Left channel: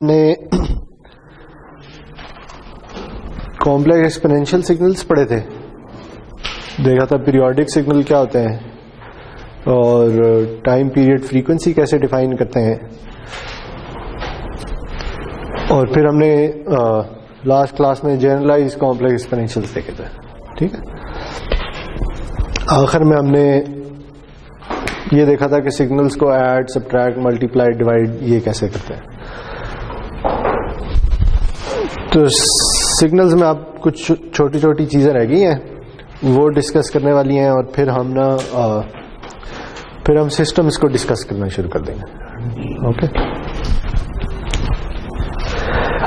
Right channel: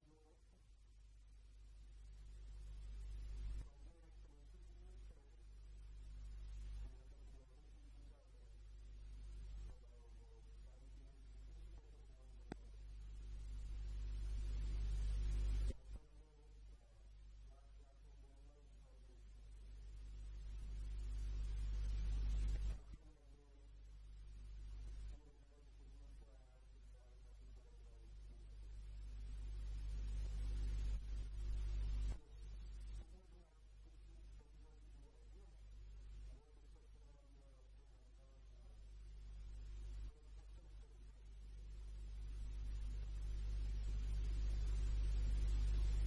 ने complex exponential signals पढ़े थे, देखा था पीरियोडिक सिग्नल क्या होते हैं और टाइम पीरियड फ्रीक्वेंसी कैसे डिफाइन करते हैं। और फिर हमने लास्ट क्लास में जनरलाइज कॉम्प्लेक्स एक्सपोनेंशियल्स देखे थे। ठीक है, आखिर में हमने ये देखा था कि सिग्नल्स को ऐड, सब्ट्रैक्ट, मल्टीप्लाई, डिवाइड ये कैसे करते हैं। तो सिग्नल्स में आप कुछ छोटी छोटी चीजें रह गई हैं वो डिस्कस करने वाली हैं और फिर हम सिस्टम्स को डिस्कस करना शुरू कर देंगे। ओके,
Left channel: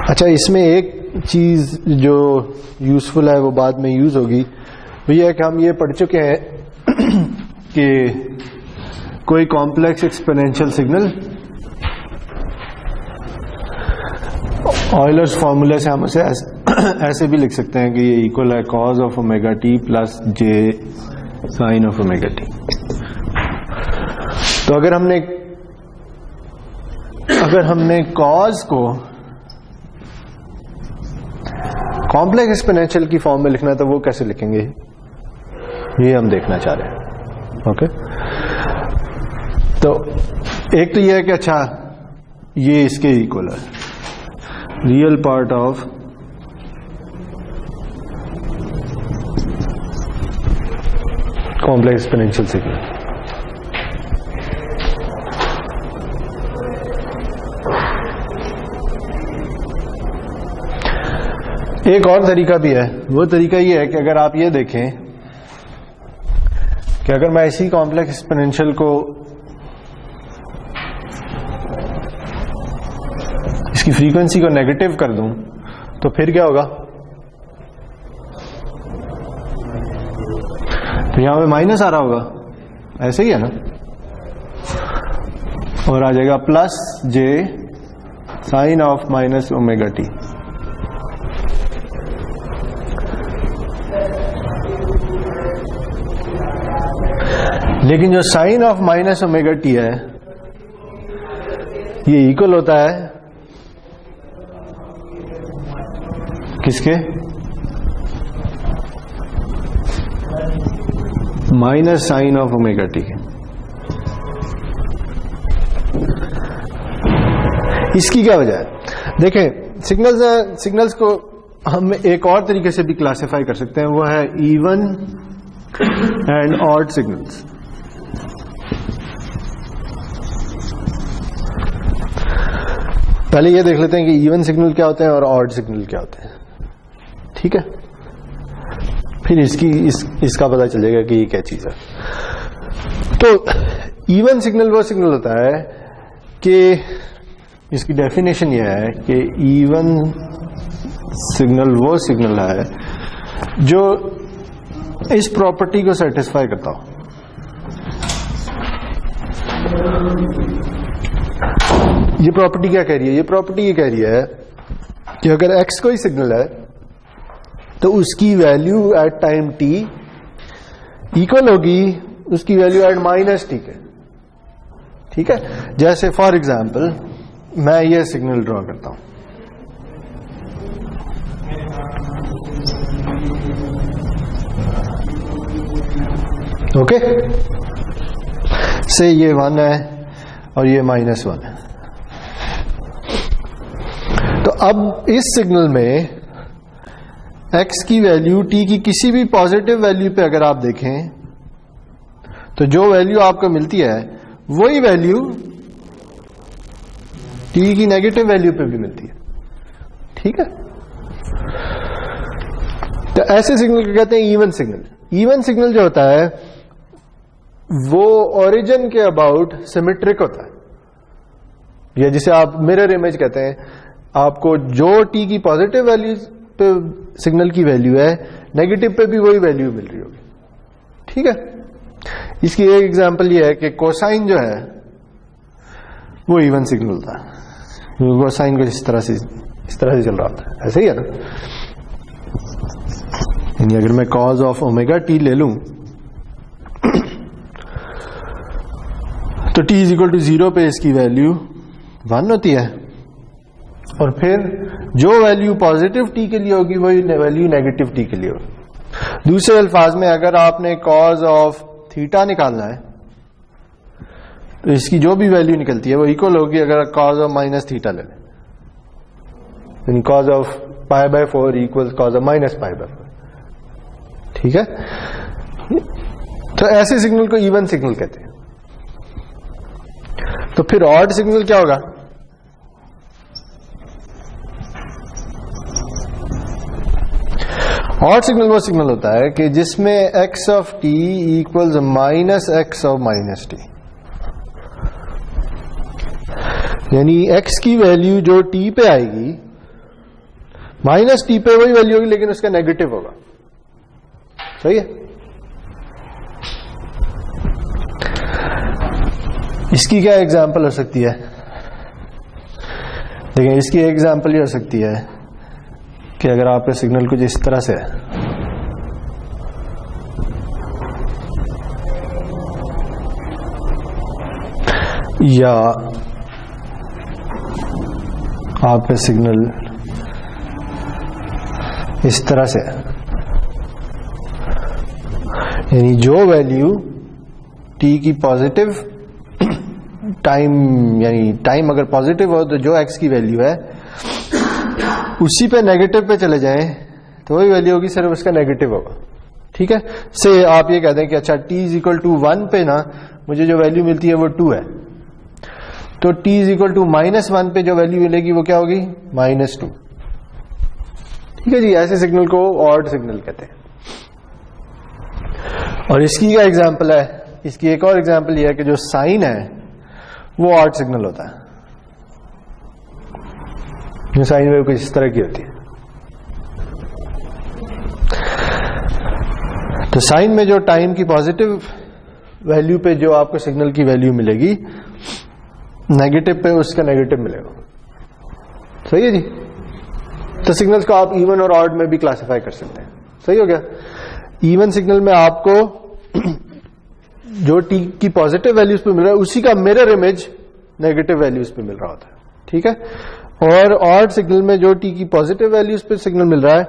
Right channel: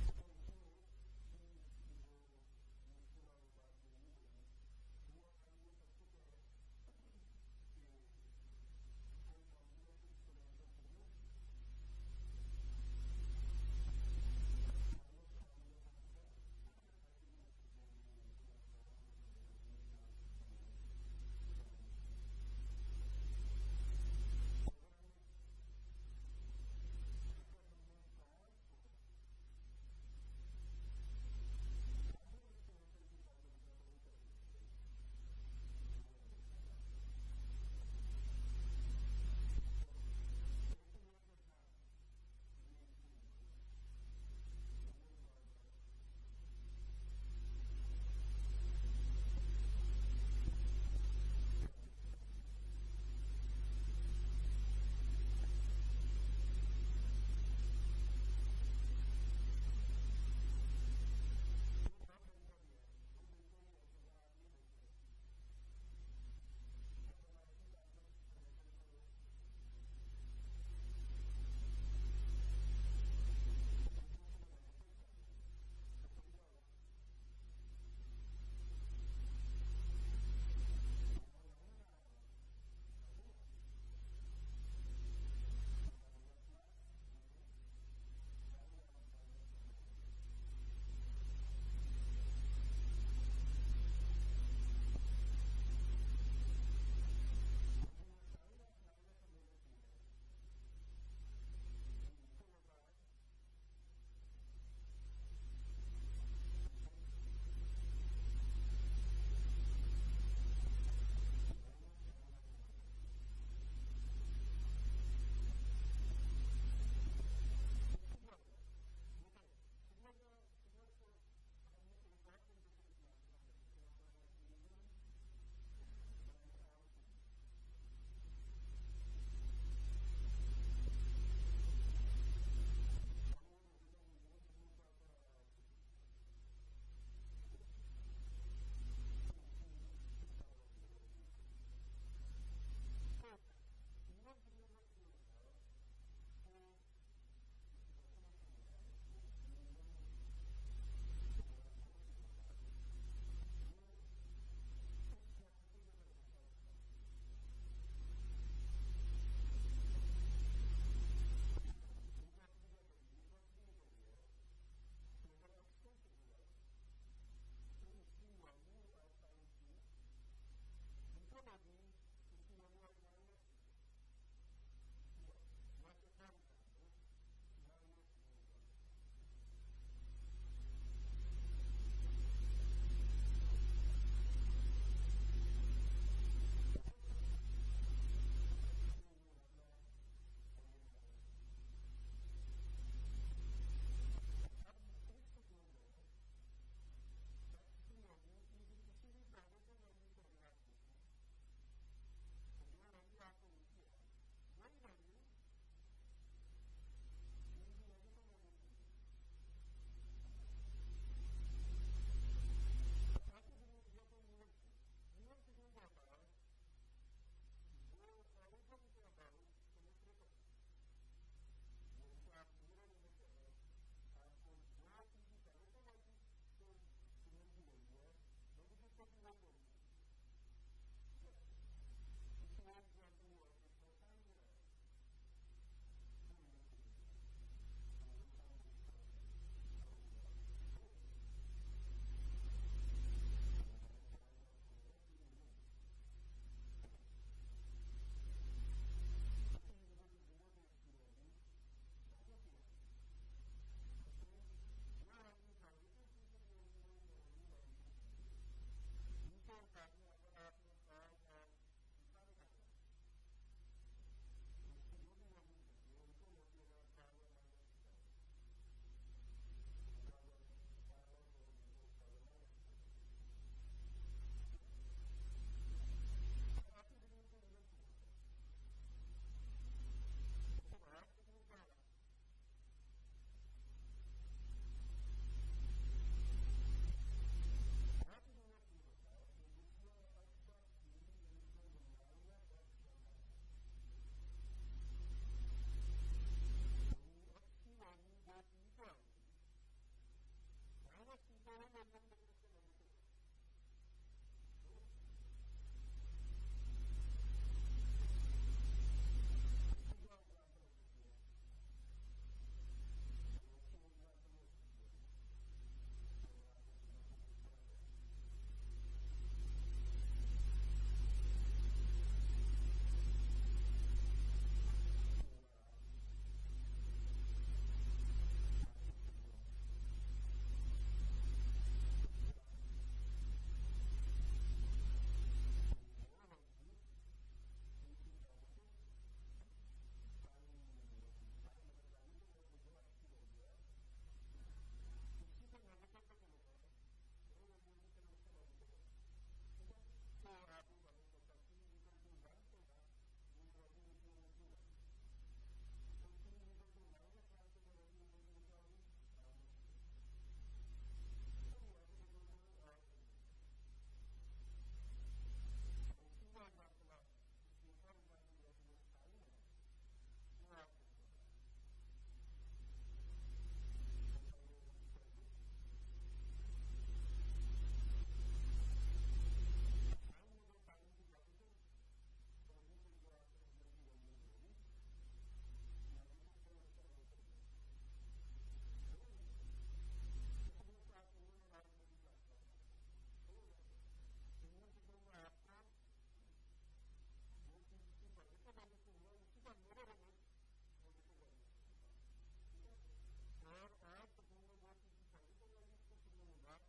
अच्छा, इसमें एक चीज जो यूजफुल है वो बाद में यूज होगी, वो ये है कि हम ये पढ़ चुके हैं कि कोई कॉम्प्लेक्स एक्सपोनेंशियल सिग्नल ऑयलर्स फॉर्मूले से हम उसे ऐसे भी लिख सकते हैं कि ये इक्वल है cos of omega t plus j sine of omega t. तो अगर हमने कॉज को कॉम्प्लेक्स एक्सपोनेंशियल की फॉर्म में लिखना है तो वो कैसे लिखेंगे, ये हम देखना चाह रहे हैं। ओके, तो एक तो ये है कि अच्छा ये इसके इक्वल है, real part of complex exponential signal. एक और तरीका भी है, वो तरीका ये है कि अगर आप ये देखें कि अगर मैं इसी कॉम्प्लेक्स एक्सपोनेंशियल को इसकी फ्रीक्वेंसी को नेगेटिव कर दूं तो फिर क्या होगा, तो यहां पे माइनस आ रहा होगा, ऐसे ही है ना, और आ जाएगा plus j sine of minus omega t. लेकिन जो sine of minus omega t है ये इक्वल होता है किसके, minus sine of omega t के। इसकी क्या वजह है, देखें सिग्नल्स को हम एक और तरीके से भी क्लासिफाई कर सकते हैं, वो है इवन एंड ऑड सिग्नल्स। पहले ये देख लेते हैं कि इवन सिग्नल क्या होते हैं और ऑड सिग्नल क्या होते हैं। ठीक है, फिर इसका पता चलेगा कि ये क्या चीज है। तो इवन सिग्नल वो सिग्नल होता है कि इसकी डेफिनेशन ये है कि इवन सिग्नल वो सिग्नल है जो इस प्रॉपर्टी को सेटिस्फाई करता हो। ये प्रॉपर्टी क्या कह रही है, ये प्रॉपर्टी ये कह रही है कि अगर x कोई सिग्नल है तो उसकी value at time t equal होगी उसकी वैल्यू एट माइनस t के। ठीक है, जैसे फॉर एग्जांपल मैं ये सिग्नल ड्रॉ करता हूं, ओके, से ये 1 है और ये -1 है। तो अब इस सिग्नल में x की वैल्यू t की किसी भी पॉजिटिव वैल्यू पे अगर आप देखें तो जो वैल्यू आपको मिलती है वही वैल्यू t की नेगेटिव वैल्यू पे भी मिलती है। ठीक है, तो ऐसे सिग्नल को कहते हैं इवन सिग्नल। इवन सिग्नल जो होता है वो ओरिजिन के अबाउट सिमेट्रिक होता है, या जिसे आप मिरर इमेज कहते हैं। आपको जो t की पॉजिटिव वैल्यू पे सिग्नल की वैल्यू है, नेगेटिव पे भी वही वैल्यू मिल रही होगी। ठीक है, इसकी एक एग्जांपल ये है कि कोसाइन जो है वो इवन सिग्नल था, कोसाइन को इस तरह से चल रहा था, ऐसे ही है ना। यानी अगर मैं कॉज ऑफ ओमेगा टी ले लूं तो t इज इक्वल टू 0 पे इसकी वैल्यू 1 होती है, और फिर जो वैल्यू पॉजिटिव टी के लिए होगी वही वैल्यू नेगेटिव टी के लिए होगी। दूसरे अल्फाज में अगर आपने कॉज ऑफ थीटा निकालना है तो इसकी जो भी वैल्यू निकलती है वो इक्वल होगी अगर कॉज ऑफ माइनस थीटा ले लें, cos of π/4 equal cos of minus π/4। ठीक है, तो ऐसे सिग्नल को इवन सिग्नल कहते हैं। तो फिर ऑड सिग्नल क्या होगा? ऑड सिग्नल वो सिग्नल होता है कि जिसमें x of t equals minus x of minus T, यानी x की वैल्यू जो t पे आएगी माइनस t पे वही वैल्यू होगी लेकिन उसका नेगेटिव होगा। सही है। इसकी क्या एग्जांपल हो सकती है? देखिए, इसकी एग्जांपल ये हो सकती है कि अगर आपका सिग्नल कुछ इस तरह से है, या आपका सिग्नल इस तरह से है, यानी जो वैल्यू t की पॉजिटिव टाइम, यानी टाइम अगर पॉजिटिव हो तो जो x की वैल्यू है उसी पे नेगेटिव पे चले जाएं तो वही वैल्यू होगी, सिर्फ उसका नेगेटिव होगा। ठीक है, से आप ये कहते हैं कि अच्छा t इज इक्वल टू 1 पे ना मुझे जो वैल्यू मिलती है वो 2 है, तो t इज इक्वल टू -1 पे जो वैल्यू मिलेगी वो क्या होगी? -2। ठीक है जी, ऐसे सिग्नल को ऑड सिग्नल कहते हैं। और इसकी क्या एग्जांपल है? इसकी एक और एग्जांपल यह है कि जो साइन है वो ऑड सिग्नल होता है। जो साइन वेव कुछ इस तरह की होती है। तो साइन में जो टाइम की पॉजिटिव वैल्यू पे जो आपको सिग्नल की वैल्यू मिलेगी, नेगेटिव पे उसका नेगेटिव मिलेगा। सही है जी। तो सिग्नल्स को आप इवन और ऑड में भी क्लासिफाई कर सकते हैं। सही हो गया। इवन सिग्नल में आपको जो टी की पॉजिटिव वैल्यूज पे मिल रहा है उसी का मिरर इमेज नेगेटिव वैल्यूज पे मिल रहा होता है। ठीक है। और ऑड सिग्नल में जो टी की पॉजिटिव वैल्यूज पे सिग्नल मिल रहा है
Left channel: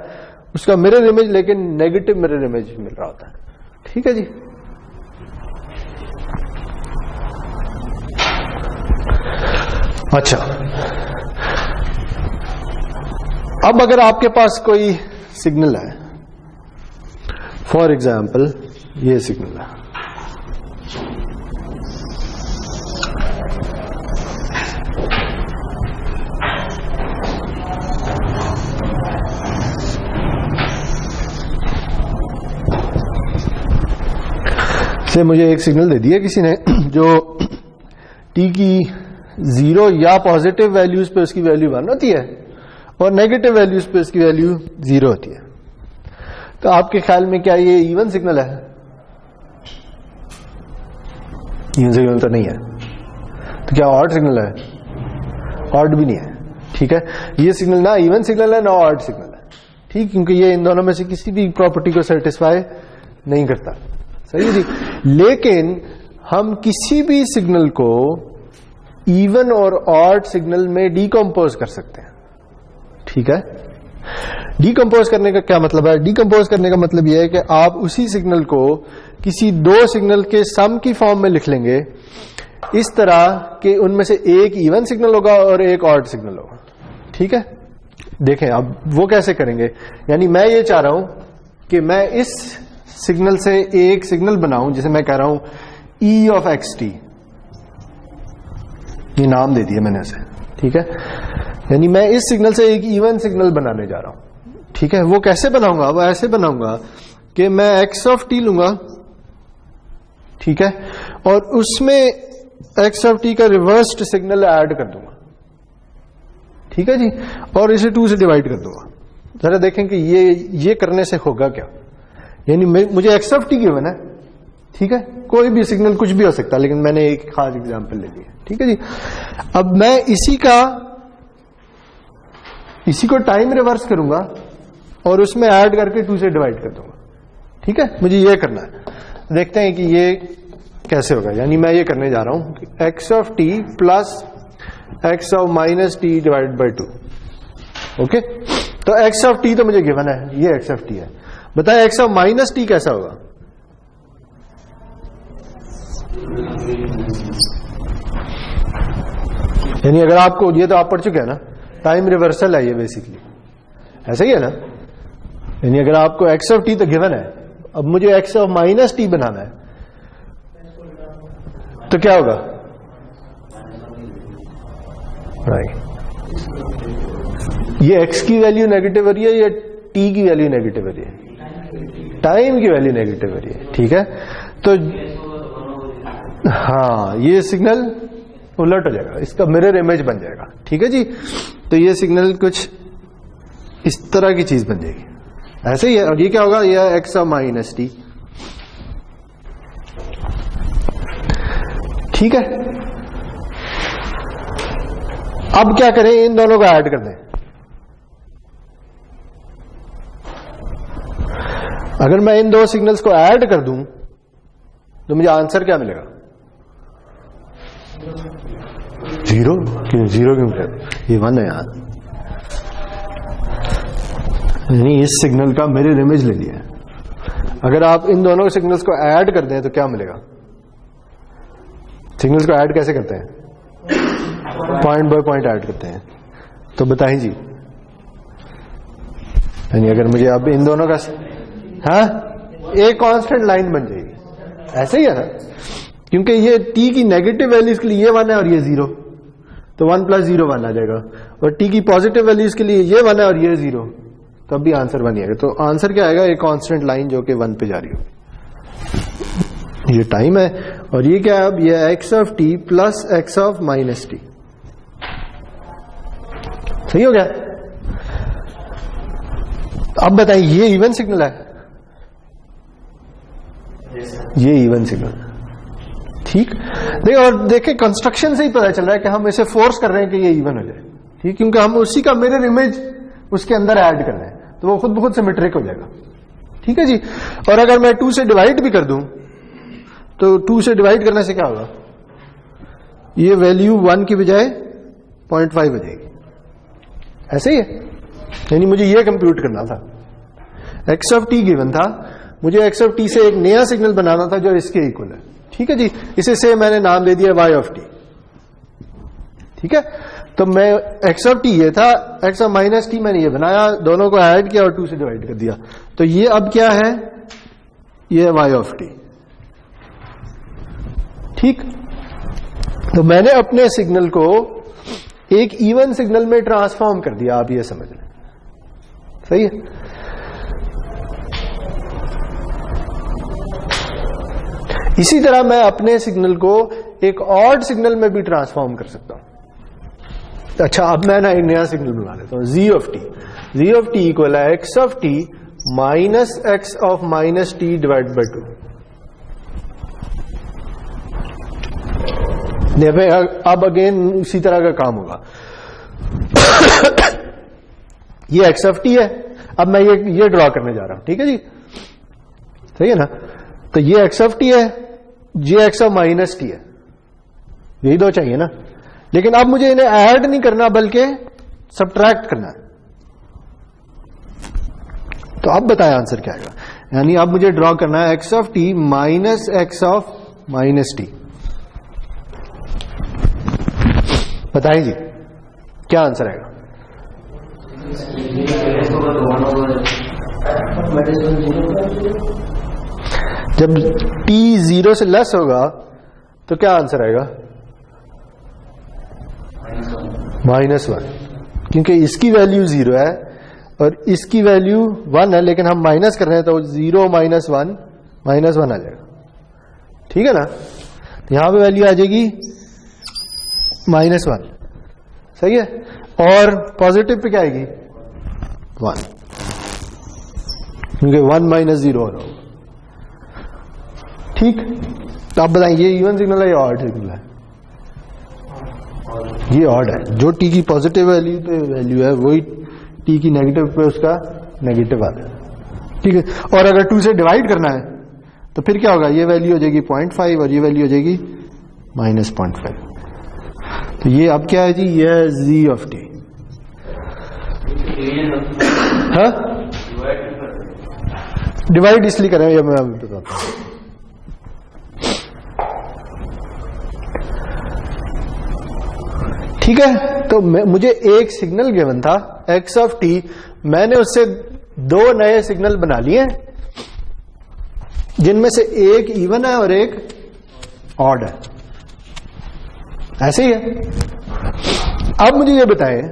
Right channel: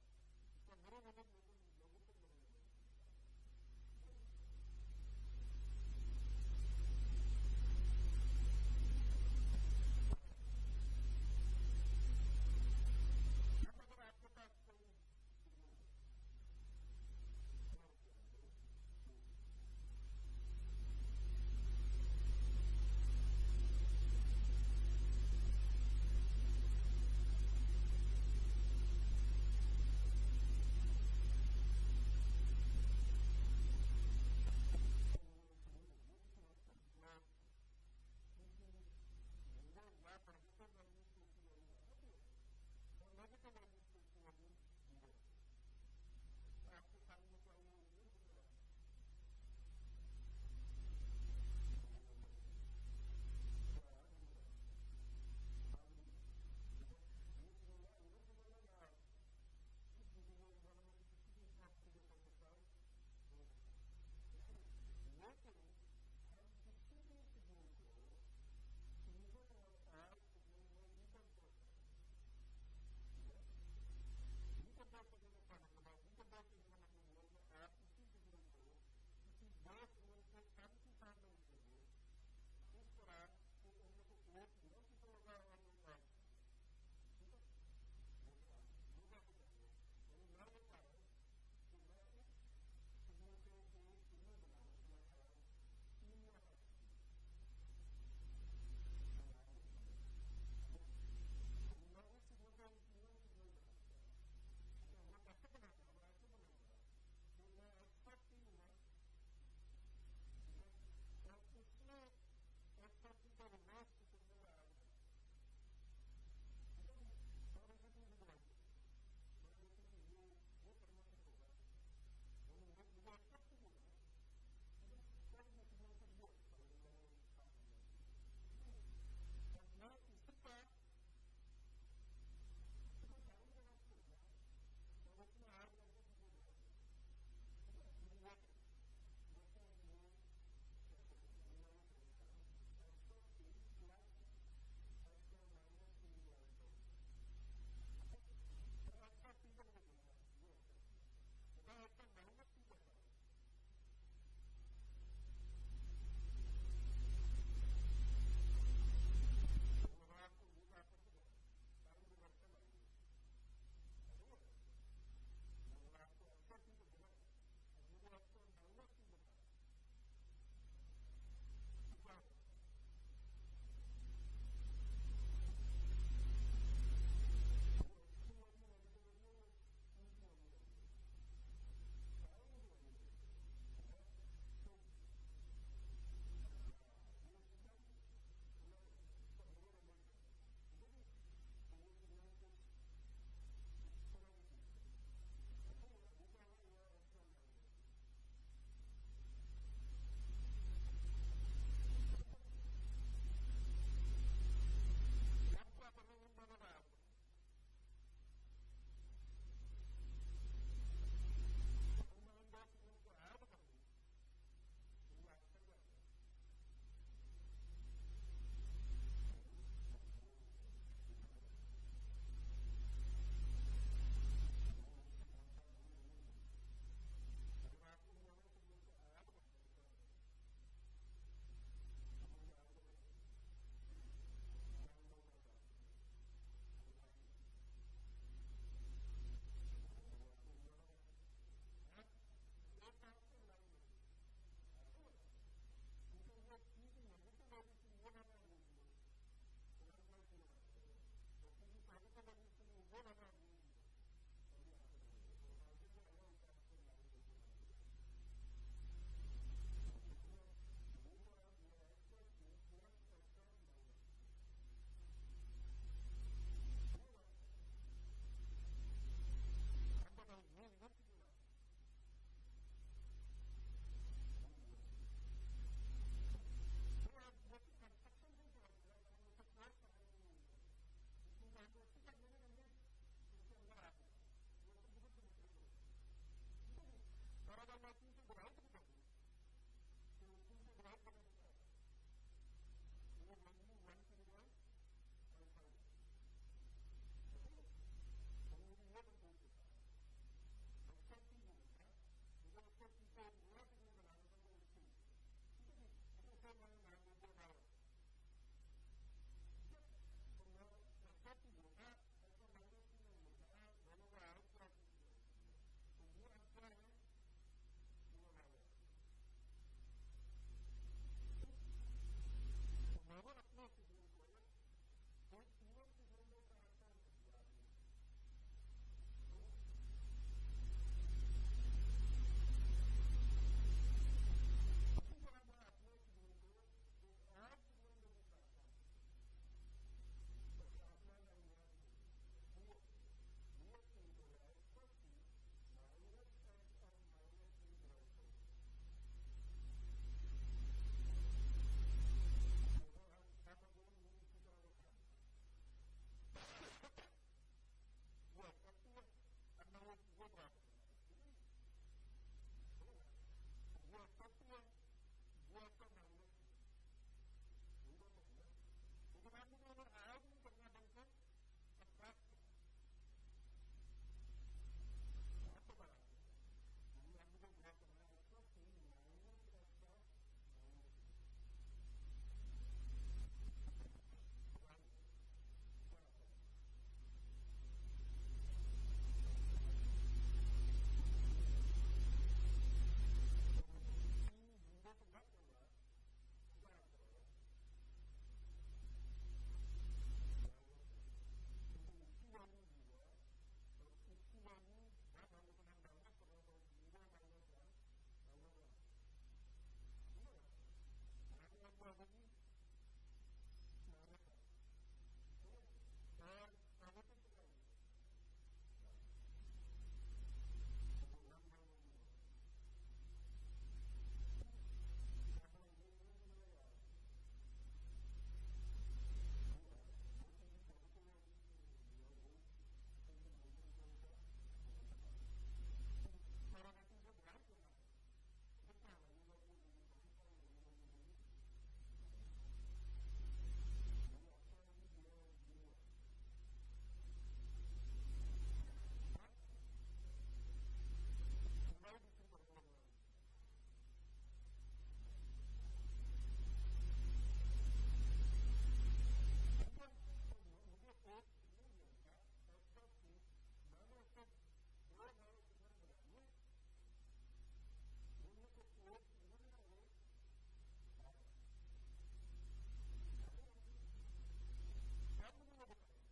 उसका मिरर इमेज लेकिन नेगेटिव मिरर इमेज मिल रहा होता है। ठीक है जी। अच्छा, अब अगर आपके पास कोई सिग्नल है, फॉर एग्जाम्पल ये सिग्नल है, से मुझे एक सिग्नल दे दिया किसी ने जो टी की 0 या पॉजिटिव वैल्यूज पे उसकी वैल्यू 1 होती है और नेगेटिव वैल्यूज पे उसकी वैल्यू 0 होती है। तो आपके ख्याल में क्या ये इवन सिग्नल है? इवन सिग्नल तो नहीं है। तो क्या ऑड सिग्नल है? ऑड भी नहीं है। ठीक है, ये सिग्नल ना इवन सिग्नल है ना ऑड सिग्नल है। ठीक, क्योंकि ये इन दोनों में से किसी भी प्रॉपर्टी को सेटिस्फाई नहीं करता। सही है जी। लेकिन हम किसी भी सिग्नल को इवन और ऑड सिग्नल में डीकंपोज कर सकते हैं। ठीक है। डीकंपोज करने का क्या मतलब है? डीकंपोज करने का मतलब यह है कि आप उसी सिग्नल को किसी दो सिग्नल के सम की फॉर्म में लिख लेंगे, इस तरह कि उनमें से एक इवन सिग्नल होगा और एक ऑड सिग्नल होगा। ठीक है। देखें अब वो कैसे करेंगे। यानी मैं ये चाह रहा हूं कि मैं इस सिग्नल से एक सिग्नल बनाऊं जिसे मैं कह रहा हूं ई ऑफ एक्स टी, ये नाम दे दिया मैंने इसे। ठीक है। यानी मैं इस सिग्नल से एक इवन सिग्नल बनाने जा रहा हूं। ठीक है। वो कैसे बनाऊंगा? वो ऐसे बनाऊंगा कि मैं एक्स ऑफ टी लूंगा, ठीक है, और उसमें एक्स ऑफ टी का रिवर्स्ड सिग्नल ऐड कर दूंगा। ठीक है जी। और इसे 2 से डिवाइड कर दूंगा। जरा देखें कि ये करने से होगा क्या। यानी मुझे एक्स ऑफ टी गिवन है, ठीक है, कोई भी सिग्नल कुछ भी हो सकता है, लेकिन मैंने एक खास एग्जांपल ले लिया। ठीक है जी। अब मैं इसी को टाइम रिवर्स करूंगा और उसमें ऐड करके 2 से डिवाइड कर दूंगा। ठीक है, मुझे ये करना है। देखते हैं कि ये कैसे होगा। यानी मैं ये करने जा रहा हूं x of T plus x of minus t divide by 2। Okay, तो एक्स ऑफ टी तो मुझे गिवन है, ये एक्स ऑफ टी है। बताए एक्स ऑफ माइनस टी कैसा होगा? यानी अगर आपको, ये तो आप पढ़ चुके हैं ना, टाइम रिवर्सल है ये बेसिकली, ऐसा ही है ना। यानी अगर आपको एक्स ऑफ टी तो गिवन है, अब मुझे एक्स ऑफ माइनस टी बनाना है, तो क्या होगा? राइट, ये एक्स की वैल्यू नेगेटिव हो रही है या टी की वैल्यू नेगेटिव हो रही है? टाइम की वैल्यू नेगेटिव हो रही है, ठीक है। तो हाँ, ये सिग्नल उलट हो जाएगा, इसका मिरर इमेज बन जाएगा, ठीक है जी। तो ये सिग्नल कुछ इस तरह की चीज बन जाएगी, ऐसे ही है। और ये क्या होगा? ये एक्स ऑफ माइनस टी, ठीक है। अब क्या करें? इन दोनों को ऐड कर दें। अगर मैं इन दो सिग्नल्स को ऐड कर दूं तो मुझे आंसर क्या मिलेगा? जीरो। क्यों जीरो? क्यों मिलेगा? ये 1 है यार, यानी इस सिग्नल का मिरर इमेज ले लिया। अगर आप इन दोनों सिग्नल्स को ऐड कर दें तो क्या मिलेगा? सिग्नल्स को ऐड कैसे करते हैं? पॉइंट बाय पॉइंट ऐड करते हैं। तो बताएं जी, यानी अगर मुझे अब इन दोनों का, हाँ, एक कांस्टेंट लाइन बन जाएगी, ऐसे ही है ना। क्योंकि ये टी की नेगेटिव वैल्यूज के लिए ये 1 है और ये 0, तो 1 + 0 1 आ जाएगा। और टी की पॉजिटिव वैल्यूज के लिए ये 1 है और ये 0, तब भी आंसर 1 ही आएगा। तो आंसर क्या आएगा? एक कांस्टेंट लाइन जो कि 1 पे जा रही हो। ये टाइम है, और ये क्या है? अब ये x of T plus x of minus T, सही हो गया। अब बताइए, ये इवन सिग्नल है? ये इवन सिग्नल, ठीक। देखिए, और देखिए कंस्ट्रक्शन से ही पता चल रहा है कि हम इसे फोर्स कर रहे हैं कि ये इवन हो जाए, ठीक, क्योंकि हम उसी का मिरर इमेज उसके अंदर ऐड कर रहे हैं, तो वो खुद ब खुद सिमेट्रिक हो जाएगा, ठीक है जी। और अगर मैं 2 से डिवाइड भी कर दूं तो 2 से डिवाइड करने से क्या होगा? ये वैल्यू 1 की बजाय 0.5 हो जाएगी, ऐसे ही है। यानी मुझे ये कंप्यूट करना था, एक्स ऑफ टी गिवन था, मुझे एक्स ऑफ टी से एक नया सिग्नल बनाना था जो इसके इक्वल है, ठीक है जी। इसे से मैंने नाम दे दिया वाई ऑफ टी, ठीक है। तो मैं एक्स ऑफ टी ये था, एक्स ऑफ माइनस टी मैंने ये बनाया, दोनों को ऐड किया और 2 से डिवाइड कर दिया। तो ये अब क्या है? ये वाई ऑफ टी, ठीक। तो मैंने अपने सिग्नल को एक इवन सिग्नल में ट्रांसफॉर्म कर दिया, आप ये समझ लें, सही है। इसी तरह मैं अपने सिग्नल को एक ऑड सिग्नल में भी ट्रांसफॉर्म कर सकता हूं। अच्छा, अब मैं ना एक नया सिग्नल बना लेता हूं, g of t. G of t equal है x of t minus x of minus t divide by 2। अब अगेन उसी तरह का काम होगा। ये एक्स ऑफ टी है, अब मैं ये ड्रॉ करने जा रहा हूं, ठीक है जी, सही है ना। तो ये एक्स ऑफ टी है, ये एक्स ऑफ माइनस टी है, यही दो चाहिए ना। लेकिन अब मुझे इन्हें ऐड नहीं करना बल्कि सबट्रैक्ट करना है। तो अब बताएं आंसर क्या आएगा। यानी अब मुझे ड्रॉ करना है x of t minus x of minus T. बताएं जी, क्या आंसर आएगा? जब t 0 से लेस होगा तो क्या आंसर आएगा? -1, क्योंकि इसकी वैल्यू 0 है और इसकी वैल्यू 1 है, लेकिन हम माइनस कर रहे हैं तो 0 - 1 -1 आ जाएगा, ठीक है ना। तो यहां पे वैल्यू आ जाएगी -1, सही है। और पॉजिटिव पे क्या आएगी? 1, क्योंकि 1 - 0 हो रहा होगा, ठीक। तो आप बताएं, ये इवन सिग्नल है या ऑड सिग्नल है? ये ऑड है। जो टी की पॉजिटिव वैल्यू है वही टी की नेगेटिव पे उसका नेगेटिव आता है, ठीक है। और अगर 2 से डिवाइड करना है तो फिर क्या होगा? ये वैल्यू हो जाएगी 0.5 और ये वैल्यू हो जाएगी -0.5। तो ये अब क्या है जी? ये है जी ऑफ टी, हाँ, डिवाइड इसलिए करें, ये मैं अभी बताता हूं। ठीक है, तो मुझे एक सिग्नल गिवन था x ऑफ t, मैंने उससे दो नए सिग्नल बना लिए जिनमें से एक इवन है और एक ऑड है। ऐसे ही है। अब मुझे ये बताएं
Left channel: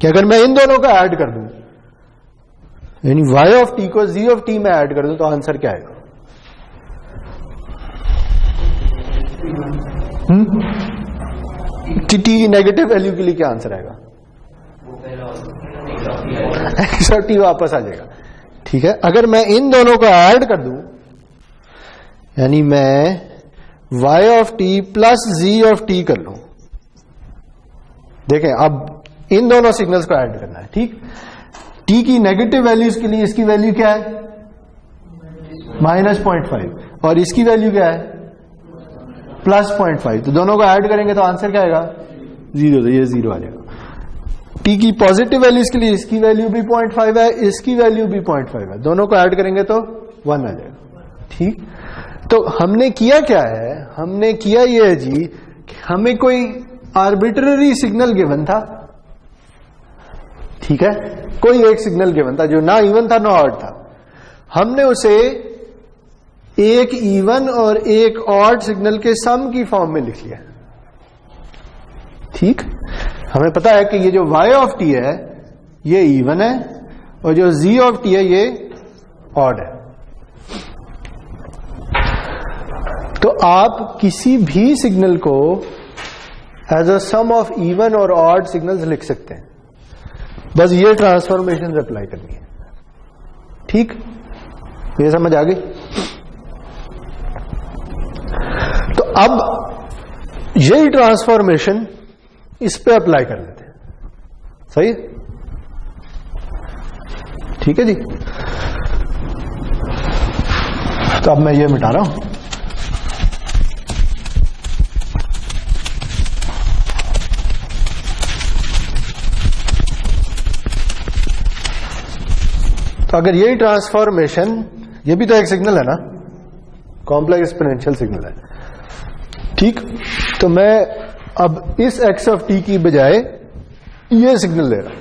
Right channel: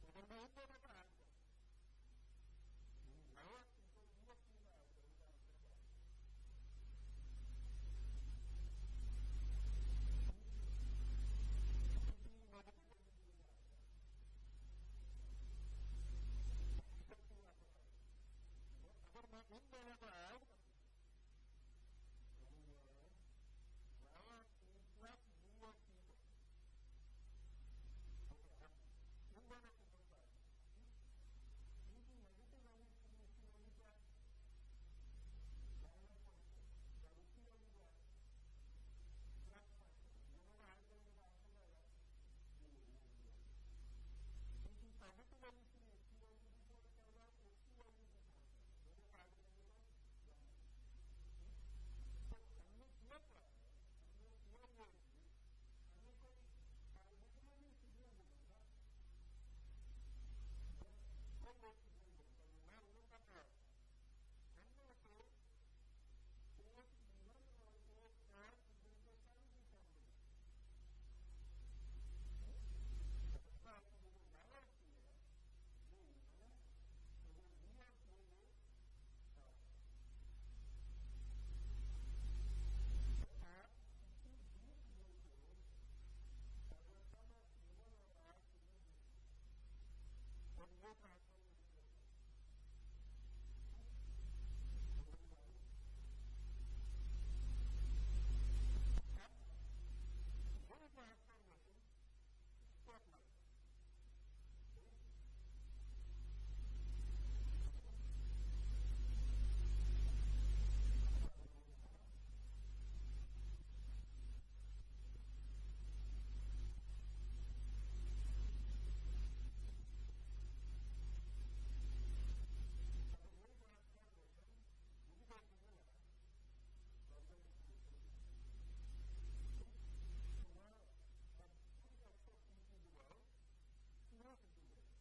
कि अगर मैं इन दोनों को ऐड कर दूं, यानी y ऑफ t को z ऑफ t में ऐड कर दूं, तो आंसर क्या आएगा? t नेगेटिव वैल्यू के लिए क्या आंसर आएगा? x और t वापस आ जाएगा। ठीक है, अगर मैं इन दोनों को ऐड कर दूं, यानी मैं y of t plus z of t कर लूं, देखें अब इन दोनों सिग्नल्स को ऐड करना है। ठीक, t की नेगेटिव वैल्यूज के लिए इसकी वैल्यू क्या है? -0.5, और इसकी वैल्यू क्या है? +0.5। तो दोनों को ऐड करेंगे तो आंसर क्या आएगा? 0। तो ये 0 आ जाएगा। t की पॉजिटिव वैल्यूज के लिए इसकी वैल्यू भी 0.5 है, इसकी वैल्यू भी 0.5 है, दोनों को ऐड करेंगे तो 1 आ जाएगा। ठीक, तो हमने किया क्या है? हमने किया ये है जी कि हमें कोई आर्बिट्ररी सिग्नल गिवन था। ठीक है, कोई एक सिग्नल गिवन था जो ना इवन था ना ऑड था, हमने उसे एक इवन और एक ऑड सिग्नल के सम की फॉर्म में लिख लिया। ठीक, हमें पता है कि ये जो y ऑफ t है ये इवन है और जो z ऑफ t है ये ऑड है। तो आप किसी भी सिग्नल को as a sum of even और ऑड सिग्नल्स लिख सकते हैं, बस ये ट्रांसफॉर्मेशन अप्लाई करनी है। ठीक, ये समझ आ गई? तो अब यही ट्रांसफॉर्मेशन इस पे अप्लाई कर लेते हैं। सही? ठीक है जी। तो अब मैं ये मिटा रहा हूं। तो अगर यही ट्रांसफॉर्मेशन, ये भी तो एक सिग्नल है ना, कॉम्प्लेक्स एक्सपोनेंशियल सिग्नल है। ठीक, तो मैं अब इस x ऑफ t की बजाय ये सिग्नल ले रहा हूं।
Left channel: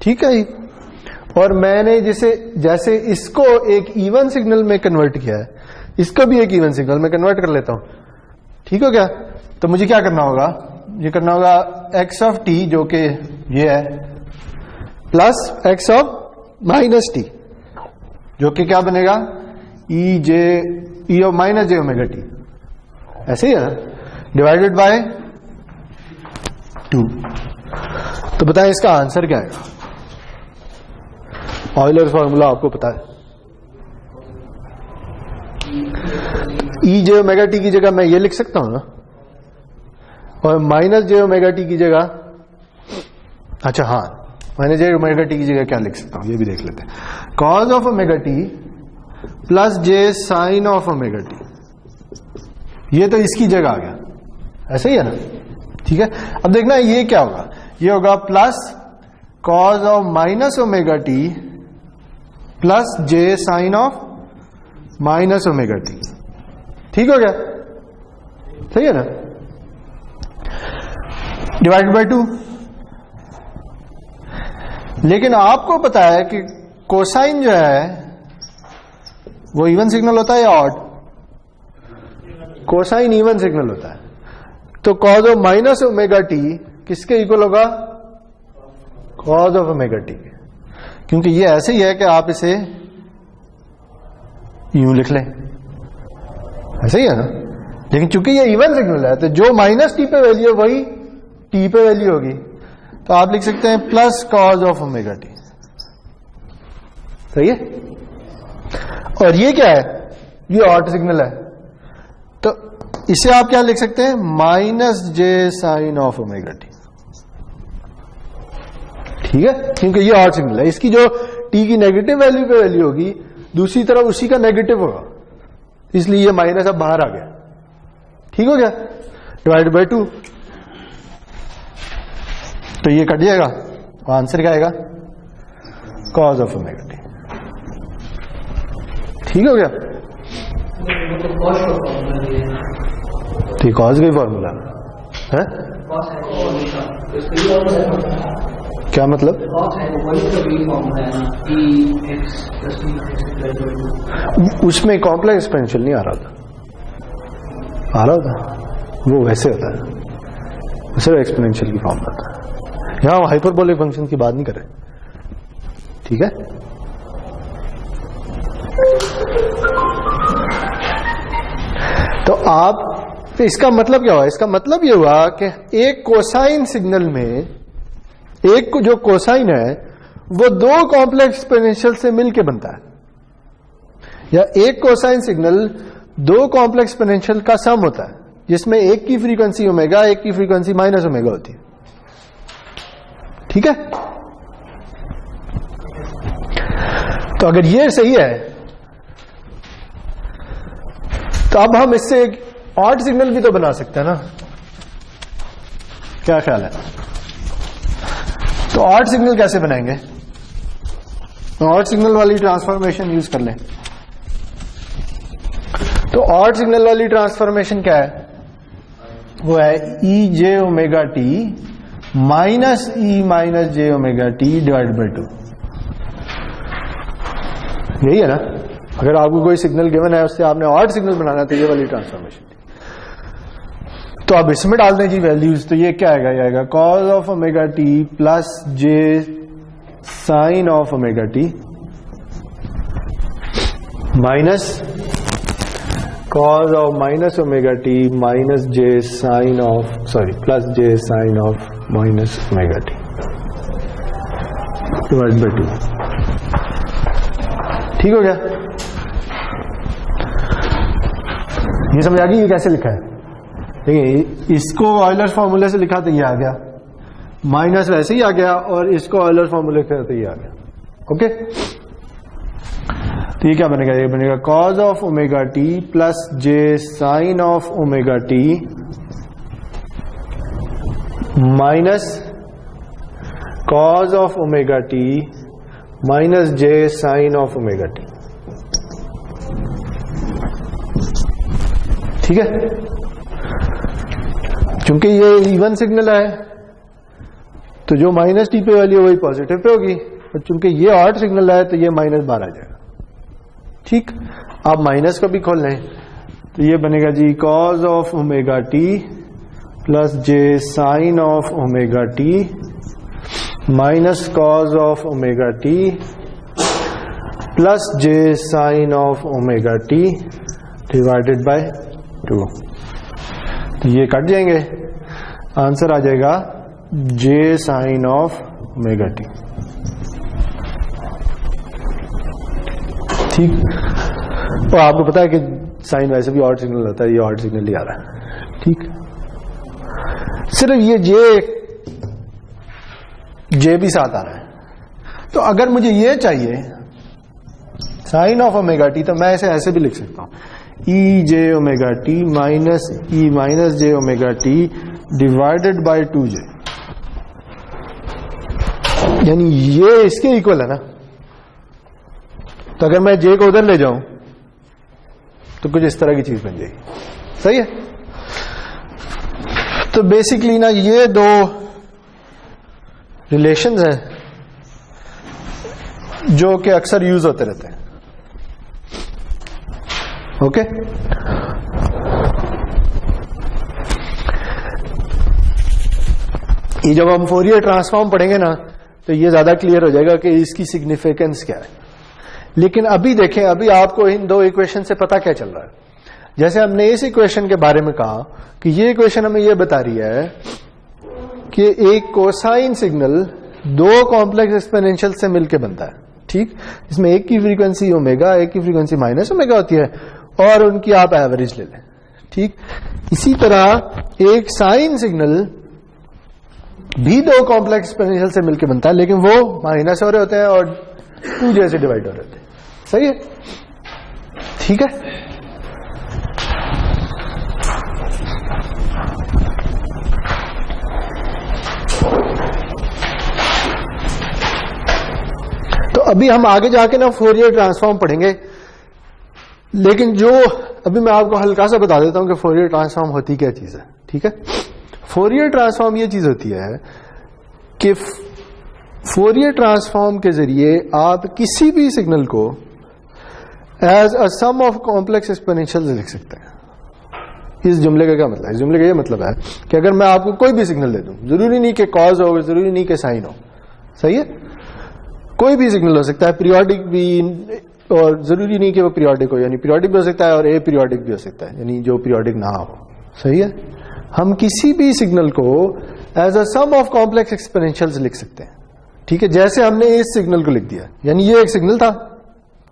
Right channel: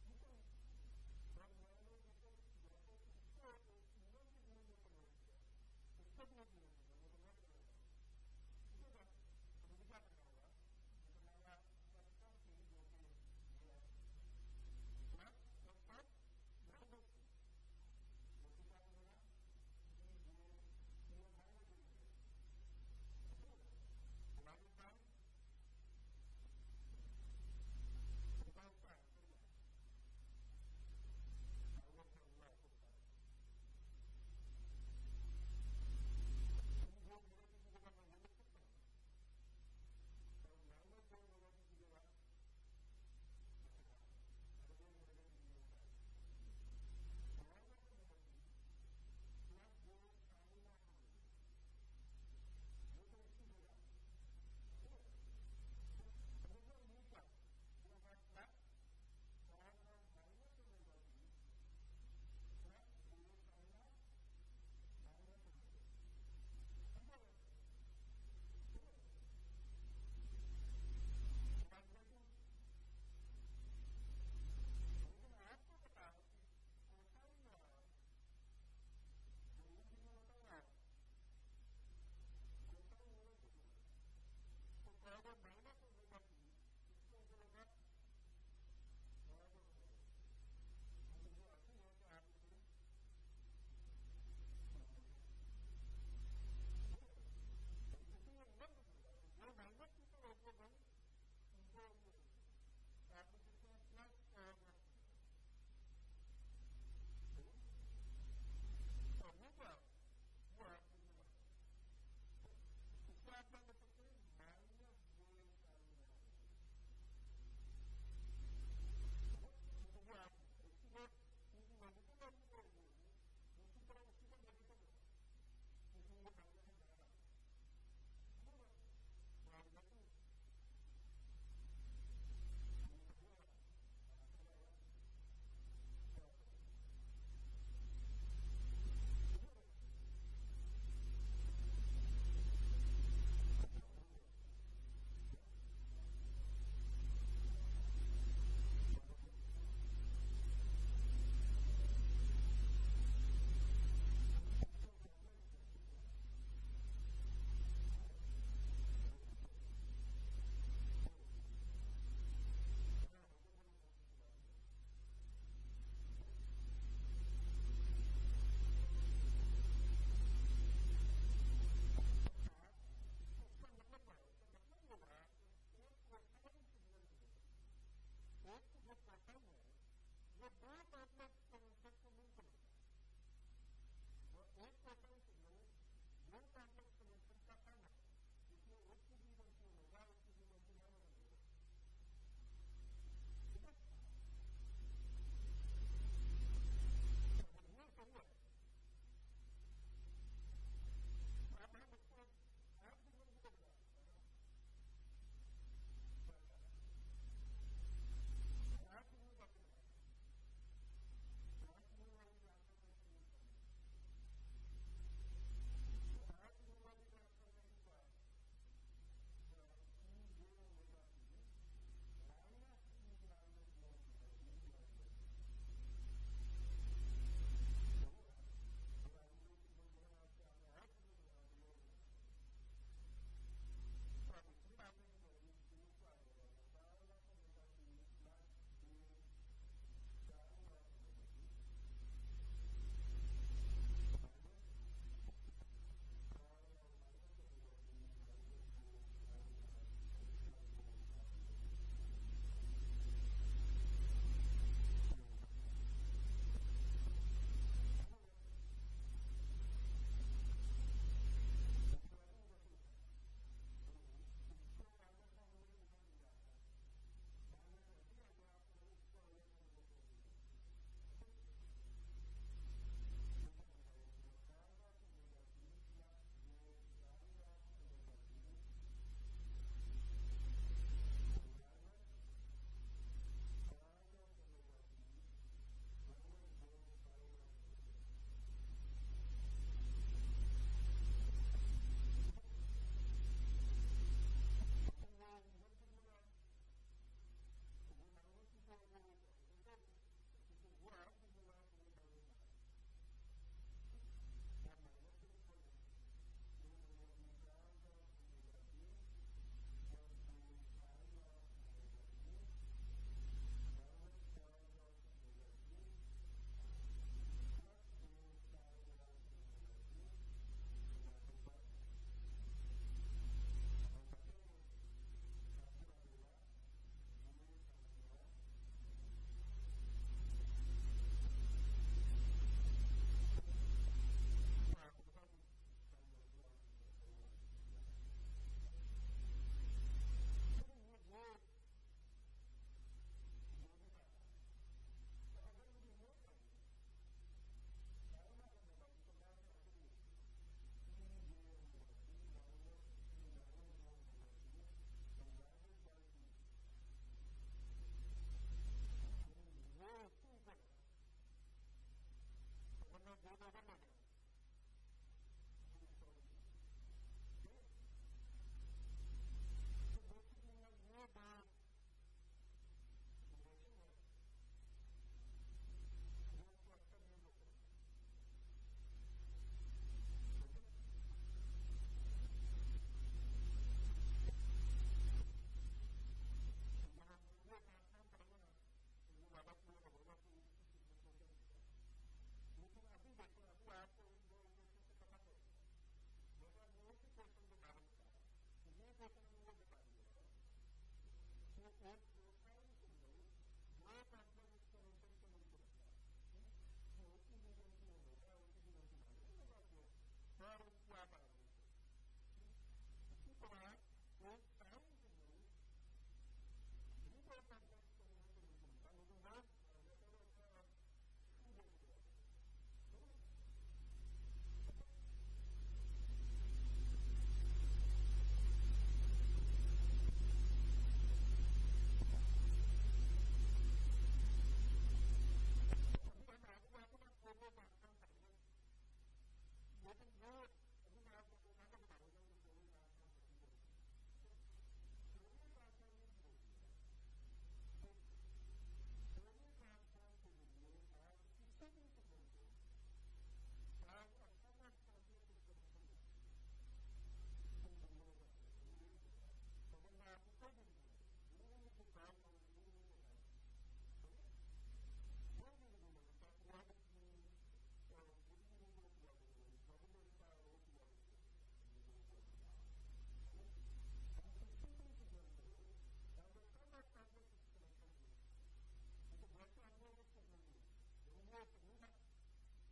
ठीक है, और मैंने जैसे इसको एक इवन सिग्नल में कन्वर्ट किया है, इसको भी एक इवन सिग्नल में कन्वर्ट कर लेता हूं। ठीक हो गया? तो मुझे क्या करना होगा? ये करना होगा x ऑफ t जो कि ये है plus x of minus t जो कि क्या बनेगा? e of minus j omega t, ऐसे ही है, डिवाइडेड बाय 2। तो बताएं इसका आंसर क्या है? ऑयलर फॉर्मूला आपको पता है। e j ओमेगा t की जगह मैं ये लिख सकता हूं ना, और माइनस j ओमेगा t की जगह, अच्छा हाँ, माइनस j ओमेगा t की जगह क्या लिख सकता हूं ये भी देख लेते हैं। Cos of omega t plus j sine of omega t, ये तो इसकी जगह आ गया, ऐसे ही है ना? ठीक है, अब देखना ये क्या होगा? ये होगा plus cos of minus omega t plus j sine of minus omega t। ठीक हो गया? सही है ना? Divided by 2। लेकिन आपको पता है कि कोसाइन जो है वो इवन सिग्नल होता है या ऑड? कोसाइन इवन सिग्नल होता है। तो cause of minus omega T किसके इक्वल होगा? कॉज ऑफ ओमेगा टी, क्योंकि ये ऐसे ही है कि आप इसे यूं लिख लें, ऐसे ही है ना? लेकिन चूंकि ये इवन सिग्नल है तो जो माइनस टी पे वैल्यू है वही टी पे वैल्यू होगी, तो आप लिख सकते हैं plus cos of omega T. सही है? और ये क्या है? ये ऑड सिग्नल है, तो इसे आप क्या लिख सकते हैं? Minus j sine of omega t. ठीक है, क्योंकि ये ऑड सिग्नल है, इसकी जो टी की नेगेटिव वैल्यू पे वैल्यू होगी दूसरी तरफ उसी का नेगेटिव होगा, इसलिए ये माइनस अब बाहर आ गया। ठीक हो गया? डिवाइड बाय 2, तो ये कट जाएगा, आंसर क्या आएगा? Cos of omega t. ठीक हो गया? तो ये कॉज का ही फॉर्मूला है? क्या मतलब? उसमें कॉम्प्लेक्स एक्सपेंशन नहीं आ रहा था, आ रहा था वो वैसे होता है, सिर्फ एक्सपोनेंशियल की फॉर्म होता है। यहां हम हाइपरबोलिक फंक्शन की बात नहीं कर रहे, ठीक है? तो आप इसका मतलब क्या हुआ? इसका मतलब ये हुआ कि एक कोसाइन सिग्नल में एक जो कोसाइन है वो दो कॉम्प्लेक्स एक्सपोनेंशियल से मिलके बनता है, या एक कोसाइन सिग्नल दो कॉम्प्लेक्स एक्सपोनेंशियल का सम होता है जिसमें एक की फ्रीक्वेंसी ओमेगा, एक की फ्रीक्वेंसी माइनस ओमेगा होती है। ठीक है? तो अगर ये सही है तो अब हम इससे एक ऑड सिग्नल भी तो बना सकते हैं ना? क्या ख्याल है? तो ऑड सिग्नल कैसे बनाएंगे? तो ऑड सिग्नल वाली ट्रांसफॉर्मेशन यूज कर लें। तो ऑड सिग्नल वाली ट्रांसफॉर्मेशन क्या है? वो है e j omega t minus e minus j omega t divide by 2। यही है ना? अगर आपको कोई सिग्नल गिवन है उससे आपने ऑड सिग्नल बनाना तो ये वाली ट्रांसफॉर्मेशन। तो अब इसमें डाल दें जी वैल्यूज, तो ये क्या आएगा? ये आएगा cos of omega t plus j sine of omega t minus cos of minus omega t minus j sine of plus j sine of minus omega t divide by 2। ठीक हो गया? ये समझ आ गई ये कैसे लिखा है? देखिए, इसको ऑयलर्स फॉर्मूले से लिखा तो ये आ गया, माइनस वैसे ही आ गया, और इसको ऑयलर्स फॉर्मूले से तो ये आ गया। ओके, तो ये क्या बनेगा? ये बनेगा cos of omega t plus j sine of omega t minus cos of omega t minus j sine of omega t. ठीक है? क्योंकि ये इवन सिग्नल है तो जो माइनस टी पे वैल्यू वही पॉजिटिव पे होगी, और चूंकि ये ऑड सिग्नल है तो ये माइनस बाहर आ जाएगा। ठीक, आप माइनस को भी खोल लें तो ये बनेगा जी cos of omega t plus j sine of omega t minus cos of omega t plus j sine of omega t divided by 2। तो ये कट जाएंगे, आंसर आ जाएगा j sine of omega t. ठीक, तो आपको पता है कि साइन वैसे भी ऑड सिग्नल होता है, ये ऑड सिग्नल ही आ रहा है। ठीक, सिर्फ ये जे भी साथ आ रहा है। तो अगर मुझे ये चाहिए साइन ऑफ ओमेगा टी तो मैं इसे ऐसे भी लिख सकता हूं, e j omega t minus e minus j omega t divided by 2j, यानी ये इसके इक्वल है ना। तो अगर मैं जे को उधर ले जाऊं तो कुछ इस तरह की चीज बन जाएगी। सही है? तो बेसिकली ना ये दो रिलेशंस हैं जो कि अक्सर यूज होते रहते हैं। ओके, ये जब हम फोरियर ट्रांसफॉर्म पढ़ेंगे ना तो ये ज्यादा क्लियर हो जाएगा कि इसकी सिग्निफिकेंस क्या है। लेकिन अभी देखें, अभी आपको इन दो इक्वेशन से पता क्या चल रहा है। जैसे हमने इस इक्वेशन के बारे में कहा कि ये इक्वेशन हमें ये बता रही है कि एक कोसाइन सिग्नल दो कॉम्प्लेक्स एक्सपोनेंशियल से मिलकर बनता है। ठीक, इसमें एक की फ्रीक्वेंसी ओमेगा, एक की फ्रीक्वेंसी माइनस ओमेगा होती है, और उनकी आप एवरेज ले लें। ठीक, इसी तरह एक साइन सिग्नल भी दो कॉम्प्लेक्स एक्सपोनेंशियल से मिलकर बनता है, लेकिन वो माइनस हो रहे होते हैं और 2j से डिवाइड हो रहे होते हैं। सही है? ठीक है, तो अभी हम आगे जाके ना फोरियर ट्रांसफॉर्म पढ़ेंगे, लेकिन जो अभी मैं आपको हल्का सा बता देता हूं कि फोरियर ट्रांसफॉर्म होती क्या चीज है। ठीक है, फोरियर ट्रांसफॉर्म ये चीज होती है कि फोरियर ट्रांसफॉर्म के जरिए आप किसी भी सिग्नल को as a sum of complex exponentials लिख सकते हैं। इस जुमले का क्या मतलब है? इस जुमले का ये मतलब है कि अगर मैं आपको कोई भी सिग्नल दे दूं, जरूरी नहीं कि कॉज हो, जरूरी नहीं कि साइन हो, सही है, कोई भी सिग्नल हो सकता है, पीरियोडिक भी, और जरूरी नहीं कि वो पीरियोडिक हो, यानी पीरियोडिक भी हो सकता है और ए पीरियोडिक भी हो सकता है, यानी जो पीरियोडिक ना हो, सही है। हम किसी भी सिग्नल को as a sum of complex exponentials लिख सकते हैं। ठीक है, जैसे हमने इस सिग्नल को लिख दिया, यानी ये एक सिग्नल था,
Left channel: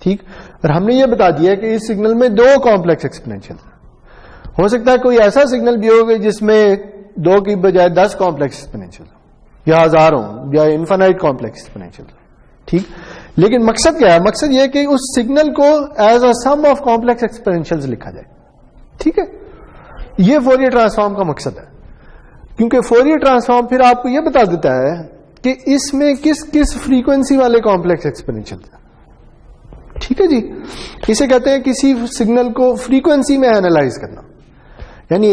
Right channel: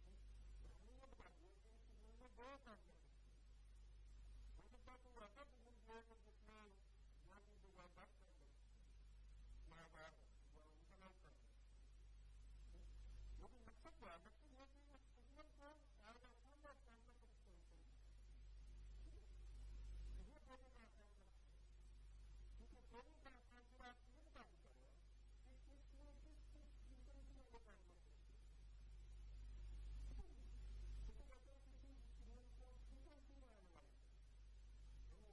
ठीक, और हमने ये बता दिया कि इस सिग्नल में दो कॉम्प्लेक्स एक्सपोनेंशियल हो सकता है। कोई ऐसा सिग्नल भी होगा जिसमें 2 की बजाय 10 कॉम्प्लेक्स एक्सपोनेंशियल या 1000 हो या इनफाइनाइट कॉम्प्लेक्स एक्सपोनेंशियल, ठीक। लेकिन मकसद क्या है? मकसद यह कि उस सिग्नल को as a sum of complex exponentials लिखा जाए। ठीक है, यह फोरियर ट्रांसफॉर्म का मकसद है, क्योंकि फोरियर ट्रांसफॉर्म फिर आपको यह बता देता है कि इसमें किस किस फ्रीक्वेंसी वाले कॉम्प्लेक्स एक्सपोनेंशियल है। ठीक है जी, इसे कहते हैं किसी सिग्नल को फ्रीक्वेंसी में एनालाइज करना। यानी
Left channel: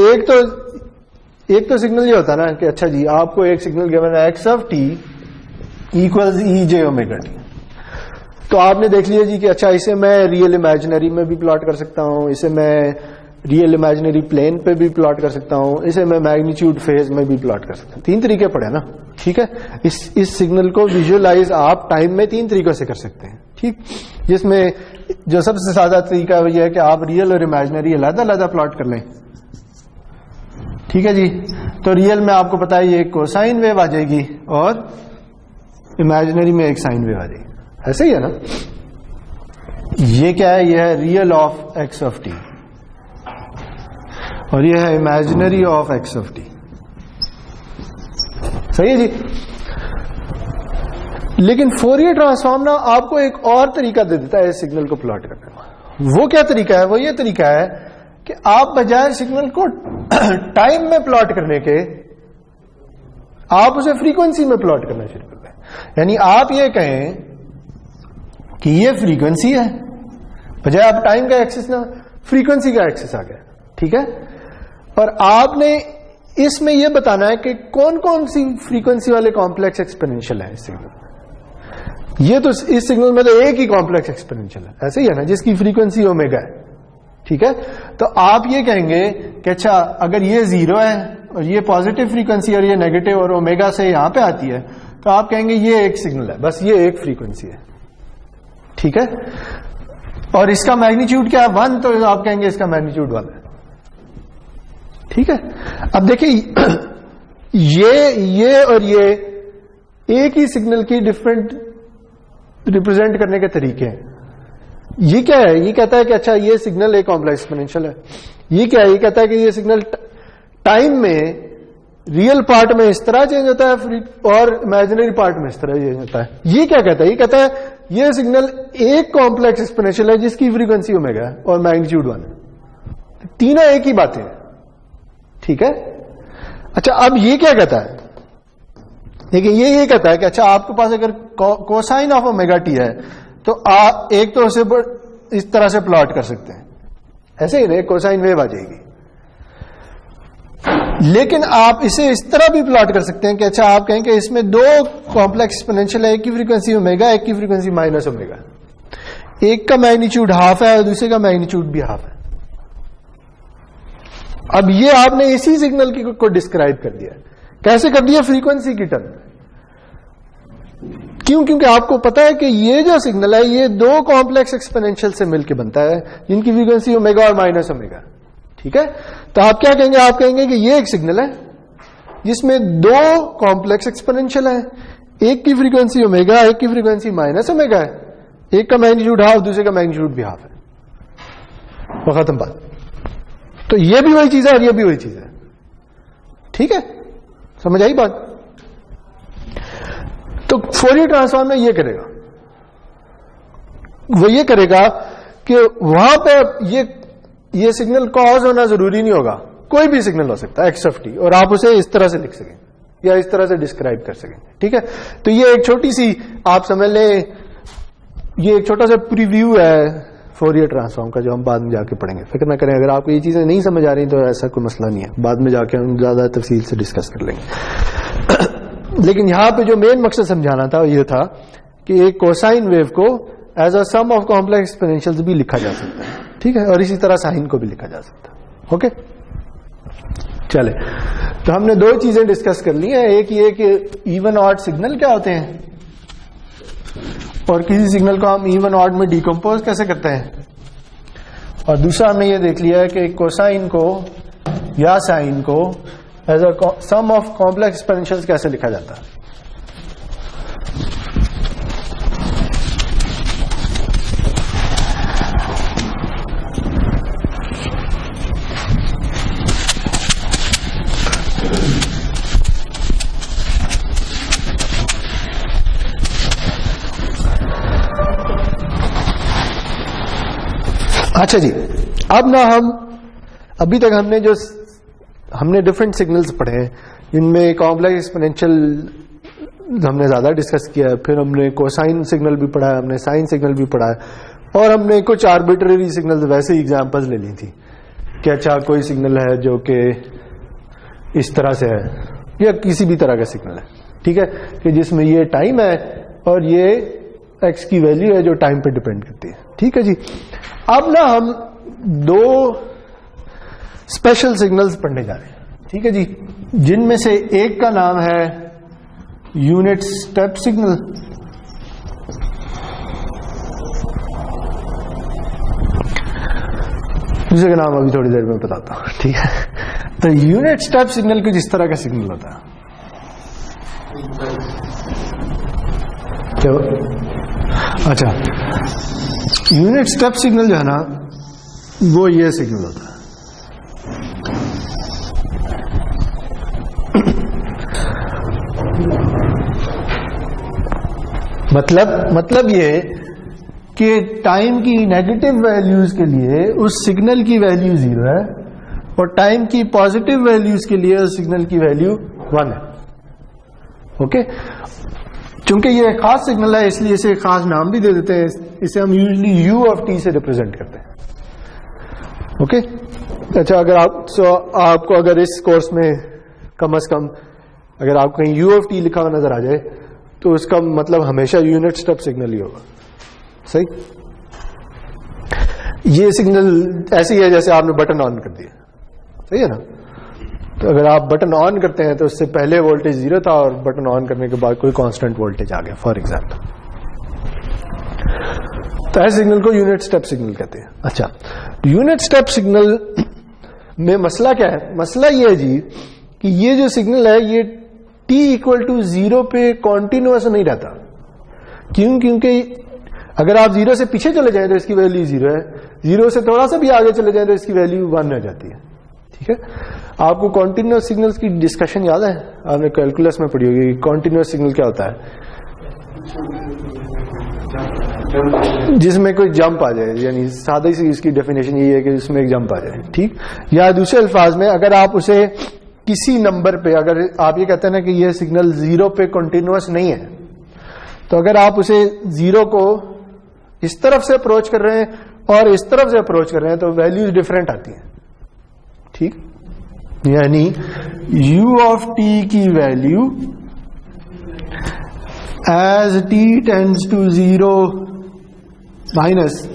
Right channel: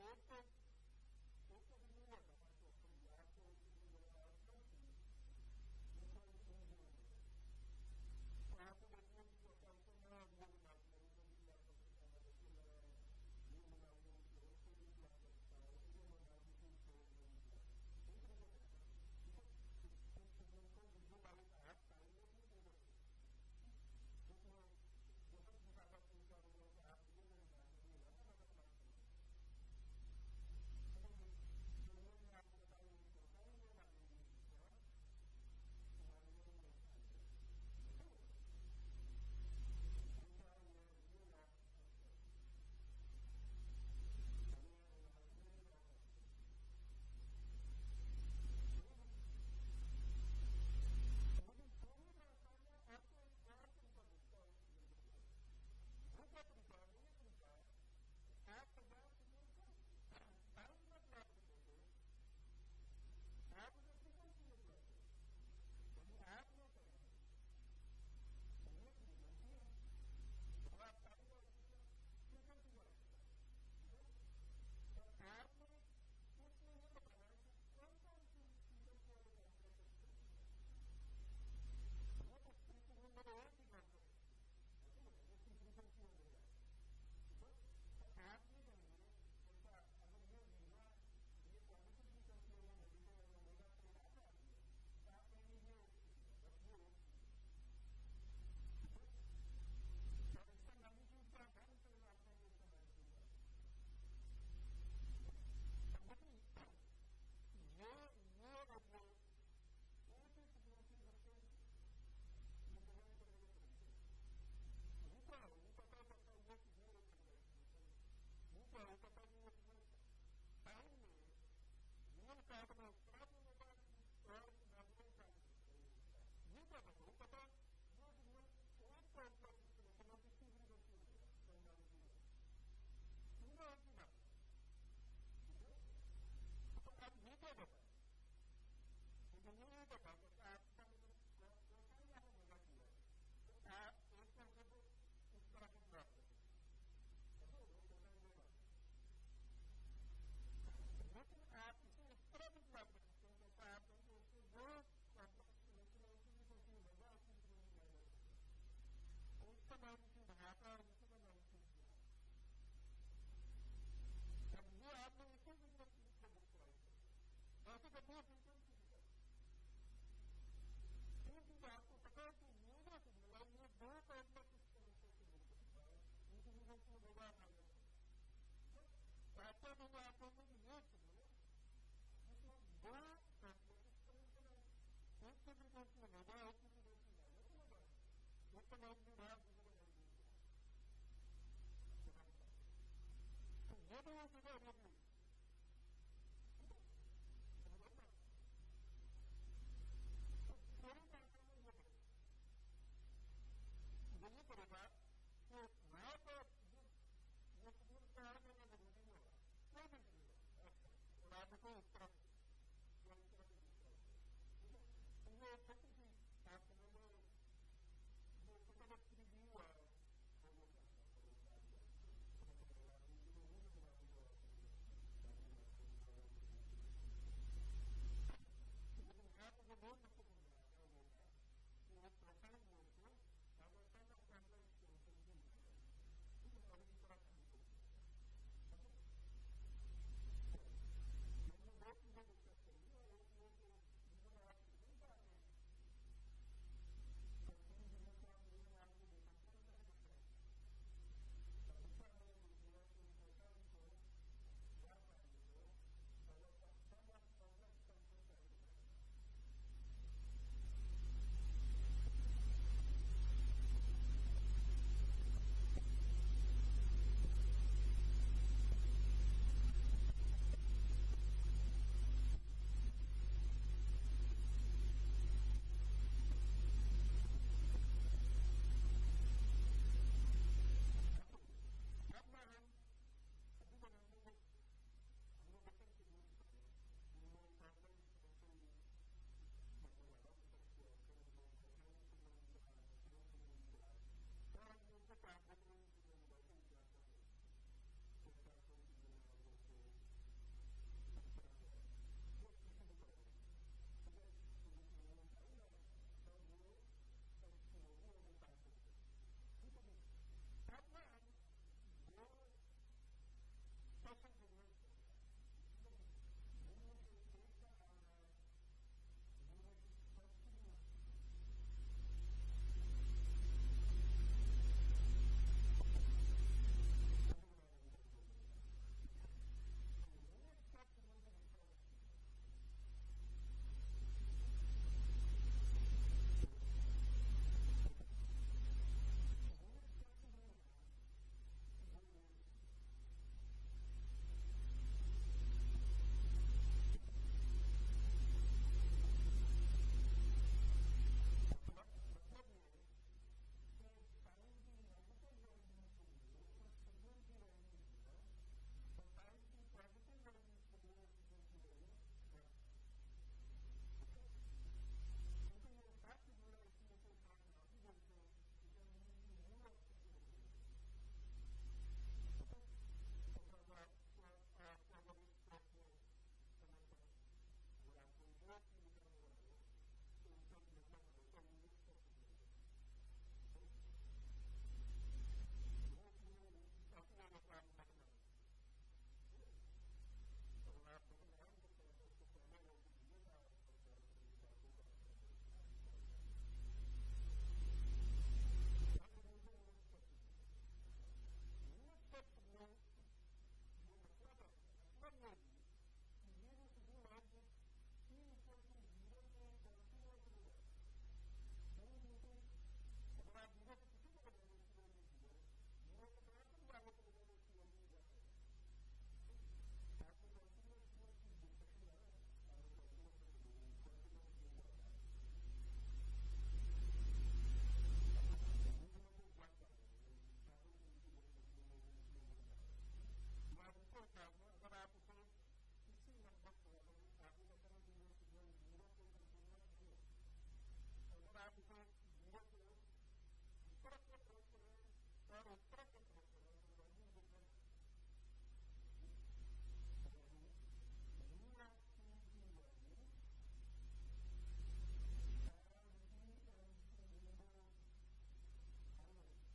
एक तो सिग्नल ये होता है ना कि अच्छा जी, आपको एक सिग्नल गिवन है x of T equals E j omega t, तो आपने देख लिया जी कि अच्छा इसे मैं रियल इमेजिनरी में भी प्लॉट कर सकता हूं, इसे मैं रियल इमेजिनरी प्लेन पे भी प्लॉट कर सकता हूं, इसे मैं मैग्नीट्यूड फेज में भी प्लॉट कर सकता हूं। 3 तरीके पड़े ना। ठीक है, इस सिग्नल को विजुअलाइज आप टाइम में 3 तरीकों से कर सकते हैं। ठीक, जिसमें जो सबसे सादा तरीका है यह है कि आप रियल और इमेजिनरी अलग-अलग प्लॉट कर लें। ठीक है जी, तो रियल में आपको पता है ये कोसाइन वेव आ जाएगी और इमेजिनरी में एक साइन वेव आ जाएगी, ऐसे ही है ना। ये क्या है? ये है real of x of T और ये है imaginary of x of T, सही है जी। लेकिन फोरियर ट्रांसफॉर्म ना आपको एक और तरीका दे देता है इस सिग्नल को प्लॉट करने का। वो क्या तरीका है? वो ये तरीका है कि आप बजाय सिग्नल को टाइम में प्लॉट करने के, आप उसे फ्रीक्वेंसी में प्लॉट करना शुरू कर दें। यानी आप ये कहें कि ये फ्रीक्वेंसी है, बजाय आप टाइम का एक्सिस ना फ्रीक्वेंसी का एक्सिस आ गया। ठीक है, और आपने इसमें यह बताना है कि कौन कौन सी फ्रीक्वेंसी वाले कॉम्प्लेक्स एक्सपोनेंशियल है इस सिग्नल में। ये तो इस सिग्नल में तो एक ही कॉम्प्लेक्स एक्सपोनेंशियल है, ऐसे ही है ना, जिसकी फ्रीक्वेंसी ओमेगा है। ठीक है, तो आप ये कहेंगे कि अच्छा अगर ये 0 है और ये पॉजिटिव फ्रीक्वेंसी और ये नेगेटिव और ओमेगा से यहां पे आती है, तो आप कहेंगे ये एक सिग्नल है, बस ये एक फ्रीक्वेंसी है। ठीक है, और इसका मैग्नीट्यूड क्या है? 1, तो आप कहेंगे इसका मैग्नीट्यूड 1 है। ठीक है, अब देखिए ये और ये एक ही सिग्नल की डिफरेंट रिप्रेजेंट करने के तरीके हैं। ये क्या है? ये कहता है कि अच्छा ये सिग्नल एक कॉम्प्लेक्स एक्सपोनेंशियल है। ये क्या है? ये कहता है कि ये सिग्नल टाइम में रियल पार्ट में इस तरह चेंज होता है और इमेजिनरी पार्ट में इस तरह चेंज होता है। ये क्या कहता है? ये कहता है ये सिग्नल एक कॉम्प्लेक्स एक्सपोनेंशियल है जिसकी फ्रीक्वेंसी ओमेगा है और मैग्नीट्यूड 1 है। तीनों एक ही बातें हैं। ठीक है, अच्छा अब ये क्या कहता है? देखिए ये कहता है कि अच्छा आपके पास अगर कोसाइन ऑफ ओमेगा टी है तो आप एक तो उसे इस तरह से प्लॉट कर सकते हैं, ऐसे ही ना, कोसाइन वेव आ जाएगी। लेकिन आप इसे इस तरह भी प्लॉट कर सकते हैं कि अच्छा आप कहें कि इसमें 2 कॉम्प्लेक्स एक्सपोनेंशियल है, एक की फ्रीक्वेंसी ओमेगा, एक की फ्रीक्वेंसी माइनस ओमेगा, एक का मैग्नीट्यूड हाफ है और दूसरे का मैग्नीट्यूड भी हाफ है। अब ये आपने इसी सिग्नल को डिस्क्राइब कर दिया। कैसे कर दिया? फ्रीक्वेंसी की टर्म में। क्यों? क्योंकि आपको पता है कि ये जो सिग्नल है ये 2 कॉम्प्लेक्स एक्सपोनेंशियल से मिलकर बनता है जिनकी फ्रीक्वेंसी ओमेगा और माइनस ओमेगा। ठीक है, तो आप क्या कहेंगे? आप कहेंगे कि ये एक सिग्नल है जिसमें 2 कॉम्प्लेक्स एक्सपोनेंशियल है, एक की फ्रीक्वेंसी ओमेगा, एक की फ्रीक्वेंसी माइनस ओमेगा है, एक का मैग्नीट्यूड हाफ, दूसरे का मैग्नीट्यूड भी हाफ है। वो खत्म बात। तो ये भी वही चीज है और ये भी वही चीज है। ठीक है, समझ आई बात? तो फोरियर ट्रांसफॉर्म में ये करेगा, वो ये करेगा कि वहां पे ये सिग्नल कॉज होना जरूरी नहीं होगा, कोई भी सिग्नल हो सकता है एक्स ऑफ टी, और आप उसे इस तरह से लिख सकें या इस तरह से डिस्क्राइब कर सकें। ठीक है, तो ये एक छोटी सी आप समझ लें ये एक छोटा सा प्रीव्यू है फोरियर ट्रांसफॉर्म का, जो हम बाद में जाके पढ़ेंगे। फिक्र ना करें, अगर आपको ये चीजें नहीं समझ आ रही तो ऐसा कोई मसला नहीं है, बाद में जाके हम ज्यादा तफसील से डिस्कस कर लेंगे। लेकिन यहां पे जो मेन मकसद समझाना था ये था कि एक कोसाइन वेव को as a sum of complex exponentials भी लिखा जा सकता है, ठीक है, और इसी तरह साइन को भी लिखा जा सकता है। ओके, चले, तो हमने दो चीजें डिस्कस कर ली हैं। एक ये कि इवन ऑड सिग्नल क्या होते हैं, और किसी सिग्नल को हम इवन ऑड में डिकम्पोज कैसे करते हैं, और दूसरा हमने ये देख लिया है कि कोसाइन को या साइन को as a sum of complex exponentials कैसे लिखा जाता है। अच्छा जी, अब ना हम अभी तक हमने डिफरेंट सिग्नल्स पढ़े हैं, इनमें कॉम्प्लेक्स एक्सपोनेंशियल हमने ज्यादा डिस्कस किया है, फिर हमने कोसाइन सिग्नल भी पढ़ा है, हमने साइन सिग्नल भी पढ़ा है, और हमने कुछ आर्बिट्ररी सिग्नल्स वैसे ही एग्जांपल्स ले ली थी कि अच्छा कोई सिग्नल है जो कि इस तरह से है या किसी भी तरह का सिग्नल है, ठीक है, कि जिसमें ये टाइम है और ये एक्स की वैल्यू है जो टाइम पे डिपेंड करती है, ठीक है जी। अब ना हम दो स्पेशल सिग्नल्स पढ़ने जा रहे हैं, ठीक है जी, जिनमें से एक का नाम है यूनिट स्टेप सिग्नल, दूसरे का नाम अभी थोड़ी देर में बताता हूं, ठीक है। तो यूनिट स्टेप सिग्नल कुछ इस तरह का सिग्नल होता है, क्या? अच्छा, यूनिट स्टेप सिग्नल जो है ना वो ये सिग्नल होता है। मतलब ये कि टाइम की नेगेटिव वैल्यूज के लिए उस सिग्नल की वैल्यू 0 है और टाइम की पॉजिटिव वैल्यूज के लिए उस सिग्नल की वैल्यू 1 है। ओके, चूंकि ये खास सिग्नल है इसलिए इसे खास नाम भी दे देते हैं, इसे हम यूजली u ऑफ t से रिप्रेजेंट करते हैं। ओके, अच्छा, अगर आपको अगर इस कोर्स में कम से कम अगर आपको कहीं u ऑफ t लिखा हुआ नजर आ जाए तो उसका मतलब हमेशा यूनिट स्टेप सिग्नल ही होगा, सही। ये सिग्नल ऐसी है जैसे आपने बटन ऑन कर दिया, सही है ना। तो अगर आप बटन ऑन करते हैं तो उससे पहले वोल्टेज 0 था और बटन ऑन करने के बाद कोई कांस्टेंट वोल्टेज आ गया, फॉर एग्जांपल। तो ऐसे सिग्नल को यूनिट स्टेप सिग्नल कहते हैं। अच्छा, यूनिट स्टेप सिग्नल में मसला क्या है? मसला ये है जी कि ये जो सिग्नल है ये t इक्वल टू 0 पे कॉन्टिन्यूअस नहीं रहता। क्यों? क्योंकि अगर आप 0 से पीछे चले जाएं तो इसकी वैल्यू 0 है, 0 से थोड़ा सा भी आगे चले जाएं तो इसकी वैल्यू 1 हो जाती है, ठीक है। आपको कॉन्टिन्यूअस सिग्नल्स की डिस्कशन याद है? आपने कैलकुलस में पढ़ी होगी। कॉन्टिन्यूअस सिग्नल क्या होता है? जिसमें कोई जंप आ जाए, यानी सादा सी इसकी डेफिनेशन यही है कि उसमें एक जंप आ जाए, ठीक। या दूसरे अल्फाज में अगर आप उसे किसी नंबर पे, अगर आप ये कहते हैं ना कि ये सिग्नल 0 पे कॉन्टिन्यूअस नहीं है, तो अगर आप उसे 0 को इस तरफ से अप्रोच कर रहे हैं और इस तरफ से अप्रोच कर रहे हैं तो वैल्यूज डिफरेंट आती हैं, ठीक। यानी u ऑफ t की value as t tends to 0 minus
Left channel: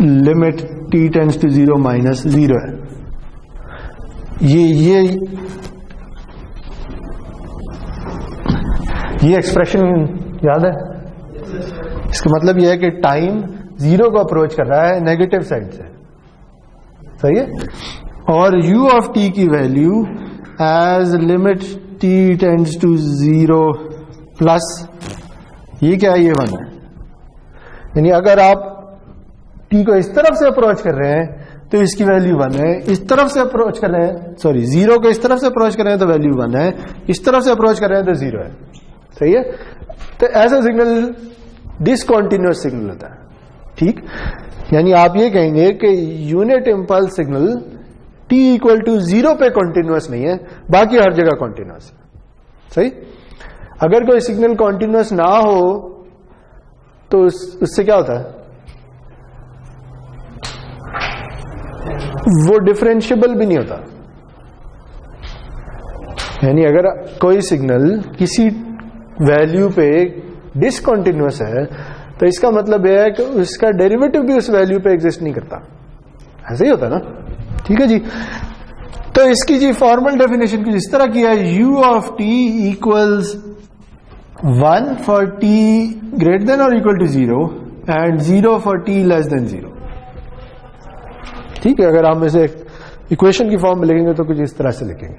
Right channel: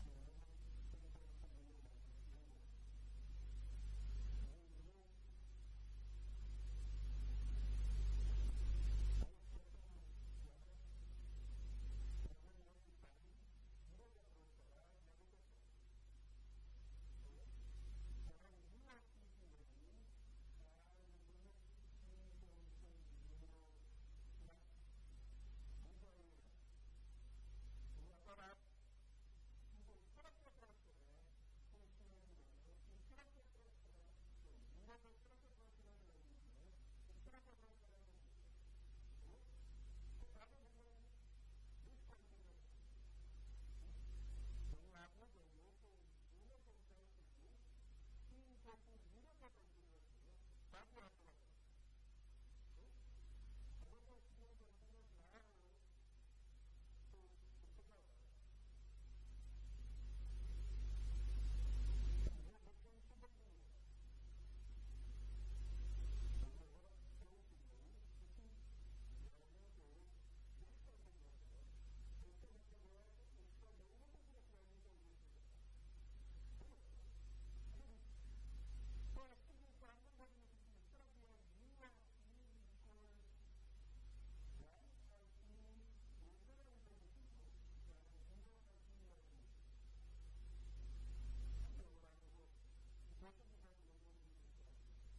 limit t tends to 0 minus 0 है। ये एक्सप्रेशन याद है? इसका मतलब यह है कि टाइम 0 को अप्रोच कर रहा है नेगेटिव साइड से, सही है। और u ऑफ t की value as limit t tends to 0 plus ये क्या है? ये 1 है। यानी अगर आप t को इस तरफ से अप्रोच कर रहे हैं तो इसकी वैल्यू 1 है, इस तरफ से अप्रोच कर रहे हैं, सॉरी 0 को इस तरफ से अप्रोच कर रहे हैं तो वैल्यू 1 है, इस तरफ से अप्रोच कर रहे हैं तो 0 है, सही है। तो ऐसा सिग्नल डिसकंटीन्यूअस सिग्नल होता है, ठीक। यानी आप ये कहेंगे कि unit impulse signal t equal to 0 पे कॉन्टिन्यूअस नहीं है, बाकी हर जगह कॉन्टिन्यूअस है, सही। अगर कोई सिग्नल कॉन्टिन्यूअस ना हो तो उससे क्या होता है, वो डिफरेंशिएबल भी नहीं होता। यानी अगर कोई सिग्नल किसी वैल्यू पे डिसकंटिन्यूअस है तो इसका मतलब यह है कि उसका डेरिवेटिव भी उस वैल्यू पे एग्जिस्ट नहीं करता। ऐसे ही होता है ना, ठीक है जी। तो इसकी जी फॉर्मल डेफिनेशन कुछ इस तरह की है, u of t equals 1 for t greater than और equal to 0 and 0 for t less than 0। ठीक है, अगर हम इसे इक्वेशन की फॉर्म में लिखेंगे तो कुछ इस तरह से लिखेंगे।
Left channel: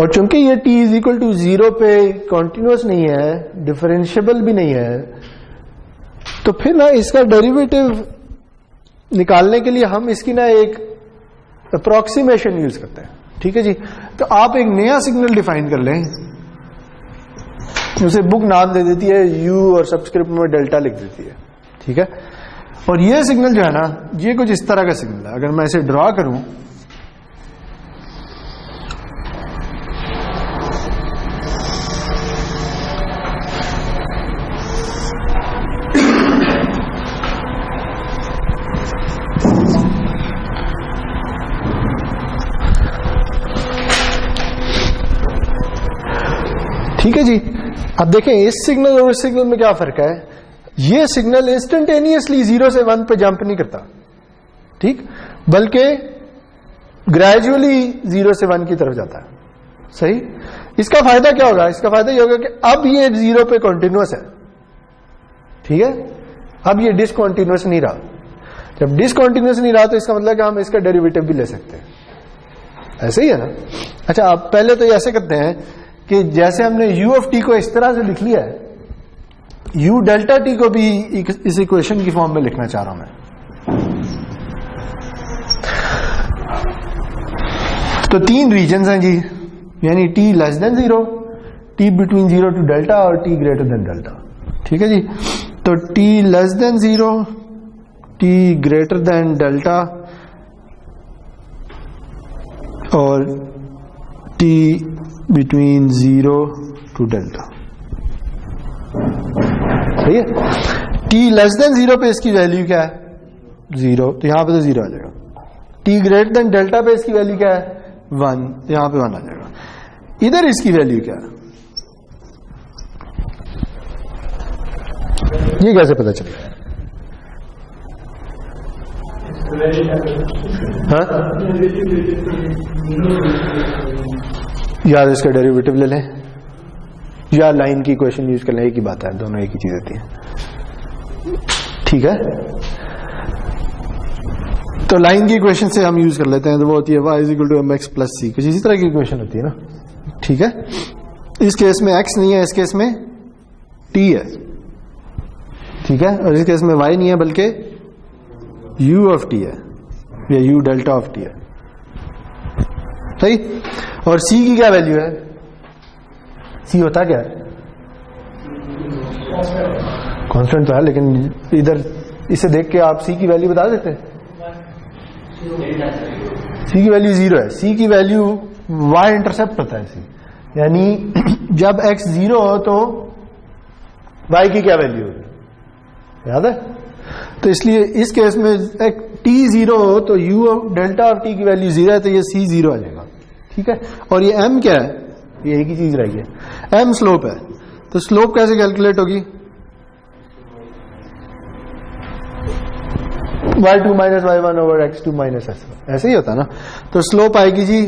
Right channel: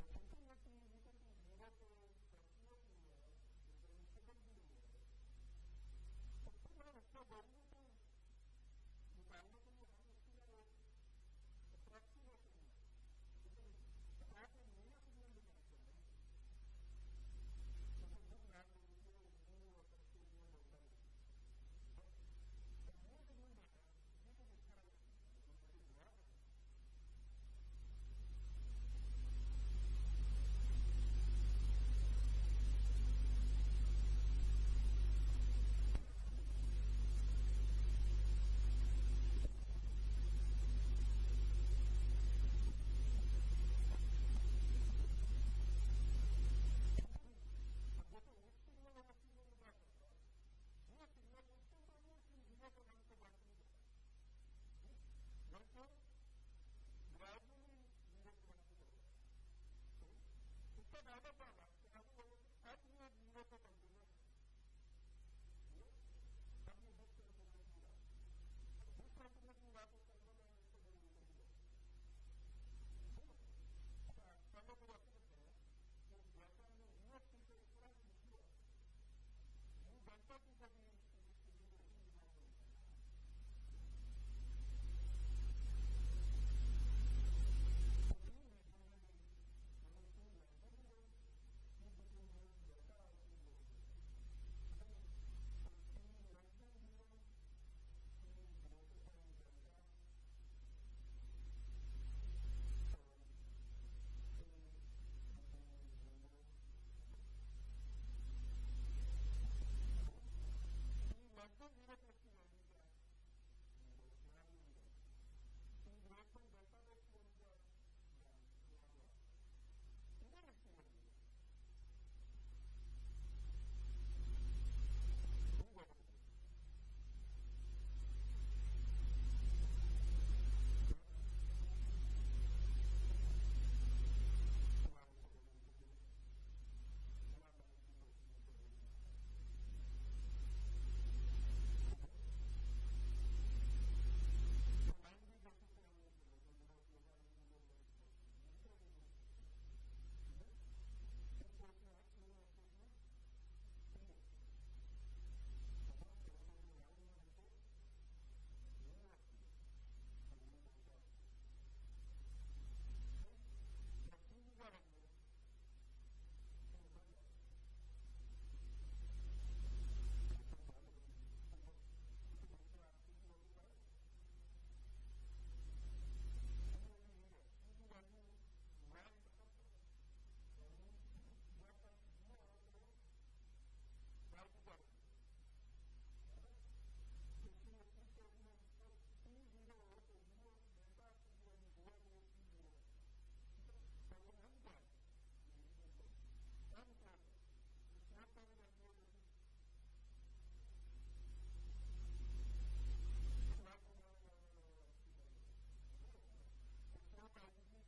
और चूंकि ये t इज इक्वल टू 0 पे कॉन्टिन्यूअस नहीं है, डिफरेंशिएबल भी नहीं है, तो फिर ना इसका डेरिवेटिव निकालने के लिए हम इसकी ना एक अप्रोक्सीमेशन यूज करते हैं। ठीक है जी। तो आप एक नया सिग्नल डिफाइन कर लें, उसे बुक नाम दे देती है u और सबस्क्रिप्ट में डेल्टा लिख देती है। ठीक है, और ये सिग्नल जो है ना, ये कुछ इस तरह का सिग्नल है। अगर मैं इसे ड्रॉ करूं, ठीक है जी। अब देखें इस सिग्नल और इस सिग्नल में क्या फर्क है। ये सिग्नल इंस्टेंटेनियसली 0 से 1 पे जंप नहीं करता, ठीक, बल्कि ग्रेजुअली 0 से 1 की तरफ जाता है। सही। इसका फायदा क्या होगा, इसका फायदा ये होगा कि अब ये 0 पे कॉन्टिन्यूअस है। ठीक है, अब ये डिसकॉन्टिन्यूअस नहीं रहा। जब डिसकॉन्टिन्यूअस नहीं रहा तो इसका मतलब कि हम इसका डेरिवेटिव भी ले सकते हैं। ऐसे ही है ना। अच्छा, आप पहले तो ऐसे करते हैं कि जैसे हमने u ऑफ t को इस तरह से लिख लिया है, u डेल्टा t को भी इस इक्वेशन की फॉर्म में लिखना चाह रहा हूं मैं। तो 3 रीजन्स हैं जी, यानी t less than 0, t between 0 to delta और t ग्रेटर देन डेल्टा। ठीक है जी। तो t less than 0, t greater than delta और t बिटवीन 0 टू डेल्टा। सही है। t लेस देन 0 पे इसकी वैल्यू क्या है, 0, तो यहां पे तो 0 आ जाएगा। t ग्रेटर देन डेल्टा पे इसकी वैल्यू क्या है, 1, तो यहां पे 1 आ जाएगा। इधर इसकी वैल्यू क्या है, ये कैसे पता चलेगा? हाँ, या इसका डेरिवेटिव ले लें या लाइन की इक्वेशन यूज कर लें, एक ही बात है, दोनों एक ही चीज होती है। ठीक है, तो लाइन की इक्वेशन से हम यूज कर लेते हैं, तो वो होती है y equal to mx plus c, कुछ इसी तरह की इक्वेशन होती है ना। ठीक है, इस केस में x नहीं है, इस केस में t है। ठीक है, और इस केस में y नहीं है बल्कि u ऑफ t है या u डेल्टा ऑफ t है। सही। और c की क्या वैल्यू है, c होता क्या है, कांस्टेंट तो है, लेकिन इधर इसे देख के आप c की वैल्यू बता देते हैं। c की वैल्यू 0 है, c की वैल्यू y इंटरसेप्ट होता है c, यानी जब x 0 हो तो y की क्या वैल्यू होगी, याद है। तो इसलिए इस केस में t 0 हो तो u डेल्टा ऑफ t की वैल्यू 0 है, तो ये c 0 आ जाएगा। ठीक है, और ये m क्या है, ये एक ही चीज रही है, m स्लोप है। तो स्लोप कैसे कैलकुलेट होगी, y2 minus y1 over x2 minus s1, ऐसे ही होता है ना। तो स्लोप आएगी जी,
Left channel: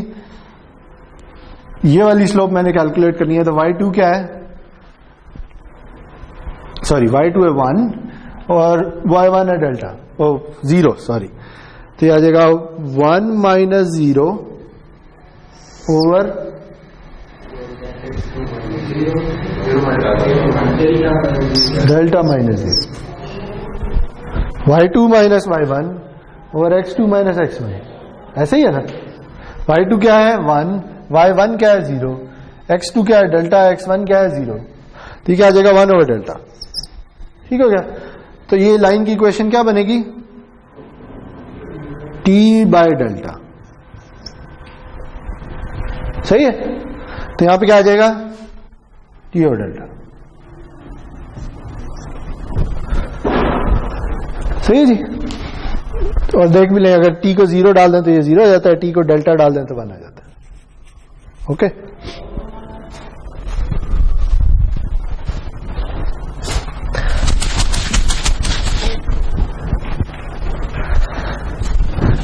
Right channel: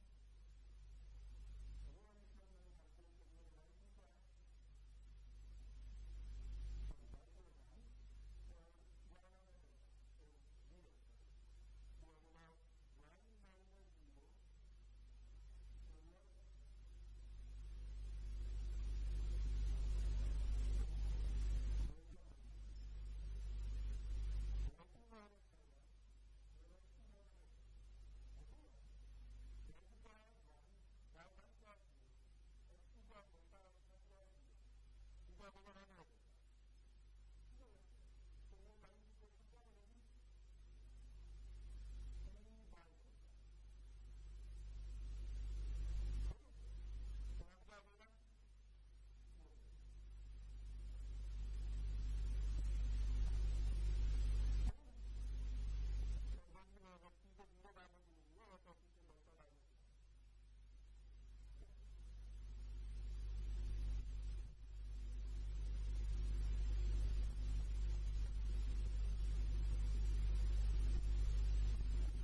ये वाली स्लोप मैंने कैलकुलेट करनी है, तो y2 क्या है, सॉरी y2 है 1 और y1 है डेल्टा, ओ 0, सॉरी, तो ये आ जाएगा 1 minus 0 over delta minus 0, y2 minus y1 over x2 minus x1, ऐसे ही है ना। y2 क्या है 1, y1 क्या है 0, x2 क्या है डेल्टा, x1 क्या है 0, तो क्या आ जाएगा 1 ओवर डेल्टा। ठीक हो गया। तो ये लाइन की इक्वेशन क्या बनेगी, t बाय डेल्टा। सही है, तो यहां पे क्या आ जाएगा, ये और डेल्टा, सही है जी। और देख भी लें, अगर टी को 0 डाल दें तो ये 0 हो जाता है, टी को डेल्टा डाल दें तो 1 आ जाता है। ओके,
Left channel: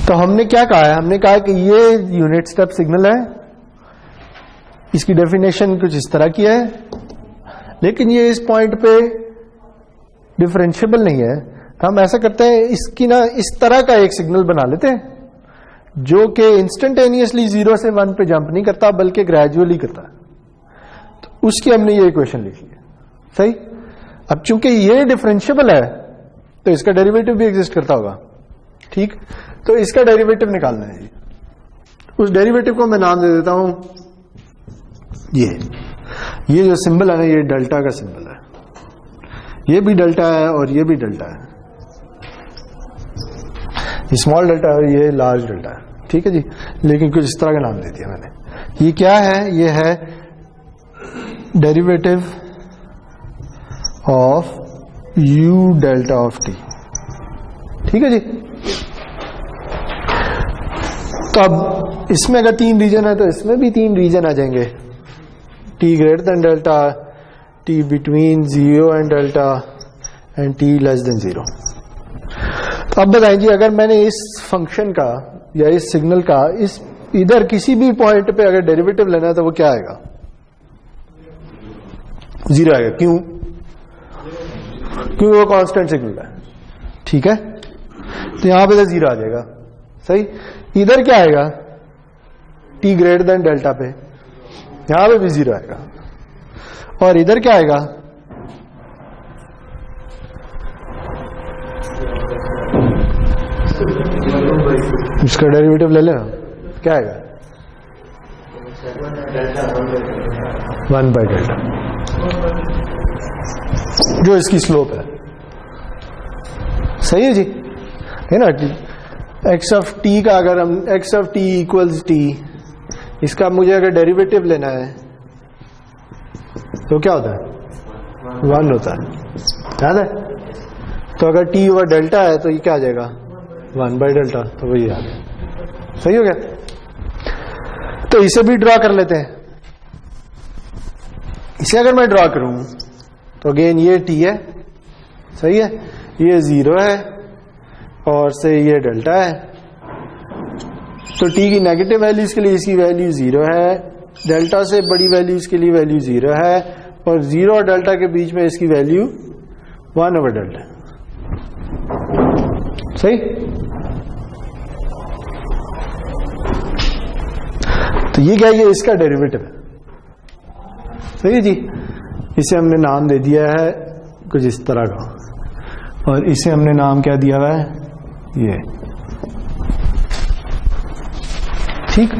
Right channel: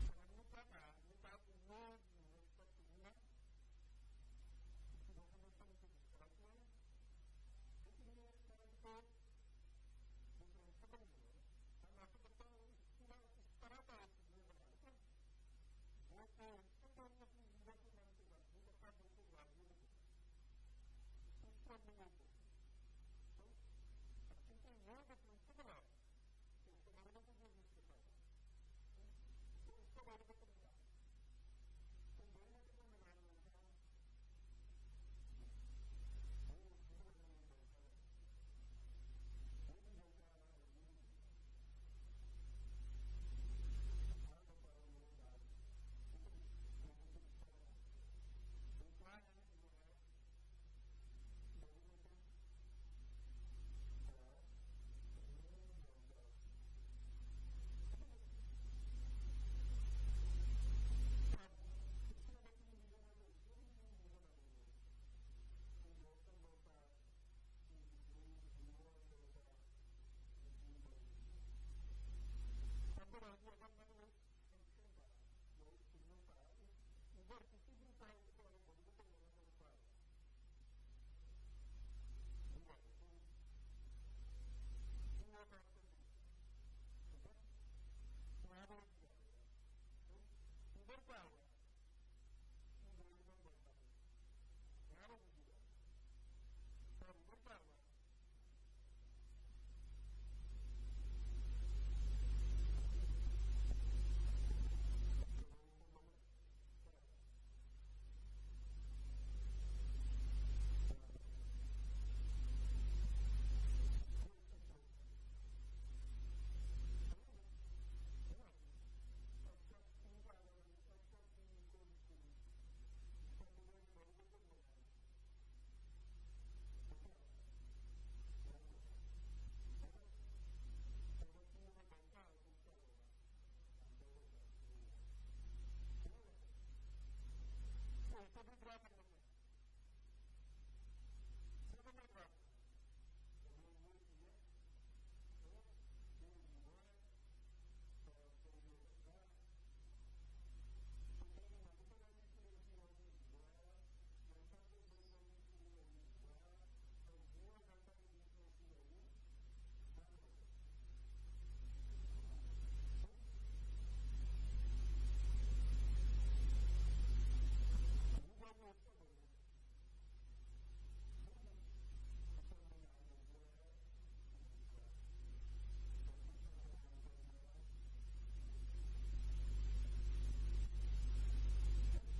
तो हमने क्या कहा है, हमने कहा कि ये यूनिट स्टेप सिग्नल है, इसकी डेफिनेशन कुछ इस तरह की है, लेकिन ये इस पॉइंट पे डिफरेंशिएबल नहीं है। तो हम ऐसा करते हैं, इसकी ना इस तरह का एक सिग्नल बना लेते हैं जो कि इंस्टेंटेनियसली 0 से 1 पे जंप नहीं करता बल्कि ग्रेजुअली करता है। तो उसकी हमने ये इक्वेशन लिख ली, सही। अब चूंकि ये डिफरेंशिएबल है तो इसका डेरिवेटिव भी एग्जिस्ट करता होगा, ठीक। तो इसका डेरिवेटिव निकालना है, उस डेरिवेटिव को मैं नाम दे देता हूं ये जो सिंबल है ना, ये डेल्टा का सिंबल है, ये भी डेल्टा है और ये भी डेल्टा है, ये स्मॉल डेल्टा है और ये लार्ज डेल्टा है, ठीक है जी। लेकिन कुछ इस तरह का नाम दे दिया मैंने। ये क्या है, ये है derivative of u delta of t, ठीक है जी। तो अब इसमें अगर 3 रीजन है तो इसमें भी 3 रीजन आ जाएंगे, t greater than delta, t between 0 and delta and t less than 0। तो अब बताएं जी, अगर मैंने इस फंक्शन का या इस सिग्नल का इस इधर किसी भी पॉइंट पे अगर डेरिवेटिव लेना है तो वो क्या आएगा, 0 आएगा। क्यों? क्योंकि वो कांस्टेंट सिग्नल है, ठीक है। तो यहां पे तो 0 आ जाएगा, सही। इधर क्या आएगा, t ग्रेटर देन डेल्टा पे, यहां पे भी 0 आएगा। और इधर क्या आएगा, इसका डेरिवेटिव ले लेना, क्या आएगा, 1 बाय डेल्टा, जो इसकी स्लोप है, सही है जी, है ना। x ऑफ t का अगर हम x of t equals t, इसका मुझे अगर डेरिवेटिव लेना है तो क्या होता है, 1 होता है, याद है। तो अगर t ओवर डेल्टा है तो ये क्या आ जाएगा, 1 बाय डेल्टा, तो वही आ गया, सही हो गया। तो इसे भी ड्रॉ कर लेते हैं। इसे अगर मैं ड्रॉ करूं तो अगेन ये t है, सही है, ये 0 है और से ये डेल्टा है। तो t की नेगेटिव वैल्यूज के लिए इसकी वैल्यू 0 है, डेल्टा से बड़ी वैल्यूज के लिए वैल्यू 0 है, और 0 और डेल्टा के बीच में इसकी वैल्यू 1 ओवर डेल्टा, सही। तो ये क्या, ये इसका डेरिवेटिव है, सही है जी। इसे हमने नाम दे दिया है कुछ इस तरह का, और इसे हमने नाम क्या दिया हुआ है, ये, ठीक।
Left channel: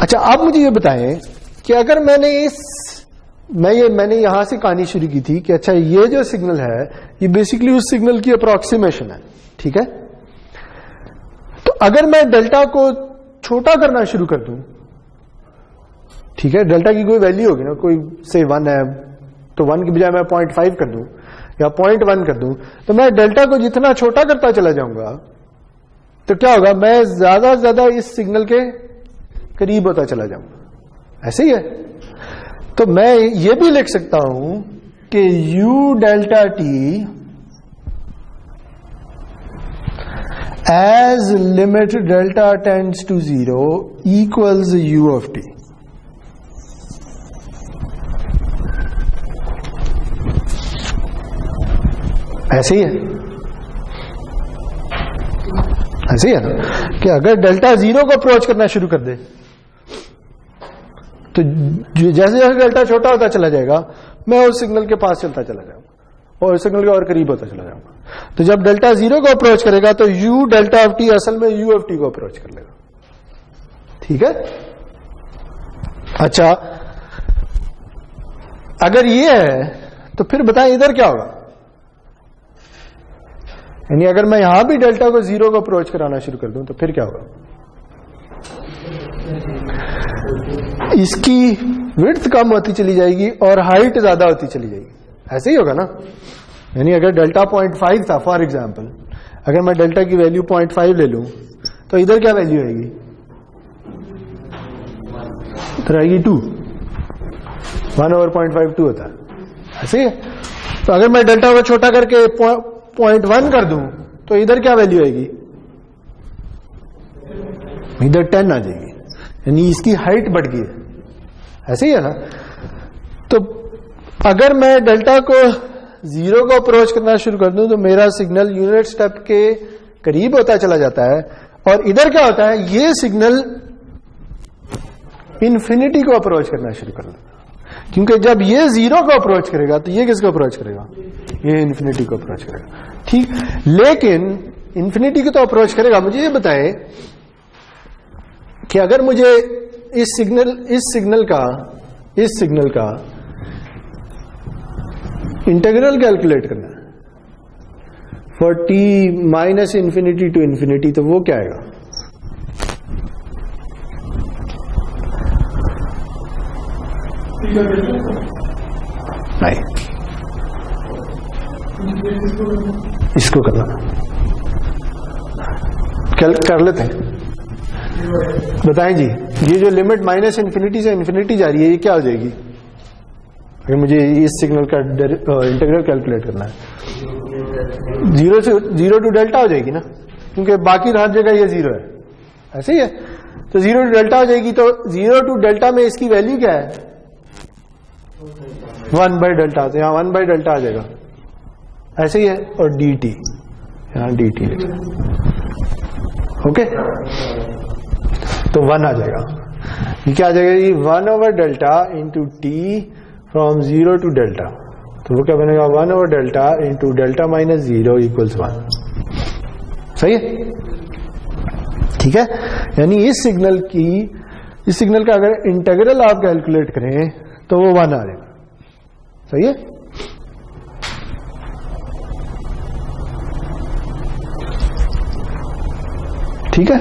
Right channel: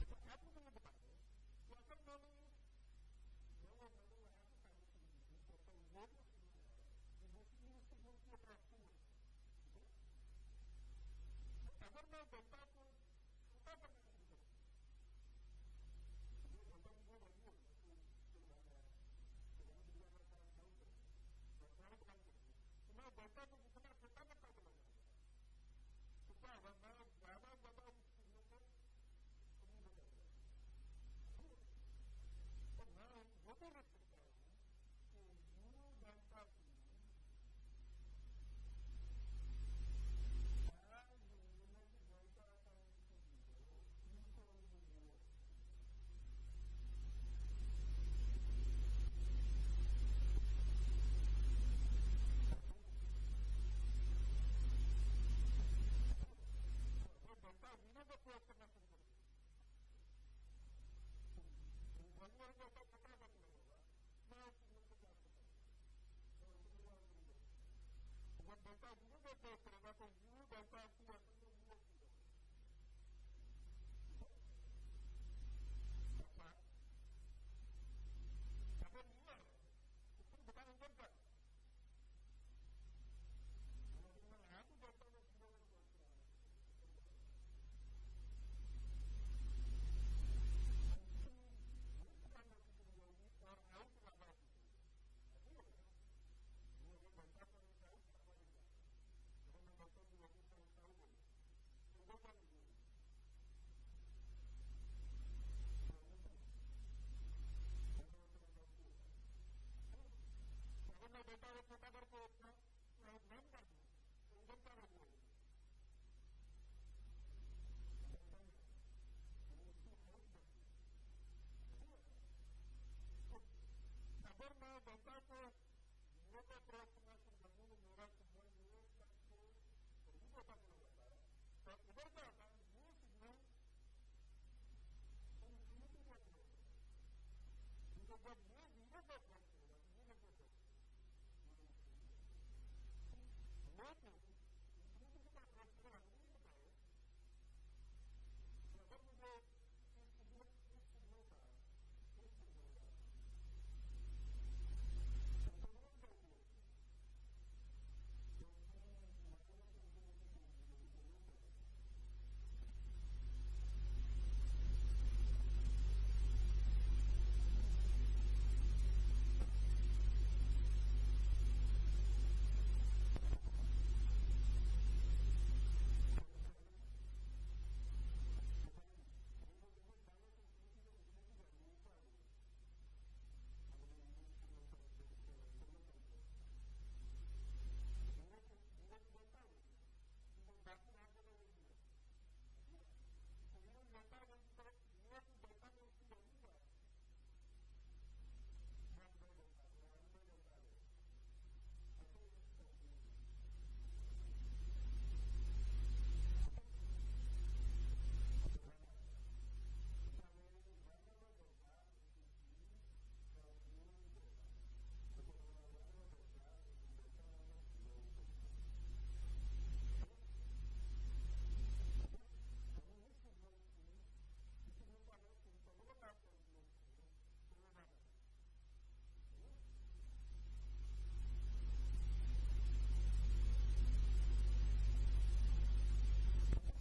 अच्छा, आप मुझे ये बताएं कि अगर मैंने यहां से कहानी शुरू की थी कि अच्छा ये जो सिग्नल है ये बेसिकली उस सिग्नल की अप्रोक्सीमेशन है, ठीक है। तो अगर मैं डेल्टा को छोटा करना शुरू कर दूं, ठीक है, डेल्टा की कोई वैल्यू होगी ना, कोई से 1 है तो 1 की बजाय मैं 0.5 कर दूं या 0.1 कर दूं, तो मैं डेल्टा को जितना छोटा करता चला जाऊंगा तो क्या होगा, मैं ज्यादा से ज्यादा इस सिग्नल के करीब होता चला जाऊंगा, ऐसे ही है। तो मैं ये भी लिख सकता हूं कि u delta t as limit delta tends to 0 equals u of t। ऐसे ही है, ऐसे ही है ना, कि अगर डेल्टा 0 को अप्रोच करना शुरू कर दे तो जैसे जैसे डेल्टा छोटा होता चला जाएगा मैं उस सिग्नल के पास चलता चला जाऊंगा और उस सिग्नल के और करीब होता चला जाऊंगा। तो जब डेल्टा 0 को अप्रोच करेगा तो u डेल्टा ऑफ t असल में u ऑफ t को अप्रोच कर लेगा, ठीक है। अच्छा, अगर ये है तो फिर बताएं इधर क्या होगा, यानी अगर मैं यहां भी डेल्टा को 0 को अप्रोच कराना शुरू कर दूं तो फिर क्या होगा, इसकी विड्थ कम होती चली जाएगी और हाइट ज्यादा होती चली जाएगी, ऐसे ही होगा ना। यानी अगर डेल्टा 0.5 था फॉर एग्जाम्पल, अगर मैं डेल्टा की वैल्यू 0.5 ले लूं तो इधर क्या वैल्यू आएगी, इधर आएगी 2, 1/0.5 2 होता है, ऐसे ही। तो अगर मैं डेल्टा को छोटा करके 0.1 कर दूं तो इधर क्या वैल्यू आएगी, इधर 10 आ जाएगी, यानी इसकी हाइट बढ़ गई है, ऐसे ही है ना। तो अगर मैं डेल्टा को 0 को अप्रोच करना शुरू कर दूं तो मेरा सिग्नल यूनिट स्टेप के करीब होता चला जाता है, और इधर क्या होता है, ये सिग्नल इन्फिनिटी को अप्रोच करना शुरू कर देता, क्योंकि जब ये 0 को अप्रोच करेगा तो ये किसको अप्रोच करेगा, ये इन्फिनिटी को अप्रोच करेगा, ठीक। लेकिन इन्फिनिटी को तो अप्रोच करेगा। मुझे ये बताएं कि अगर मुझे इस सिग्नल का इंटीग्रल कैलकुलेट करना है for t minus infinity to infinity, तो वो क्या आएगा, नहीं, इसको करना कर लेते हैं। बताएं जी, ये जो लिमिट माइनस इन्फिनिटी से इन्फिनिटी जा रही है, ये क्या हो जाएगी अगर मुझे इस सिग्नल का इंटीग्रल कैलकुलेट करना है, 0 टू डेल्टा हो जाएगी ना, क्योंकि बाकी हर जगह ये 0 है, ऐसे ही है। तो 0 टू डेल्टा हो जाएगी, तो 0 टू डेल्टा में इसकी वैल्यू क्या है, 1/डेल्टा, तो यहां 1/डेल्टा आ जाएगा, ऐसे ही है। और dt, यहां dt लिखा, ओके, तो 1 आ जाएगा। ये क्या आ जाएगा जी, 1/डेल्टा into t from 0 to delta, तो वो क्या बनेगा, 1/डेल्टा इंटू डेल्टा माइनस 0 इक्वल्स 1, सही है, ठीक है। यानी इस सिग्नल का अगर इंटीग्रल आप कैलकुलेट करें तो वो 1 आ जाएगा, सही है। ठीक है,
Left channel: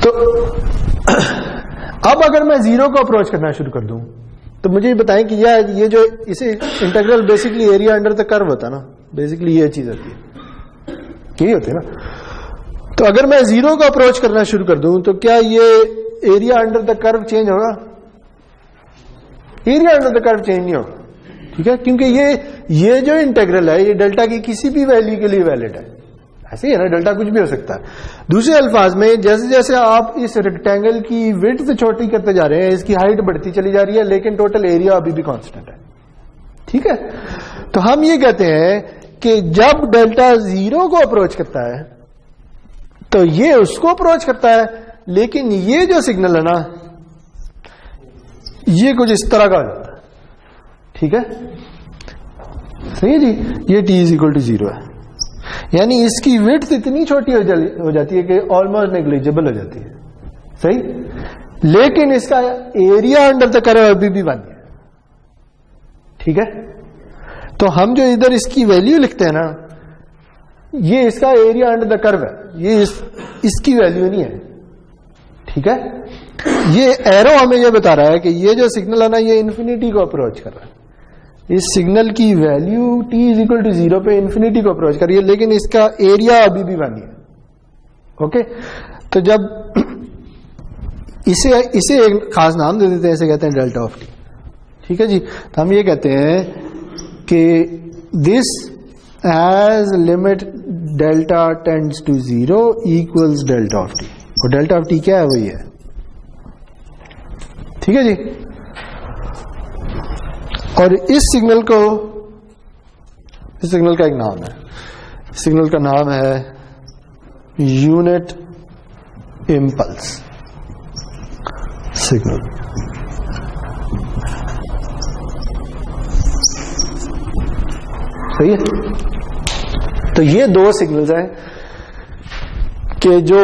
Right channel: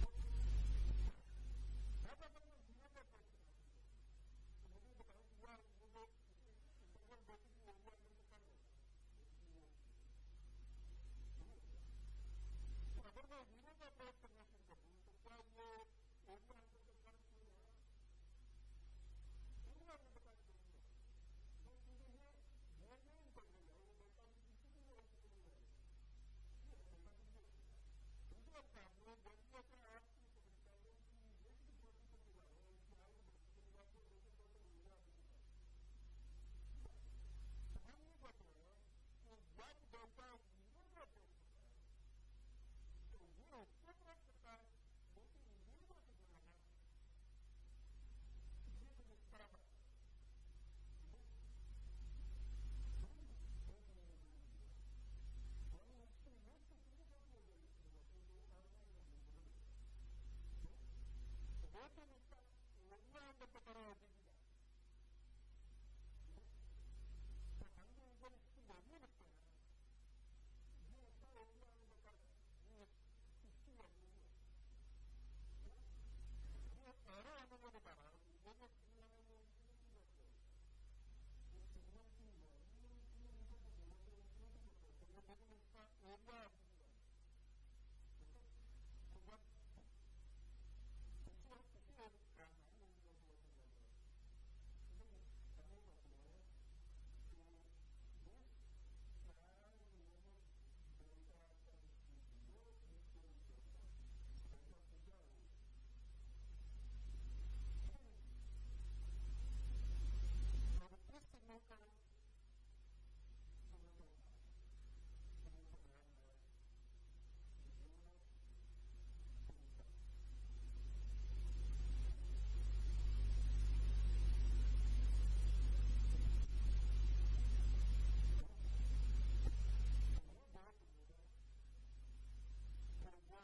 तो अब अगर मैं 0 को अप्रोच करना शुरू कर दूं तो मुझे बताएं कि ये जो इसे integral basically area under the curve होता है ना, बेसिकली ये चीज होती है, यही होती है ना। तो अगर मैं 0 को अप्रोच करना शुरू कर दूं तो क्या ये area under the curve change होगा, area under the curve change नहीं होगा, ठीक है, क्योंकि ये जो इंटीग्रल है ये डेल्टा की किसी भी वैल्यू के लिए वैलिड है, ऐसे ही है ना, डेल्टा कुछ भी हो सकता है। दूसरे अल्फाज में जैसे जैसे आप इस रेक्टेंगल की विड्थ छोटी करते जा रहे हैं, इसकी हाइट बढ़ती चली जा रही है, लेकिन टोटल एरिया अभी भी कांस्टेंट है, ठीक है। तो हम ये कहते हैं कि जब डेल्टा 0 को अप्रोच करता है तो ये उसको अप्रोच करता है, लेकिन ये जो सिग्नल है ना ये कुछ इस तरह का हो जाता है, ठीक है, सही है जी। ये t = 0 है, यानी इसकी विड्थ इतनी छोटी हो जाती है कि ऑलमोस्ट नेग्लिजिबल हो जाती है, सही, लेकिन इसका एरिया अंडर द कर्व अभी भी 1 है, ठीक है। तो हम जो इधर इसकी वैल्यू लिखते हैं ना, ये इसका एरिया अंडर द कर्व है, ये इसकी वैल्यू नहीं है, ठीक है। ये एरो हमें ये बता रहा है कि ये जो सिग्नल है ना ये इन्फिनिटी को अप्रोच कर रहा है, इस सिग्नल की वैल्यू t = 0 पे इन्फिनिटी को अप्रोच कर रही है, लेकिन इसका एरिया अभी भी 1 है, ओके। तो जब इसे एक खास नाम दे देते हैं, इसे कहते हैं डेल्टा ऑफ t, ठीक है जी। तो हम ये कहते हैं कि this as limit delta tends to 0 equals delta of t, और डेल्टा ऑफ t क्या है, वही है, ठीक है जी। और इस सिग्नल का एक नाम है, सिग्नल का नाम है यूनिट इम्पल्स सिग्नल, सही है। तो ये 2 सिग्नल्स हैं कि जो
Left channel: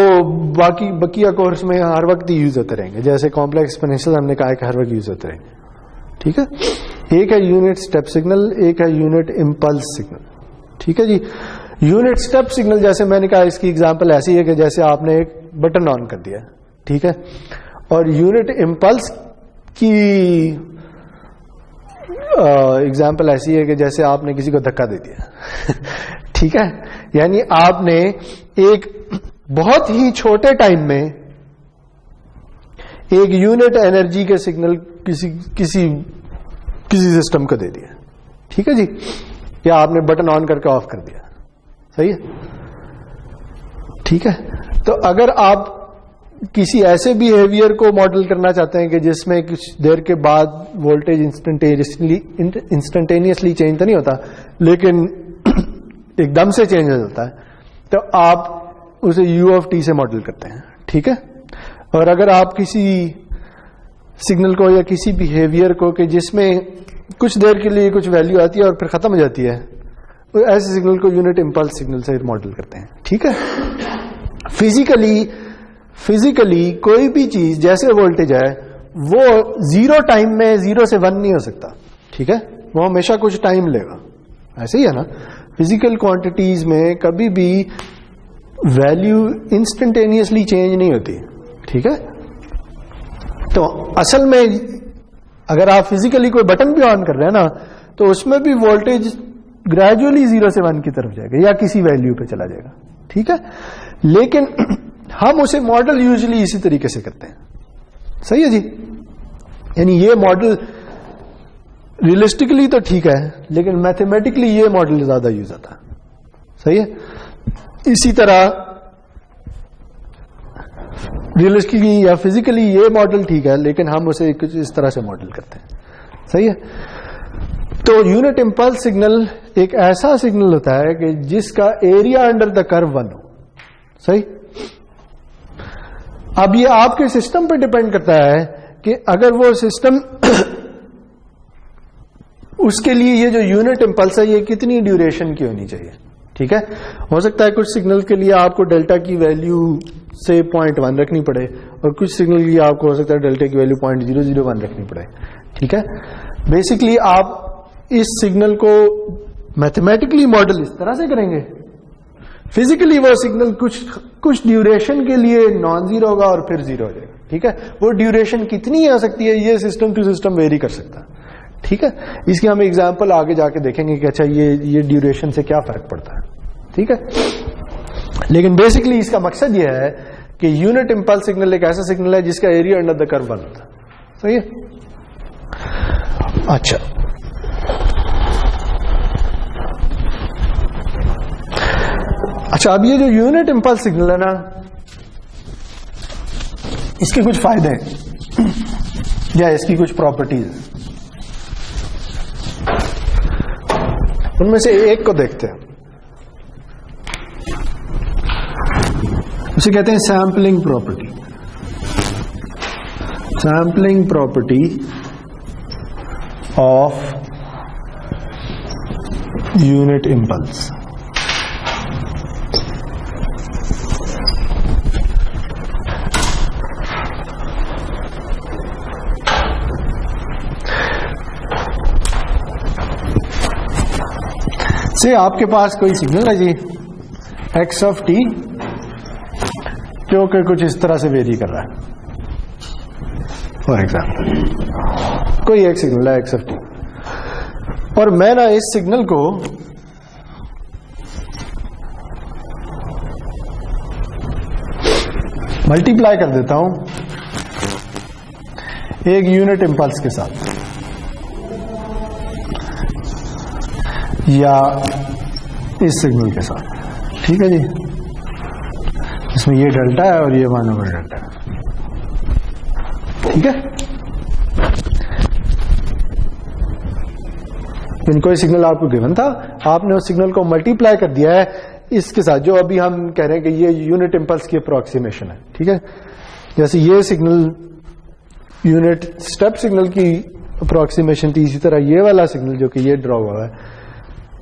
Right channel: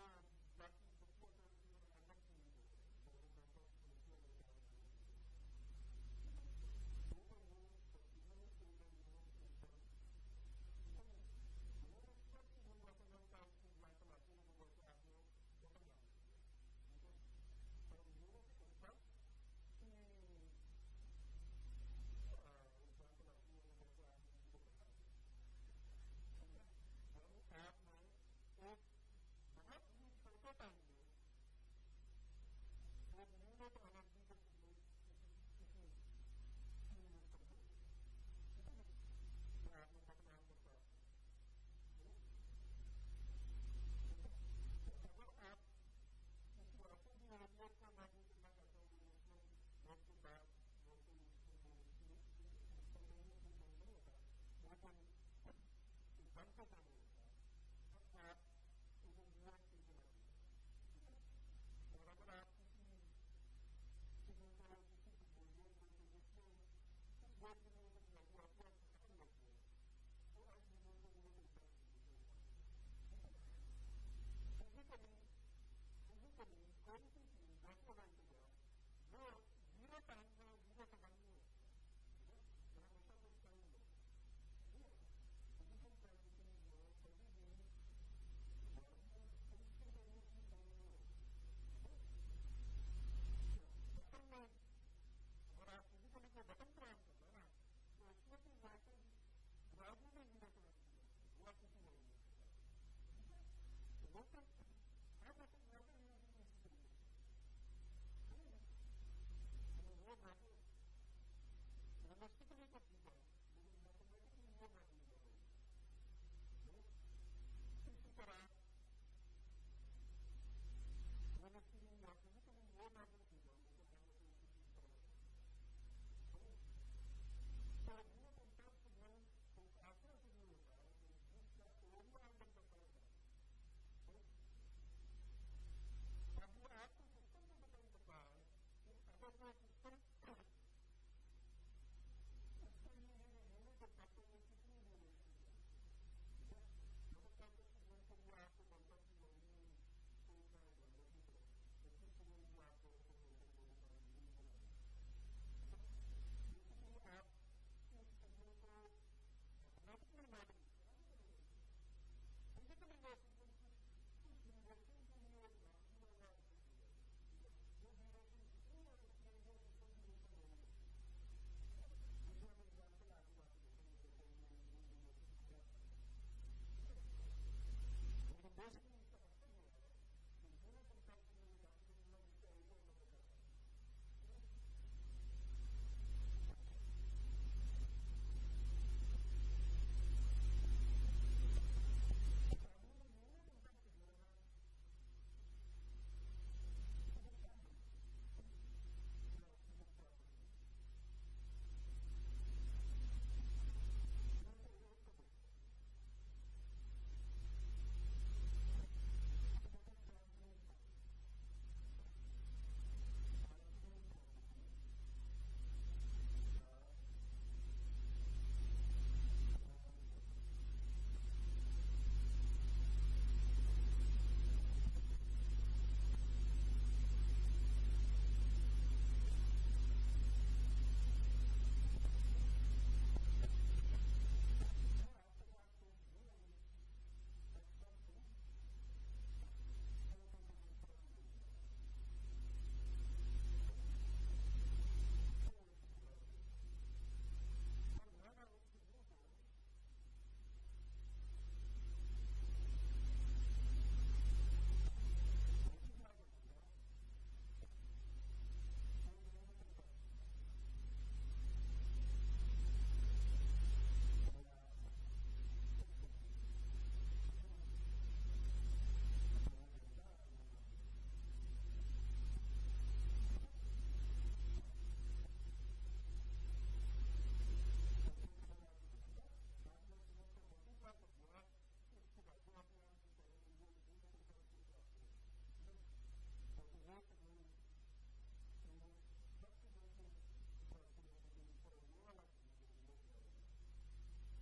बकिया कोर्स में हर वक्त यूज होते रहेंगे, जैसे कॉम्प्लेक्स एक्सपोनेंशियल हमने कहा कि हर वक्त यूज होते रहेंगे, ठीक है। एक है यूनिट स्टेप सिग्नल, एक है यूनिट इम्पल्स सिग्नल, ठीक है जी। यूनिट स्टेप सिग्नल जैसे मैंने कहा, इसकी एग्जांपल ऐसी है कि जैसे आपने एक बटन ऑन कर दिया, ठीक है, और यूनिट इम्पल्स की एग्जाम्पल ऐसी है कि जैसे आपने किसी को धक्का दे दिया ठीक है, यानी आपने एक बहुत ही छोटे टाइम में एक यूनिट एनर्जी के सिग्नल किसी सिस्टम को दे दिया, ठीक है जी, या आपने बटन ऑन करके ऑफ कर दिया, सही है, ठीक है। तो अगर आप किसी ऐसे बिहेवियर को मॉडल करना चाहते हैं कि जिसमें कुछ देर के बाद वोल्टेज इंस्टेंटेनियसली चेंज तो नहीं होता लेकिन एकदम से चेंज हो जाता है, तो आप उसे u ऑफ t से मॉडल करते हैं, ठीक है। और अगर आप किसी सिग्नल को या किसी बिहेवियर को कि जिसमें कुछ देर के लिए कुछ वैल्यू आती है और फिर खत्म हो जाती है, तो ऐसे सिग्नल को यूनिट इम्पल्स सिग्नल से मॉडल करते हैं, ठीक है। फिजिकली कोई भी चीज जैसे वोल्टेज है वो जीरो टाइम में 0 से 1 नहीं हो सकता, ठीक है, वो हमेशा कुछ टाइम लेगा, ऐसे ही है ना। फिजिकल क्वांटिटीज में कभी भी वैल्यू इंस्टेंटेनियसली चेंज नहीं होती, ठीक है। तो असल में अगर आप फिजिकली कोई बटन भी ऑन कर रहे हैं ना, तो उसमें भी वोल्टेज ग्रेजुअली 0 से 1 की तरफ जाएगा या किसी वैल्यू पे चला जाएगा, ठीक है। लेकिन हम उसे मॉडल यूजुअली इसी तरीके से करते हैं, सही है जी। यानी ये मॉडल रियलिस्टिकली तो ठीक है लेकिन मैथमेटिकली ये मॉडल ज्यादा यूज होता है, सही है। इसी तरह रियलिस्टिकली या फिजिकली ये मॉडल ठीक है लेकिन हम उसे कुछ इस तरह से मॉडल करते हैं, सही है। तो यूनिट इम्पल्स सिग्नल एक ऐसा सिग्नल होता है कि जिसका एरिया अंडर द कर्व 1 हो, सही। अब ये आपके सिस्टम पे डिपेंड करता है कि अगर वो सिस्टम उसके लिए ये जो यूनिट इम्पल्स है ये कितनी ड्यूरेशन की होनी चाहिए, ठीक है। हो सकता है कुछ सिग्नल के लिए आपको डेल्टा की वैल्यू से 0.1 रखनी पड़े और कुछ सिग्नल के लिए आपको हो सकता है डेल्टा की वैल्यू 0.001 रखनी पड़े, ठीक है। बेसिकली आप इस सिग्नल को मैथमेटिकली मॉडल इस तरह से करेंगे, फिजिकली वो सिग्नल कुछ ड्यूरेशन के लिए नॉन जीरो होगा और फिर जीरो हो जाएगा, ठीक है। वो ड्यूरेशन कितनी आ सकती है ये सिस्टम टू सिस्टम वेरी कर सकता है, ठीक है। इसकी हम एग्जांपल आगे जाके देखेंगे कि अच्छा ये ड्यूरेशन से क्या फर्क पड़ता है, ठीक है। लेकिन बेसिकली इसका मकसद ये है कि यूनिट इम्पल्स सिग्नल एक ऐसा सिग्नल है जिसका एरिया अंडर द कर्व 1 होता है, सही है। अच्छा, अब ये जो यूनिट इम्पल्स सिग्नल है ना, इसके कुछ फायदे हैं या इसकी कुछ प्रॉपर्टीज, उनमें से एक को देखते हैं। उसे कहते हैं sampling property. Sampling property of unit impulse. से आपके पास कोई सिग्नल है जी x ऑफ t जो कि कुछ इस तरह से वेरी कर रहा है, फॉर एग्जाम्पल कोई एक सिग्नल है x ऑफ t, और मैं ना इस सिग्नल को मल्टीप्लाई कर देता हूं एक यूनिट इम्पल्स के साथ या इस सिग्नल के साथ, ठीक है जी। इसमें ये डेल्टा है और ये 1/डेल्टा है, ठीक है। इन कोई सिग्नल आपको गिवन था, आपने उस सिग्नल को मल्टीप्लाई कर दिया है इसके साथ, जो अभी हम कह रहे हैं कि ये यूनिट इम्पल्स की अप्रोक्सीमेशन है, ठीक है। जैसे ये सिग्नल यूनिट स्टेप सिग्नल की अप्रोक्सीमेशन थी, इसी तरह ये वाला सिग्नल जो कि ये ड्रॉ हुआ है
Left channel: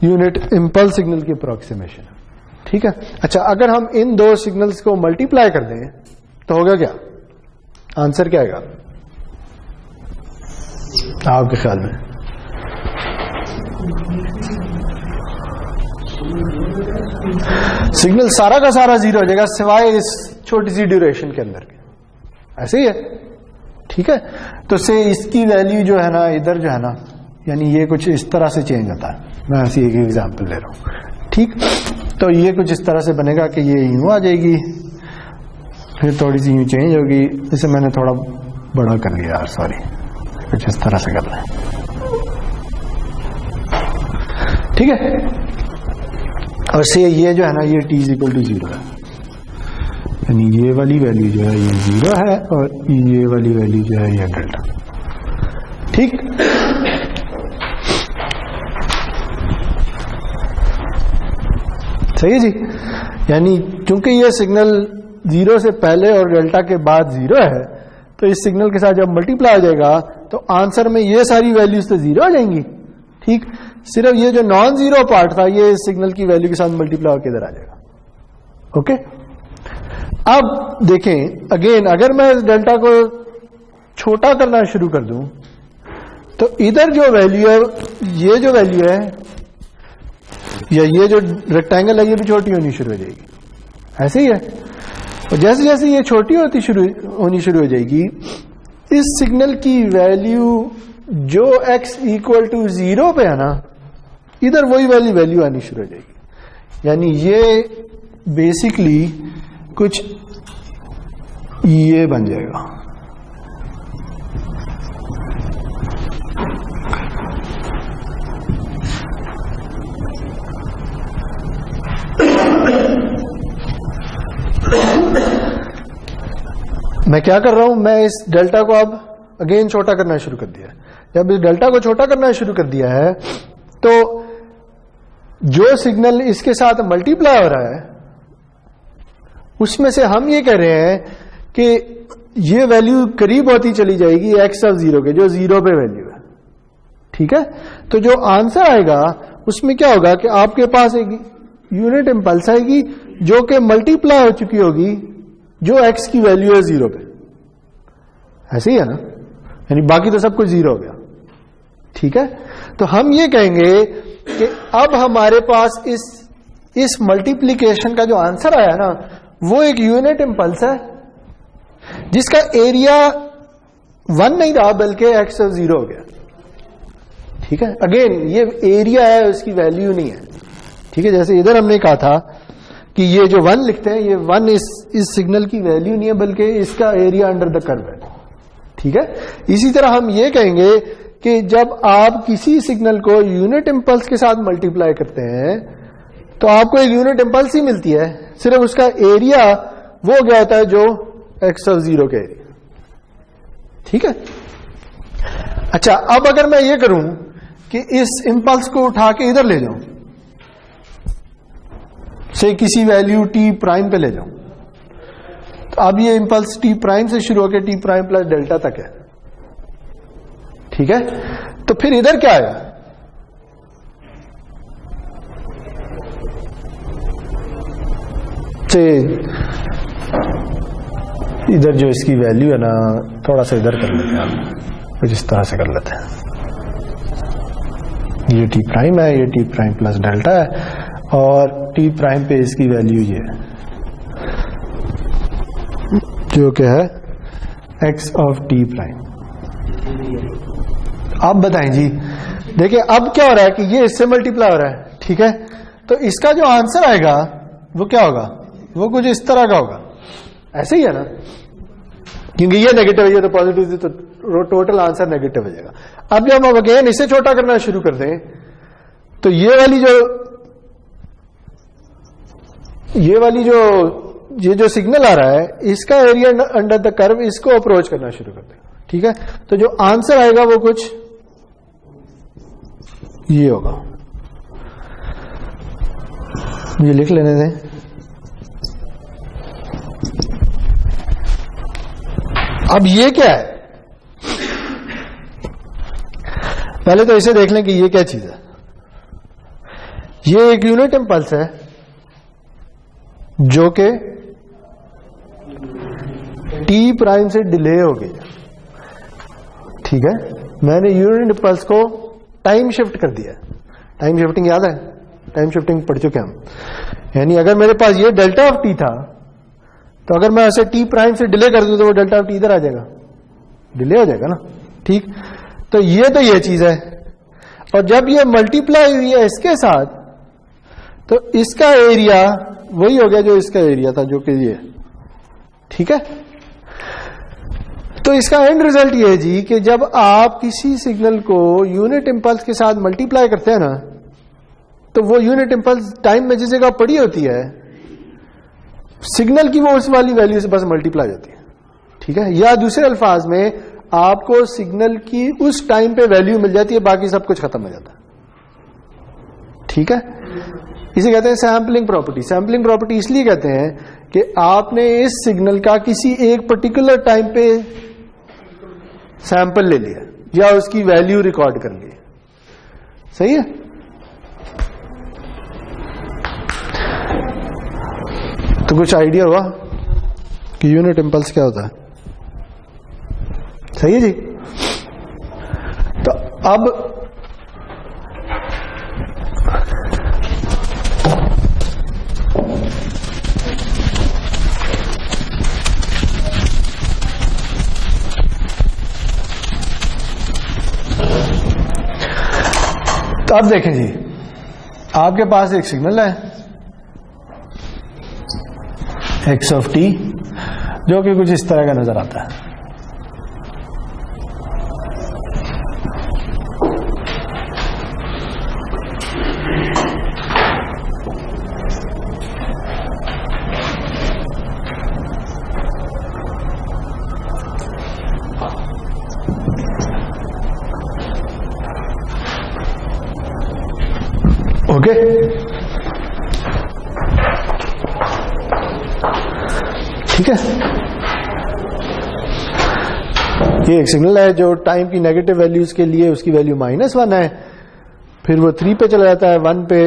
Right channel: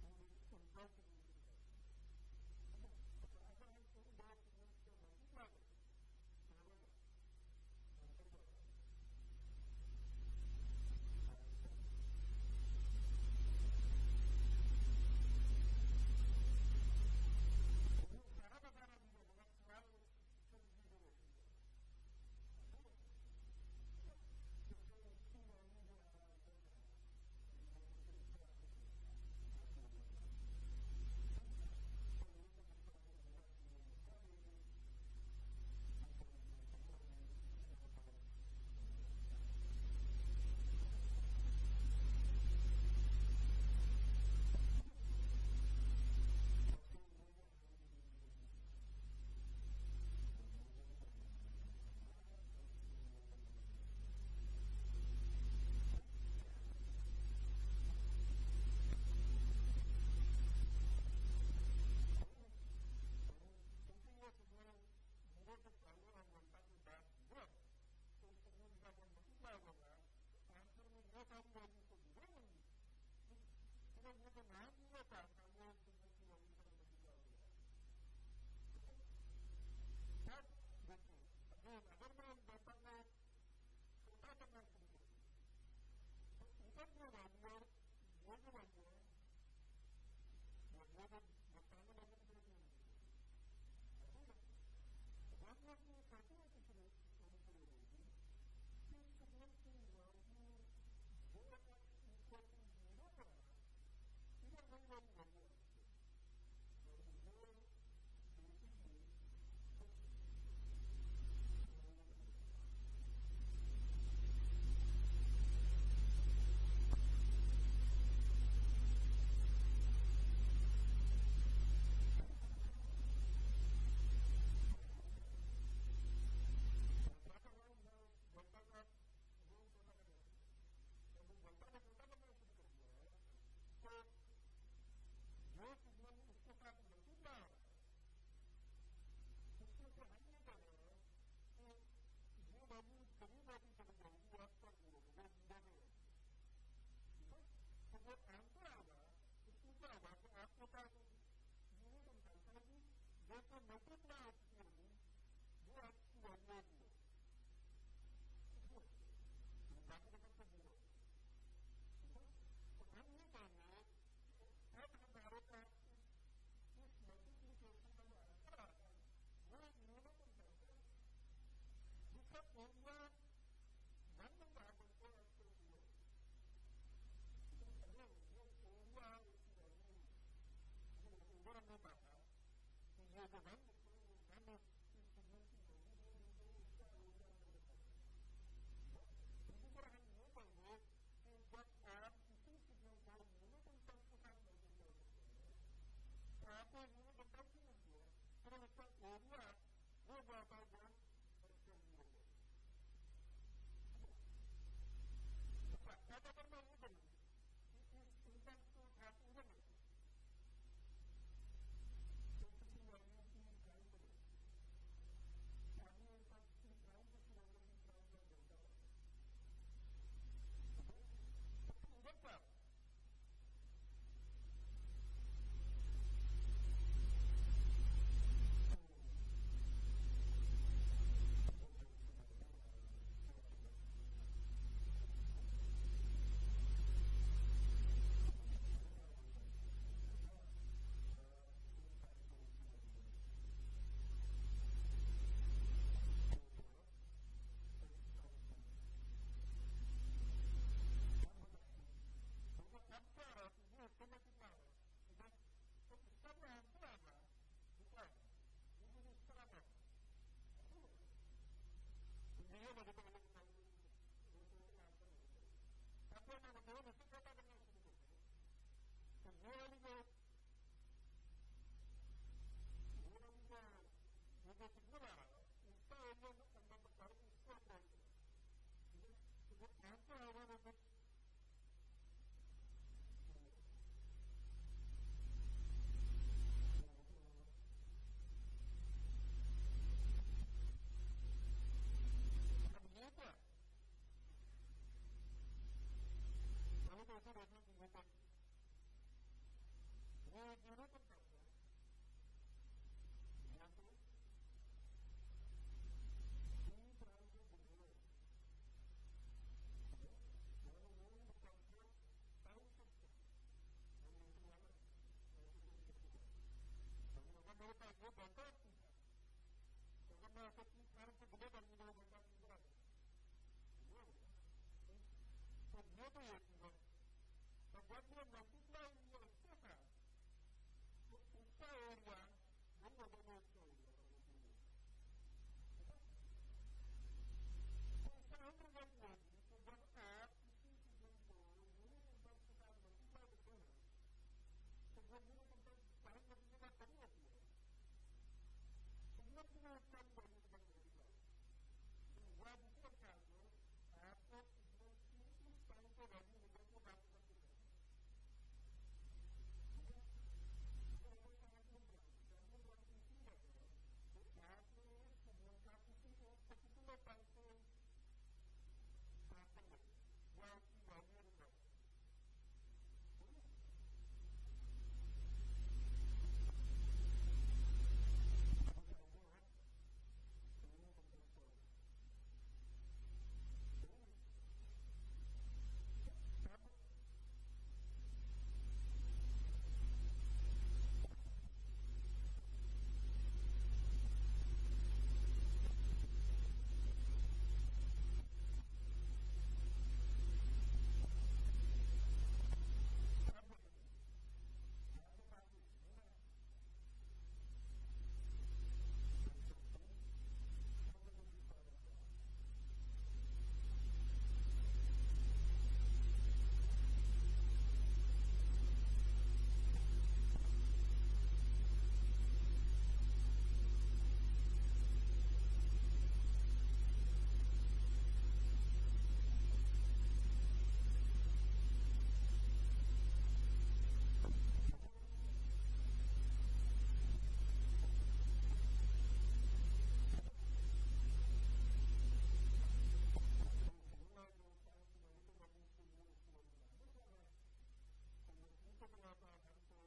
यूनिट इम्पल्स सिग्नल की अप्रोक्सीमेशन, ठीक है। अच्छा, अगर हम इन दो सिग्नल्स को मल्टीप्लाई कर दें तो होगा क्या, आंसर क्या आएगा आपके ख्याल में? सिग्नल सारा का सारा जीरो हो जाएगा सिवाय इस छोटी सी ड्यूरेशन के अंदर के, ऐसे ही है, ठीक है। तो से इसकी वैल्यू जो है ना इधर जो है ना, यानी ये कुछ इस तरह से चेंज होता है। मैं ऐसी एक एग्जांपल ले रहा हूं, ठीक। तो ये कुछ इस तरह से बनेगा कि ये यूं आ जाएगी, फिर थोड़ी सी यूं चेंज होगी। इसे मैंने थोड़ा बड़ा कर लिया यार, सॉरी, कुछ इस तरह से करना है, ठीक है। और से ये जो है ना ये t = 0 है, यानी ये वाली वैल्यू जो है ये 0 है और ये वाली वैल्यू जो है ये डेल्टा, ठीक। सही है जी। यानी चूंकि ये सिग्नल 0 से पहले और डेल्टा के बाद 0 है, तो इस सिग्नल के साथ जब मल्टीप्लाई हो जाएगा तो आंसर में ये सारी वैल्यूज तो 0 आ जाएंगी, ठीक। सिर्फ ये जो नॉन जीरो पार्ट था ये इस सिग्नल की वैल्यू के साथ मल्टीप्लाई होकर इधर आ जाएगा, ओके। अब देखें अगेन, अगर मैं इस डेल्टा को छोटा करना शुरू कर दूं तो इधर जो वैल्यू है, ये जो वैल्यू है या ये जो रेक्टेंगल है ये भी छोटी होनी शुरू हो जाएगी, ऐसे ही है। और जैसे जैसे ये छोटी होनी शुरू हो जाएगी, इस सिग्नल की वैल्यू जो x = 0 पे है ना, इधर वही वैल्यू आनी शुरू हो जाएगी। यानी ये बेसिकली कुछ ये बन जाएगा, मैं क्या कर रहा हूं, मैं इस डेल्टा को अब अगेन छोटा करना शुरू कर दिया है। जब इस डेल्टा को छोटा करना शुरू कर दिया है तो जो सिग्नल इसके साथ मल्टीप्लाई हो रहा है उसमें से हम ये कह रहे हैं कि ये वैल्यू करीब होती चली जाएगी x0 के, जो 0 पे वैल्यू है, ठीक है। तो जो आंसर आएगा उसमें क्या होगा कि आपके पास एक यूनिट इंपल्स आएगी जो कि मल्टीप्लाई हो चुकी होगी जो x की वैल्यू है 0 पे, ऐसे ही है ना, यानी बाकी तो सब कुछ 0 हो गया, ठीक है। तो हम ये कहेंगे कि अब हमारे पास इस मल्टीप्लिकेशन का जो आंसर आया ना वो एक यूनिट इंपल्स है जिसका एरिया 1 नहीं रहा बल्कि x0 हो गया, ठीक है। अगेन ये एरिया है, उसकी वैल्यू नहीं है, ठीक है। जैसे इधर हमने कहा था कि ये जो 1 लिखते हैं, ये 1 इस सिग्नल की वैल्यू नहीं है बल्कि इसका एरिया अंडर द कर्व है, ठीक है। इसी तरह हम ये कहेंगे कि जब आप किसी सिग्नल को यूनिट इंपल्स के साथ मल्टीप्लाई करते हैं तो आपको एक यूनिट इंपल्स ही मिलती है, सिर्फ उसका एरिया वो गया होता है जो x0 के एरिया, ठीक है। अच्छा, अब अगर मैं ये करूं कि इस इंपल्स को उठा के इधर ले जाऊं, से किसी वैल्यू t' पे ले जाऊं, तो अब ये इंपल्स t' से शुरू होकर t' प्लस डेल्टा तक है, ठीक है। तो फिर इधर क्या आएगा, से इधर जो इसकी वैल्यू है ना, थोड़ा सा इधर कर लेते हैं हम, कुछ इस तरह से कर लेते हैं। ये t' है, ये t' प्लस डेल्टा है और t' पे इसकी वैल्यू ये है जो क्या है x ऑफ t'। आप बताएं जी, देखिए अब क्या हो रहा है कि ये इससे मल्टीप्लाई हो रहा है, ठीक है। तो इसका जो आंसर आएगा वो क्या होगा, वो कुछ इस तरह का होगा, ऐसे ही है ना, क्योंकि ये नेगेटिव है, ये तो पॉजिटिव है, तो टोटल आंसर नेगेटिव हो जाएगा। अब जब हम अगेन इसे छोटा करना शुरू कर दें तो ये जो सिग्नल आ रहा है इसका एरिया अंडर द कर्व, इसको अप्रोच करना शुरू कर देगा, ठीक है। तो जो आंसर आएगा वो कुछ ये होगा, ये लिख लेने दें। अब ये क्या है, पहले तो इसे देख लें कि ये क्या चीज है। ये एक यूनिट इंपल्स है जो कि t' से डिले हो गई, ठीक है। मैंने यूनिट इंपल्स को टाइम शिफ्ट कर दिया। टाइम शिफ्टिंग याद है, टाइम शिफ्टिंग पढ़ चुके हम। यानी अगर मेरे पास ये डेल्टा ऑफ t था तो अगर मैं ऐसे t' से डिले कर दूं तो वो डेल्टा ऑफ t इधर आ जाएगा, डिले हो जाएगा ना, ठीक। तो ये चीज है, और जब ये मल्टीप्लाई हुई है इसके साथ, तो इसका एरिया वही हो गया जो इसका एरिया था, जो कि ये, ठीक है। तो इसका एंड रिजल्ट ये है जी कि जब आप किसी सिग्नल को यूनिट इंपल्स के साथ मल्टीप्लाई करते हैं ना, तो वो यूनिट इंपल्स टाइम में जिस जगह पड़ी होती है, सिग्नल की वो उस वाली वैल्यू से बस मल्टीप्लाई होती है, ठीक है। या दूसरे अल्फाज में आपको सिग्नल की उस टाइम पे वैल्यू मिल जाती है, बाकी सब कुछ खत्म हो जाता है, ठीक है। इसे कहते हैं सैम्पलिंग प्रॉपर्टी। सैम्पलिंग प्रॉपर्टी इसलिए कहते हैं कि आपने इस सिग्नल का किसी एक पर्टिकुलर टाइम पे सैंपल ले लिया या उसकी वैल्यू रिकॉर्ड कर ली, सही है। तो कुछ आइडिया हुआ कि यूनिट इंपल्स क्या होता है, सही है जी। तो अब अब देखें जी, आपके पास एक सिग्नल है x ऑफ t, जो कि कुछ इस तरह का नजर आता है। ओके, ठीक है। ये एक सिग्नल है जो टाइम की नेगेटिव वैल्यूज के लिए उसकी वैल्यू -1 है, फिर वो 3 पे चला जाता है, 1 पे,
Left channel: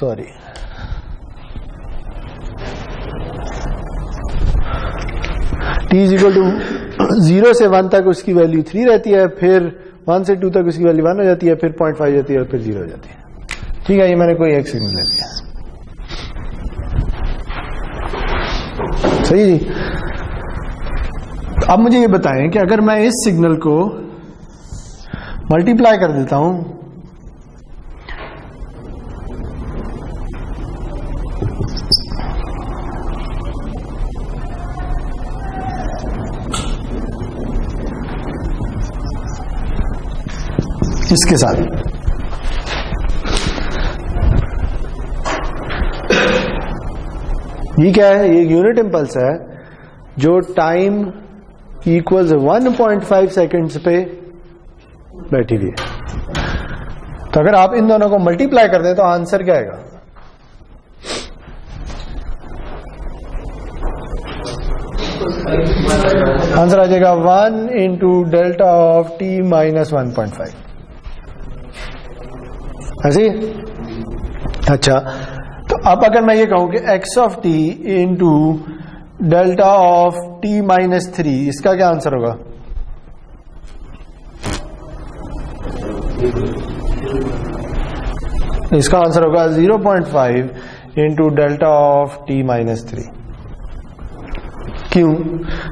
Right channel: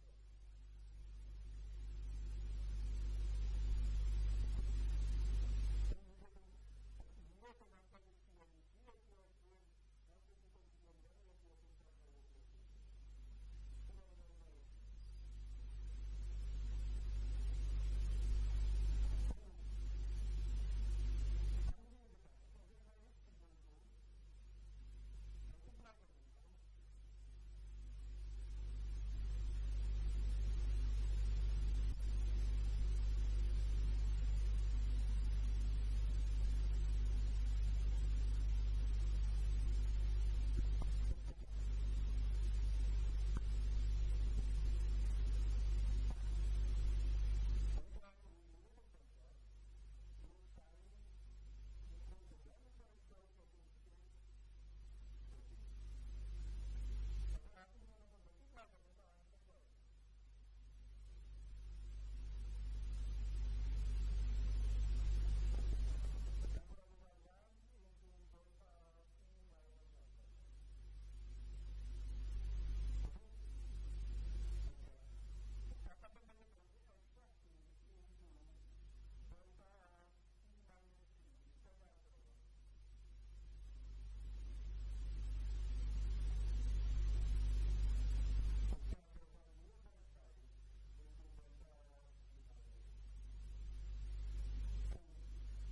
सॉरी, t इक्वल टू 0 से 1 तक उसकी वैल्यू 3 रहती है, फिर 1 से 2 तक उसकी वैल्यू 1 हो जाती है, फिर 0.5 जाती है और फिर 0 हो जाती है, ठीक है। ये मैंने कोई एक सिग्नल ले लिया, सही जी। अब मुझे ये बताएं कि अगर मैं इस सिग्नल को मल्टीप्लाई कर देता हूं, इसके साथ, ये क्या है, ये यूनिट इंपल्स है जो टाइम इक्वल्स 1.5 सेकेंड्स पे बैठी हुई है। तो अगर आप इन दोनों को मल्टीप्लाई कर दें तो आंसर क्या आएगा, आंसर आ जाएगा 1 into delta of t minus 1.5, ऐसे। अच्छा, तो अब अगर मैं ये कहूं कि x of t into delta of t minus 3, इसका क्या आंसर होगा, इसका आंसर होगा 0.5 into delta of t minus 3। क्यों?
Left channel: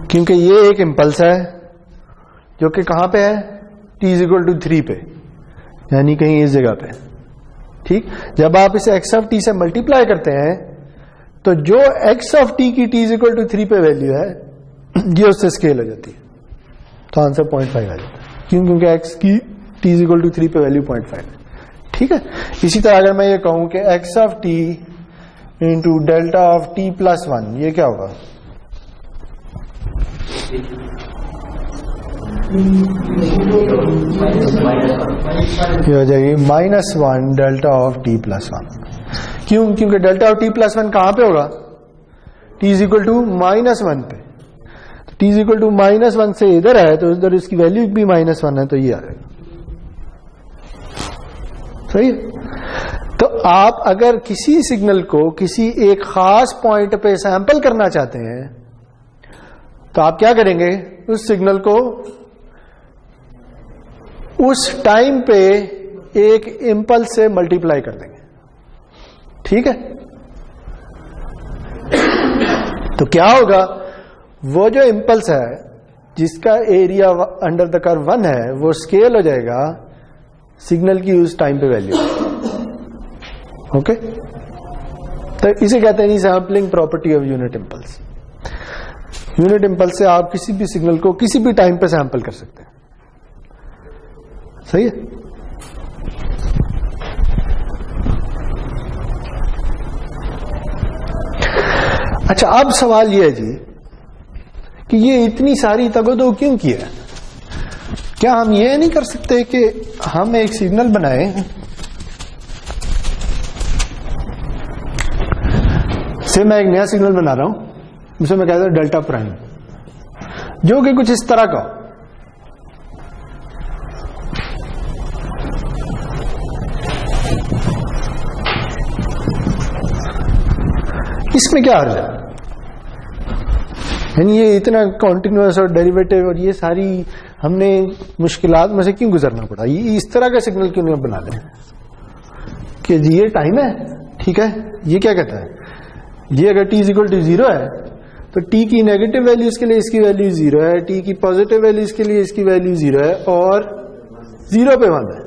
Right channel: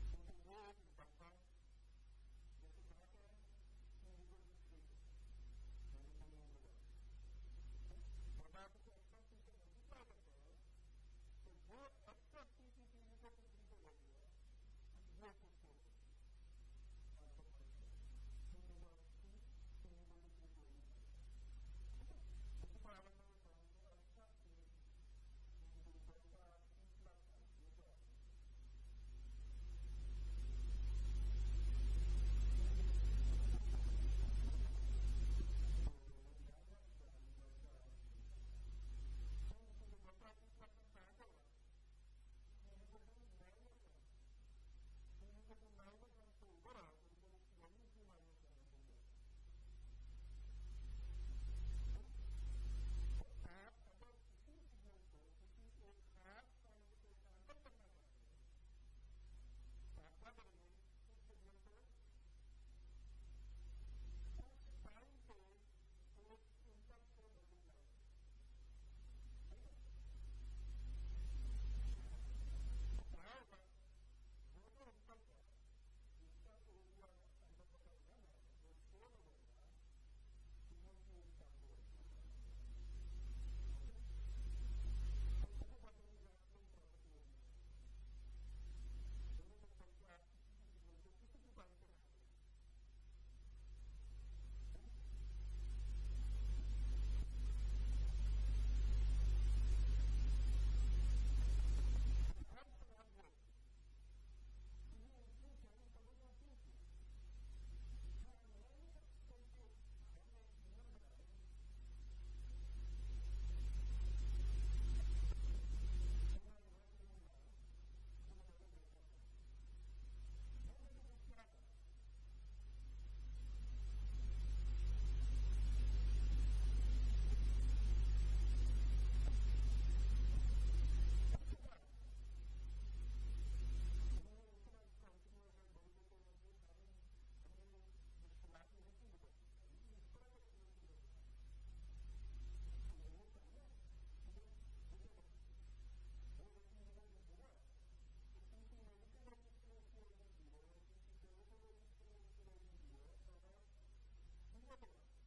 क्योंकि ये एक इंपल्स है जो कि कहां पे है, t इक्वल टू 3 पे, यानी कहीं इस जगह पे, ठीक। जब आप इसे x ऑफ t से मल्टीप्लाई करते हैं तो जो x ऑफ t की t इक्वल टू 3 पे वैल्यू है, ये उससे स्केल हो जाती है, तो आंसर 0.5 आ जाता है। क्यों? क्योंकि x की t इक्वल टू 3 पे वैल्यू 0.5 है, ठीक है। इसी तरह अगर मैं ये कहूं कि x of t into delta of t plus 1, ये क्या होगा, ये हो जाएगी -1 डेल्टा ऑफ t प्लस 1। क्यों? क्योंकि डेल्टा ऑफ t प्लस 1 कहां पे होगा, t इज इक्वल टू -1 पे, तो t इज इक्वल टू -1 से इधर है, तो इधर इसकी वैल्यू भी -1 है, तो ये आएगा, सही है। तो आप अगर किसी सिग्नल को किसी एक खास पॉइंट पे सैंपल करना चाहते हैं, तो आप क्या करेंगे, उस सिग्नल को उस टाइम पे एक इंपल्स से मल्टीप्लाई कर देंगे, ठीक है। तो क्या होगा, वो जो इंपल्स है जिसका एरिया अंडर द कर्व 1 है वो स्केल हो जाएगा सिग्नल की उस टाइम पे वैल्यू। ओके, तो इसे कहते हैं sampling property of unit impulse. Unit impulse से आप किसी भी सिग्नल को किसी भी टाइम पे सैंपल कर सकते हैं। सही है। अच्छा, अब सवाल यह है जी कि ये इतनी सारी तगोदो क्यों की है? क्या हम ये नहीं कर सकते कि हम एक सिग्नल बनाए से मैं एक नया सिग्नल बना रहा हूं, उसे मैं कहता हूं डेल्टा प्राइम, जो कि कुछ इस तरह का, इसमें क्या अर्थ है? यानी ये इतना कॉन्टिन्यूअस और डेरिवेटिव और ये सारी हमने मुश्किलात में से क्यों गुजरना पड़ा? ये इस तरह का सिग्नल क्यों नहीं बना लें कि ये टाइम है, ठीक है, ये क्या कहता है, ये अगर t इक्वल टू 0 है तो t की नेगेटिव वैल्यूज के लिए इसकी वैल्यू 0 है, t की पॉजिटिव वैल्यूज के लिए इसकी वैल्यू 0 है और 0 पे 1 है।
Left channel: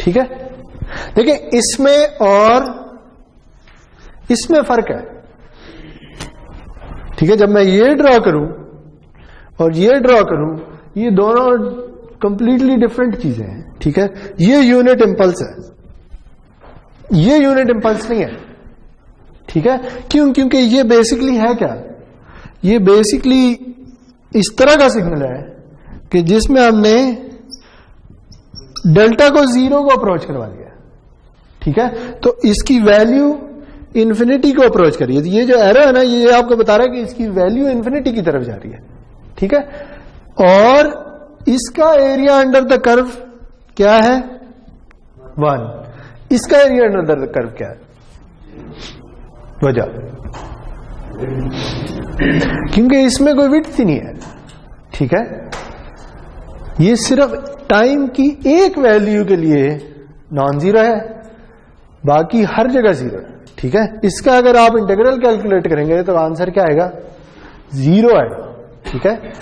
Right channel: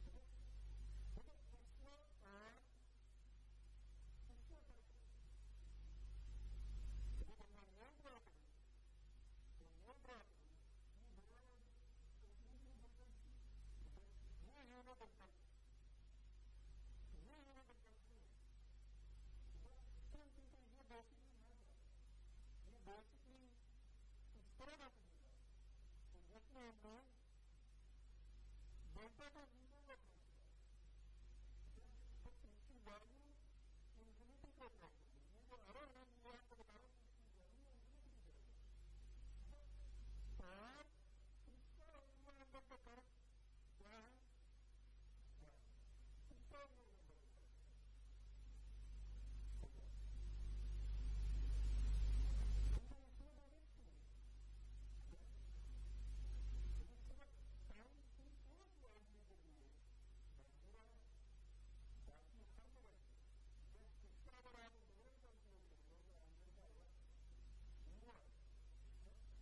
ठीक है, देखिए इसमें और इसमें फर्क है। ठीक है, जब मैं ये ड्रॉ करूं और ये ड्रॉ करूं, ये दोनों कंप्लीटली डिफरेंट चीजें हैं। ठीक है, ये यूनिट इंपल्स है, ये यूनिट इंपल्स नहीं है। ठीक है, क्यों? क्योंकि ये बेसिकली है क्या, ये बेसिकली इस तरह का सिग्नल है कि जिसमें हमने डेल्टा को 0 को अप्रोच करवा दिया। ठीक है, तो इसकी वैल्यू इन्फिनिटी को अप्रोच करिए। ये जो एरो है ना, ये आपको बता रहा है कि इसकी वैल्यू इन्फिनिटी की तरफ जा रही है। ठीक है, और इसका एरिया अंडर द कर्व क्या है? 1। इसका एरिया अंडर द कर्व क्या है? वजह, क्योंकि इसमें कोई विड्थ ही नहीं है। ठीक है, ये सिर्फ टाइम की एक वैल्यू के लिए नॉन जीरो है, बाकी हर जगह 0 है। ठीक है, इसका अगर आप इंटीग्रल कैलकुलेट करेंगे तो आंसर क्या आएगा? 0 आएगा। ठीक है,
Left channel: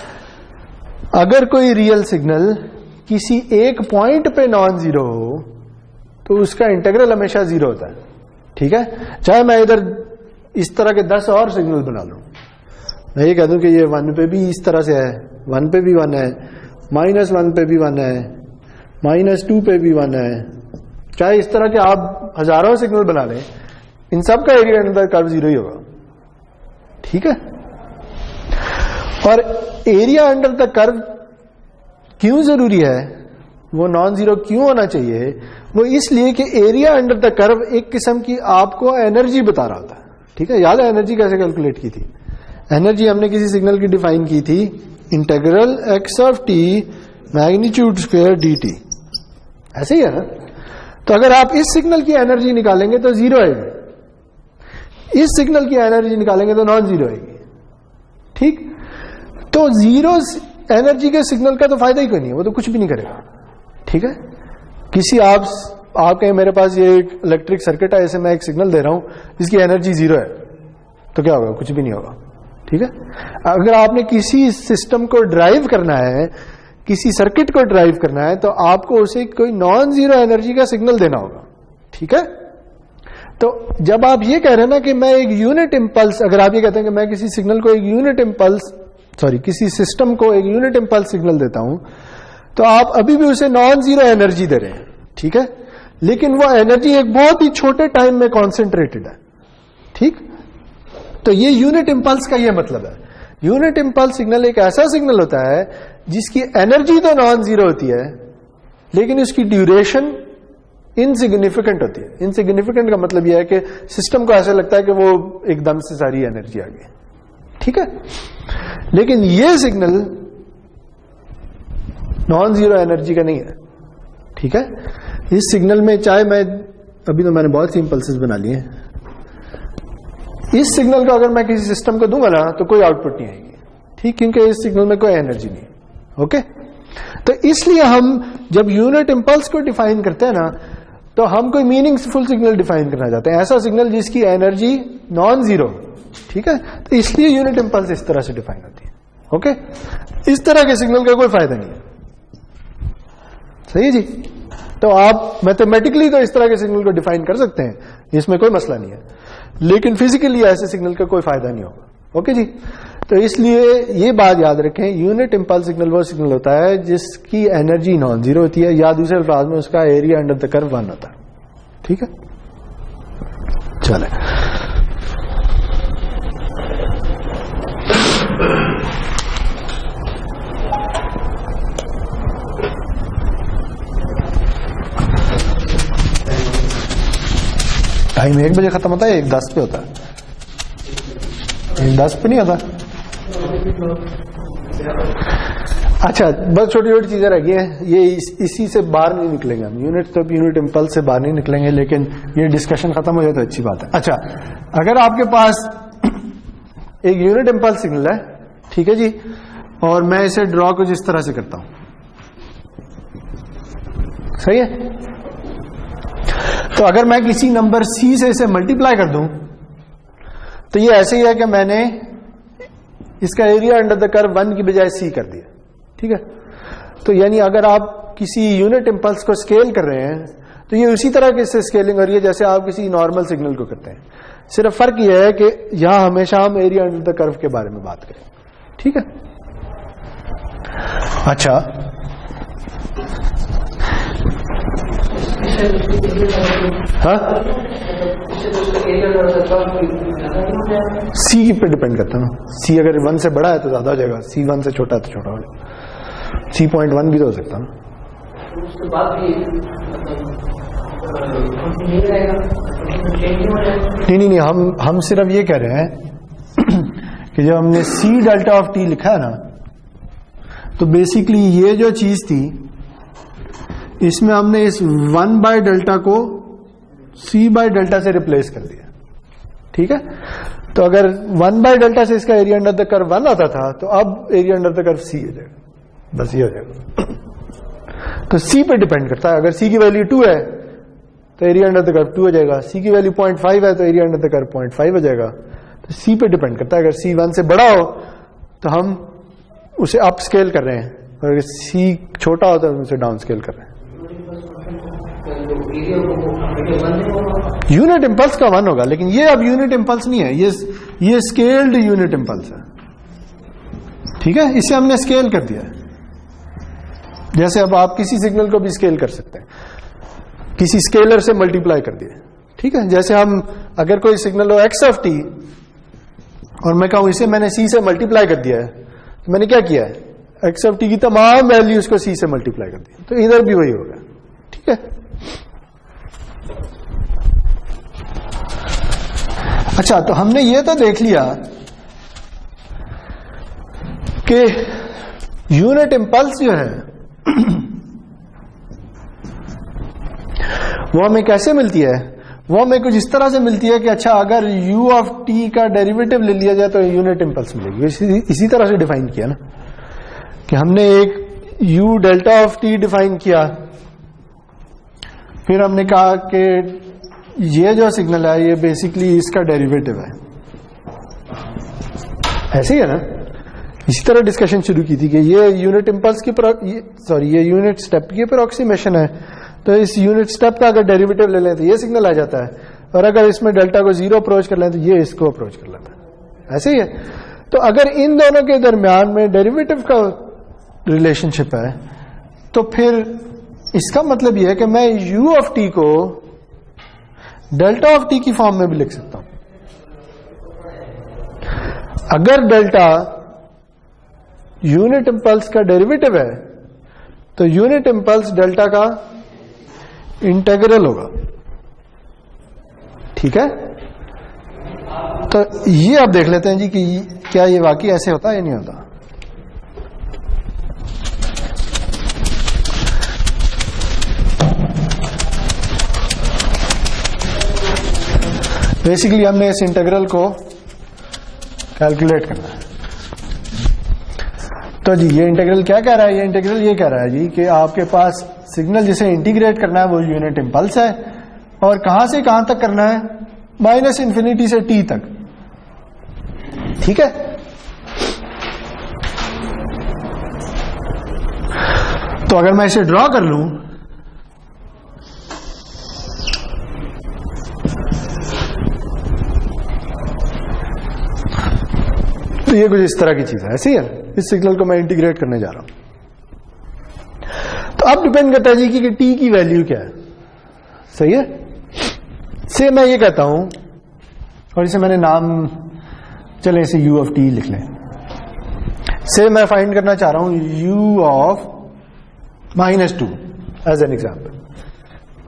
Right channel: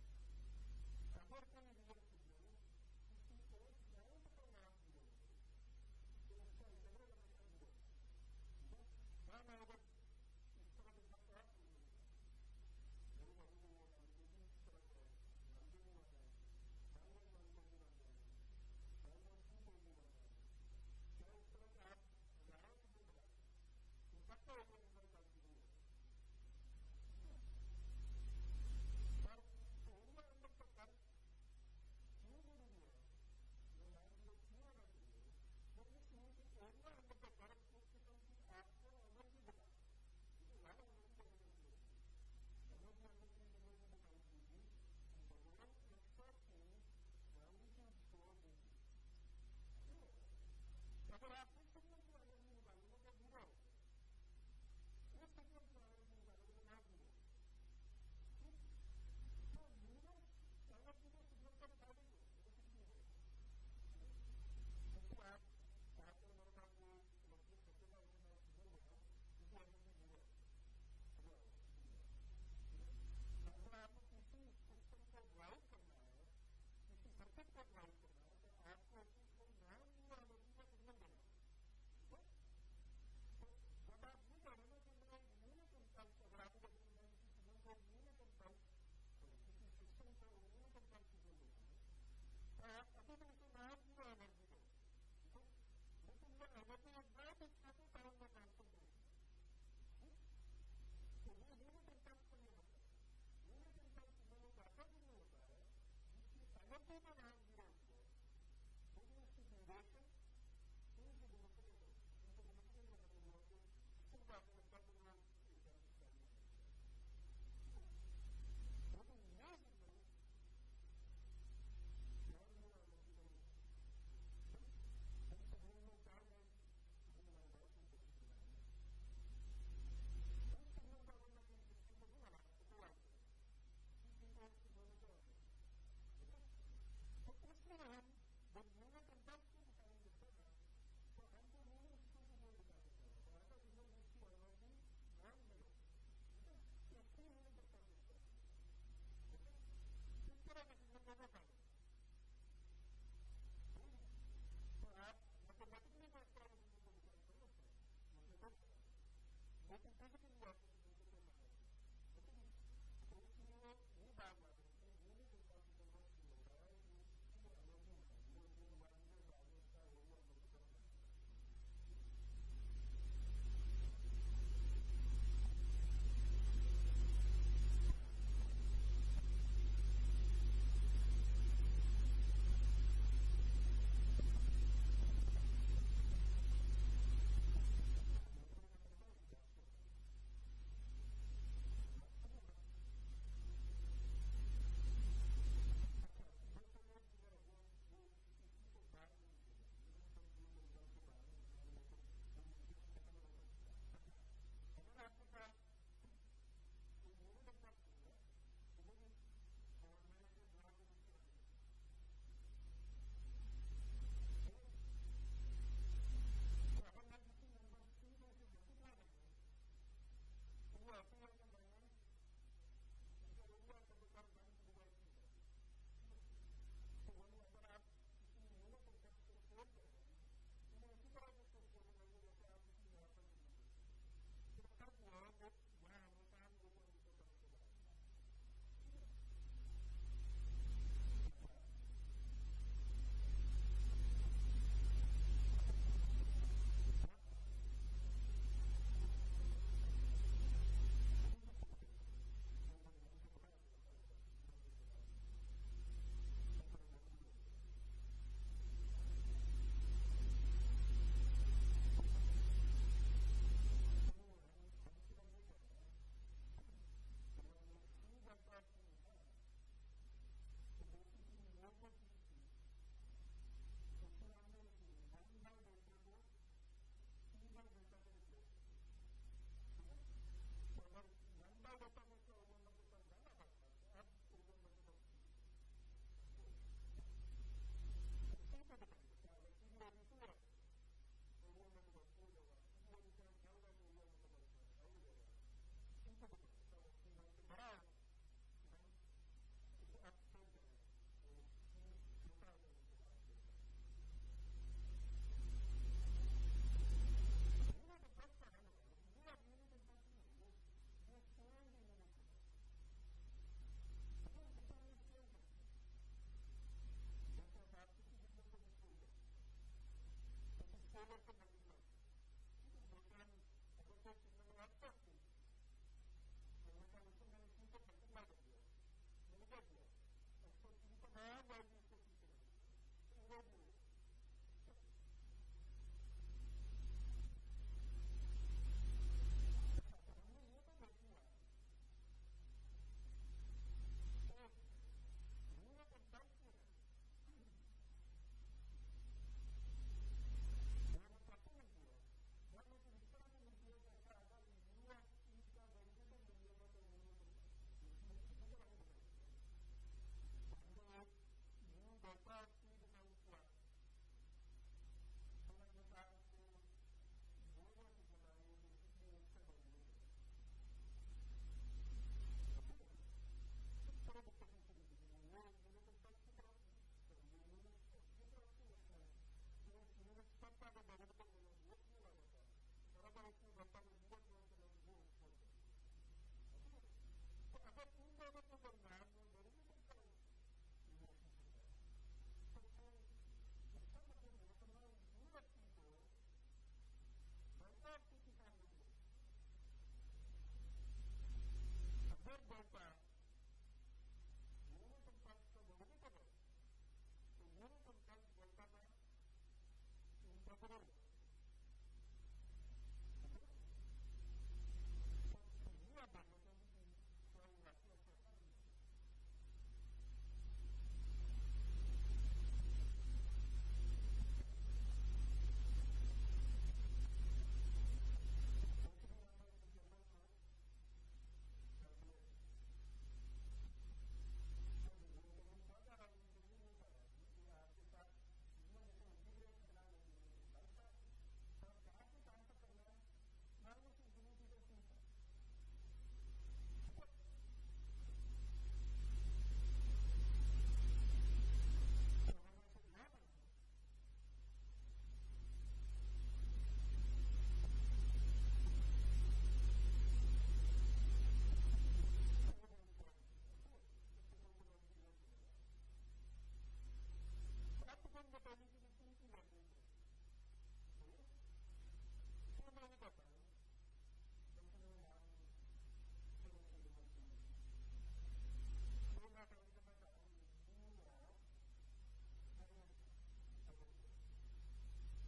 अगर कोई रियल सिग्नल किसी एक पॉइंट पे नॉन जीरो हो तो उसका इंटीग्रल हमेशा 0 होता है। ठीक है, चाहे मैं इधर इस तरह के 10 और सिग्नल बना लूं, मैं ये कह दूं कि ये 1 पे भी इस तरह से है, 1 पे भी 1 है, -1 पे भी 1 है, -2 पे भी 1 है, चाहे इस तरह के आप हजारों सिग्नल बना लें, इन सब का एरिया अंडर कर्व 0 ही होगा। ठीक है, और एरिया अंडर द कर्व क्यों जरूरी है, वो नॉन जीरो क्यों होना चाहिए? वो इसलिए कि एरिया अंडर द कर्व एक किस्म की आपको एनर्जी बता रहा होता है। ठीक है, याद है एनर्जी कैसे कैलकुलेट की थी? एनर्जी हमने किसी सिग्नल की डिफाइन की थी, integral x of t magnitude square dt। ऐसे ही है ना? तो अगर आप इस सिग्नल की एनर्जी निकालेंगे तो 0 आएगी, इस सिग्नल की एनर्जी निकालेंगे तो नॉन जीरो आएगी। ठीक, तो 0 एनर्जी के सिग्नल का तो फायदा ही कोई नहीं है, वो तो कुछ भी नहीं करेगा। ठीक है, किसी आप कहें मेरे पास ये एक इलेक्ट्रिक सर्किट है, ऐसे मैं एक सिग्नल दे रहा हूं जिसकी एनर्जी 0 है, तो क्या होगा? कुछ भी नहीं होगा। ठीक है, अगर आपने किसी सिस्टम को ड्राइव करना है, किसी सर्किट को ड्राइव करना है, तो आपको उसे कोई नॉन जीरो एनर्जी का सिग्नल देना होगा। ठीक है, तो जब आप ये कह रहे हैं ना कि मैं एक यूनिट इंपल्स, अगर आप ये कहते हैं कि मैं किसी सिग्नल को एक यूनिट इंपल्स, किसी सिस्टम को एक यूनिट इंपल्स सिग्नल देता हूं, तो आप अभी भी उसे नॉन जीरो एनर्जी दे रहे हैं। ठीक है, लेकिन वो एनर्जी एक बहुत ही छोटे टाइम में कॉन्सेंट्रेटेड है। ठीक, तो ये यूनिट इंपल्स का ये मतलब है। यूनिट इंपल्स सिग्नल एक ऐसा सिग्नल होता है जिसकी एनर्जी तो नॉन जीरो होती है, लेकिन उसकी ड्यूरेशन इनसिग्निफिकेंट होती है। इनसिग्निफिकेंट का मतलब यह है कि सिस्टम को ऐसा लगता है कि वो एकदम से सारी एनर्जी आ गई। ठीक है, लेकिन ये सिग्नल नॉन जीरो एनर्जी का नहीं है। ठीक है, इस सिग्नल में चाहे मैं, अभी तो मैंने बहुत सी इंपल्सेस बना लिए, इस सिग्नल को अगर मैं किसी सिस्टम को दूंगा ना तो कोई आउटपुट नहीं आएगी। ठीक, क्योंकि इस सिग्नल में कोई एनर्जी नहीं। ओके, तो इसलिए हम जब यूनिट इंपल्स को डिफाइन करते हैं ना, तो हम कोई मीनिंगफुल सिग्नल डिफाइन करना चाहते हैं, ऐसा सिग्नल जिसकी एनर्जी नॉन जीरो। ठीक है, तो इसलिए यूनिट इंपल्स इस तरह से डिफाइन होती है। ओके, इस तरह के सिग्नल का कोई फायदा नहीं है। सही है जी। तो आप मैथमेटिकली तो इस तरह के सिग्नल को डिफाइन कर सकते हैं, इसमें कोई मसला नहीं है, लेकिन फिजिकली ऐसे सिग्नल का कोई फायदा नहीं होगा। ओके जी। तो इसलिए ये बात याद रखें, यूनिट इंपल्स सिग्नल वो सिग्नल होता है जिसकी एनर्जी नॉन जीरो होती है, या दूसरे अल्फाज में उसका एरिया अंडर द कर्व 1 होता है। ठीक है, चले। टाइम 1 बजे खत्म होता है, 1:10 पे होता है, 1:10 पे नहीं होता। अच्छा, बस छोटी छोटी चीजें रह गई हैं, ये इसी से बाहर नहीं निकलेंगे हम, यूनिट तो यूनिट इंपल्स से बाहर नहीं निकलेंगे, लेकिन ये डिस्कशन खत्म हो जाए तो अच्छी बात है। अच्छा, अगर आपके पास एक यूनिट इंपल्स सिग्नल है, ठीक है जी, और मैं इसे ड्रॉ कुछ इस तरह से करता हूं, सही है। तो अगर मैं किसी नंबर c से इसे मल्टीप्लाई कर दूं तो ये ऐसे ही है कि मैंने इसका एरिया अंडर द कर्व 1 की बजाय c कर दिया। ठीक है, तो यानी अगर आप किसी यूनिट इंपल्स को स्केल कर रहे हैं तो ये उसी तरह की इससे स्केलिंग हो रही है जैसे आप किसी नॉर्मल सिग्नल को करते हैं, सिर्फ फर्क यह है कि यहां हमेशा हम एरिया अंडर द कर्व के बारे में बात करें। ठीक है, अच्छा, हाँ, सी पे डिपेंड करता है ना, सी अगर 1 से बड़ा है तो ज्यादा हो जाएगा, सी 1 से छोटा है तो छोटा हो जाएगा, सी 0.1 भी तो हो सकता है ना। नहीं, हम सिर्फ ये कह रहे हैं कि जब हमने सी डेल्टा ऑफ टी लिखा है ना, तो बेसिकली ये जो चीज थी इसमें हमने इस 1 बाय डेल्टा को c बाय डेल्टा से रिप्लेस कर दिया। ठीक है, तो अगर 1 बाय डेल्टा से इसका एरिया अंडर द कर्व 1 आता था, तो अब area under the curve c हो जाएगा, बस ये हो जाएगा। तो c पे डिपेंड करता है, अगर c की वैल्यू 2 है तो एरिया अंडर द कर्व 2 हो जाएगा, c की वैल्यू 0.5 है तो एरिया अंडर द कर्व 0.5 हो जाएगा। तो c पे डिपेंड करता है, अगर c 1 से बड़ा हो तो हम उसे अप स्केल कर रहे हैं, और अगर c छोटा हो तो हम उसे डाउन स्केल कर रहे हैं। यूनिट इंपल्स का 1 होगा, लेकिन ये अब यूनिट इंपल्स नहीं है, ये स्केल्ड यूनिट इंपल्स है। ठीक है, इसे हमने स्केल कर दिया है, जैसे अब आप किसी सिग्नल को भी स्केल कर सकते हैं, किसी स्केलर से मल्टीप्लाई कर दिया। ठीक है, जैसे हम अगर कोई सिग्नल हो x ऑफ t और मैं कहूं इसे मैंने c से मल्टीप्लाई कर दिया है, तो मैंने क्या किया है, x ऑफ t की तमाम वैल्यूज को c से मल्टीप्लाई कर दिया, तो इधर भी वही होगा। ठीक है, अच्छा, तो हमने ये तो देख लिया कि यूनिट इंपल्स जो है वो हमें कैसे मिलती है, वो हमें कुछ इस तरह से मिलती है कि अच्छा, अगर u ऑफ t का डेरिवेटिव ले लिया जाए तो यूनिट इंपल्स मिलेगी। इसी तरह से डिफाइन किया ना, कि हमने एक u delta of t define किया, फिर हमने कहा कि ये जो सिग्नल है ये बेसिकली इसका डेरिवेटिव है, ऐसे ही है ना। इसी तरह डिस्कशन शुरू की थी कि ये यूनिट इंपल्स की ये यूनिट स्टेप की अप्रोक्सीमेशन है, तो इस यूनिट स्टेप का अगर डेरिवेटिव ले लें तो ये सिग्नल आ जाता है, और अगर इसमें डेल्टा को 0 अप्रोच कर लें तो ये इसको अप्रोच कर लेता है, ऐसे ही है। तो अगर इन दोनों के दरमियान में डेरिवेटिव का रिलेशनशिप है, तो फिर इसका मतलब यह है कि मैं u ऑफ t को डेल्टा ऑफ t की फॉर्म में भी लिख सकता हूं। अगर डेल्टा यूनिट इंपल्स का डेरिवेटिव है तो यूनिट इंपल्स डेल्टा का इंटीग्रल होगा। ठीक है, तो ये आप देख लेते हैं जी कि क्या ये वाकई ऐसे होता है या नहीं होता। बेसिकली हमने इस इंटीग्रल को कैलकुलेट करना है। तो जी ये इंटीग्रल क्या कह रहा है, ये इंटीग्रल ये कह रहा है जी कि आपके पास सिग्नल जिसे इंटीग्रेट करना है वो यूनिट इंपल्स है, और कहां से कहां तक करना है, -∞ से t तक। ठीक है, तो अगर मैं इसे ड्रॉ कर लूं तो ये कुछ इस तरह की चीज है, ऐसी है। इस सिग्नल को मैं इंटीग्रेट करने जा रहा हूं। तो अब डिपेंड करता है जी कि टी की वैल्यू क्या है। सही है। से मैं ये कहता हूं, और इसे मैंने नाम, चले इसे u ऑफ टी लिख लें। से मैं फाइंड करना चाह रहा हूं u of -2 as an example.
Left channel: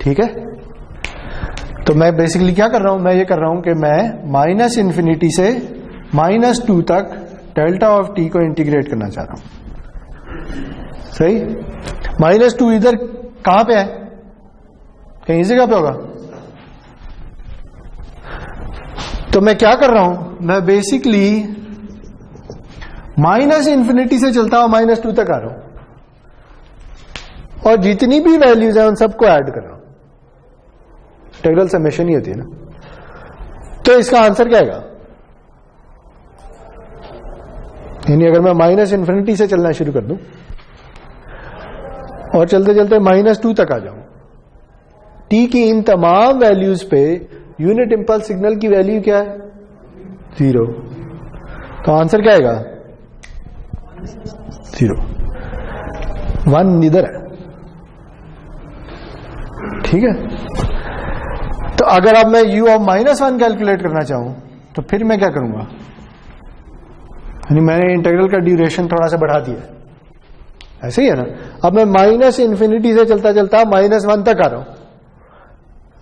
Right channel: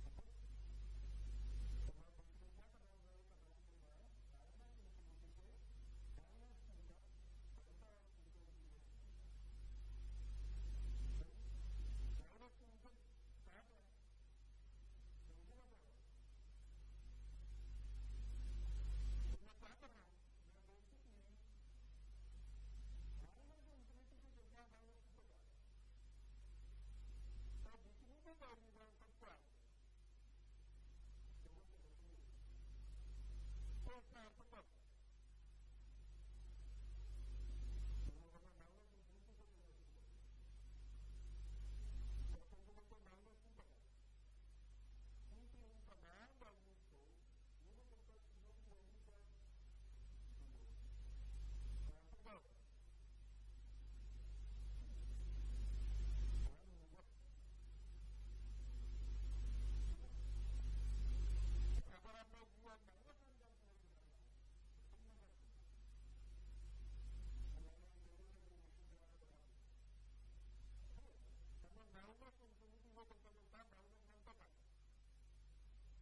ठीक है। तो मैं बेसिकली क्या कर रहा हूं, मैं ये कर रहा हूं कि मैं -∞ से -2 तक डेल्टा ऑफ टी को इंटीग्रेट करना चाह रहा हूं। सही। -2 इधर कहां पे है, कहीं इस जगह पे होगा। तो मैं क्या कर रहा हूं, मैं बेसिकली -∞ से चलता हुआ -2 तक आ रहा हूं और जितनी भी वैल्यूज हैं उन सबको ऐड कर रहा हूं। इंटीग्रल समेशन ही होती है ना। तो इसका आंसर क्या आएगा, यानी अगर मैं -∞ से चलना शुरू कर दूं और चलते चलते -2 तक आ जाऊं, टी की इन तमाम वैल्यूज पे यूनिट इंपल्स सिग्नल की वैल्यू क्या है, 0। तो आंसर क्या आएगा, 0। 1 इधर है। ठीक है। तो अगर अब मैं u ऑफ -1 कैलकुलेट करना चाहूं तो फिर मैं क्या करूंगा, यानी मैंने इंटीग्रल का ड्यूरेशन थोड़ा सा बढ़ा दिया। ऐसे ही है ना। अब मैं -∞ से चलता चलता -1 तक आ रहा हूं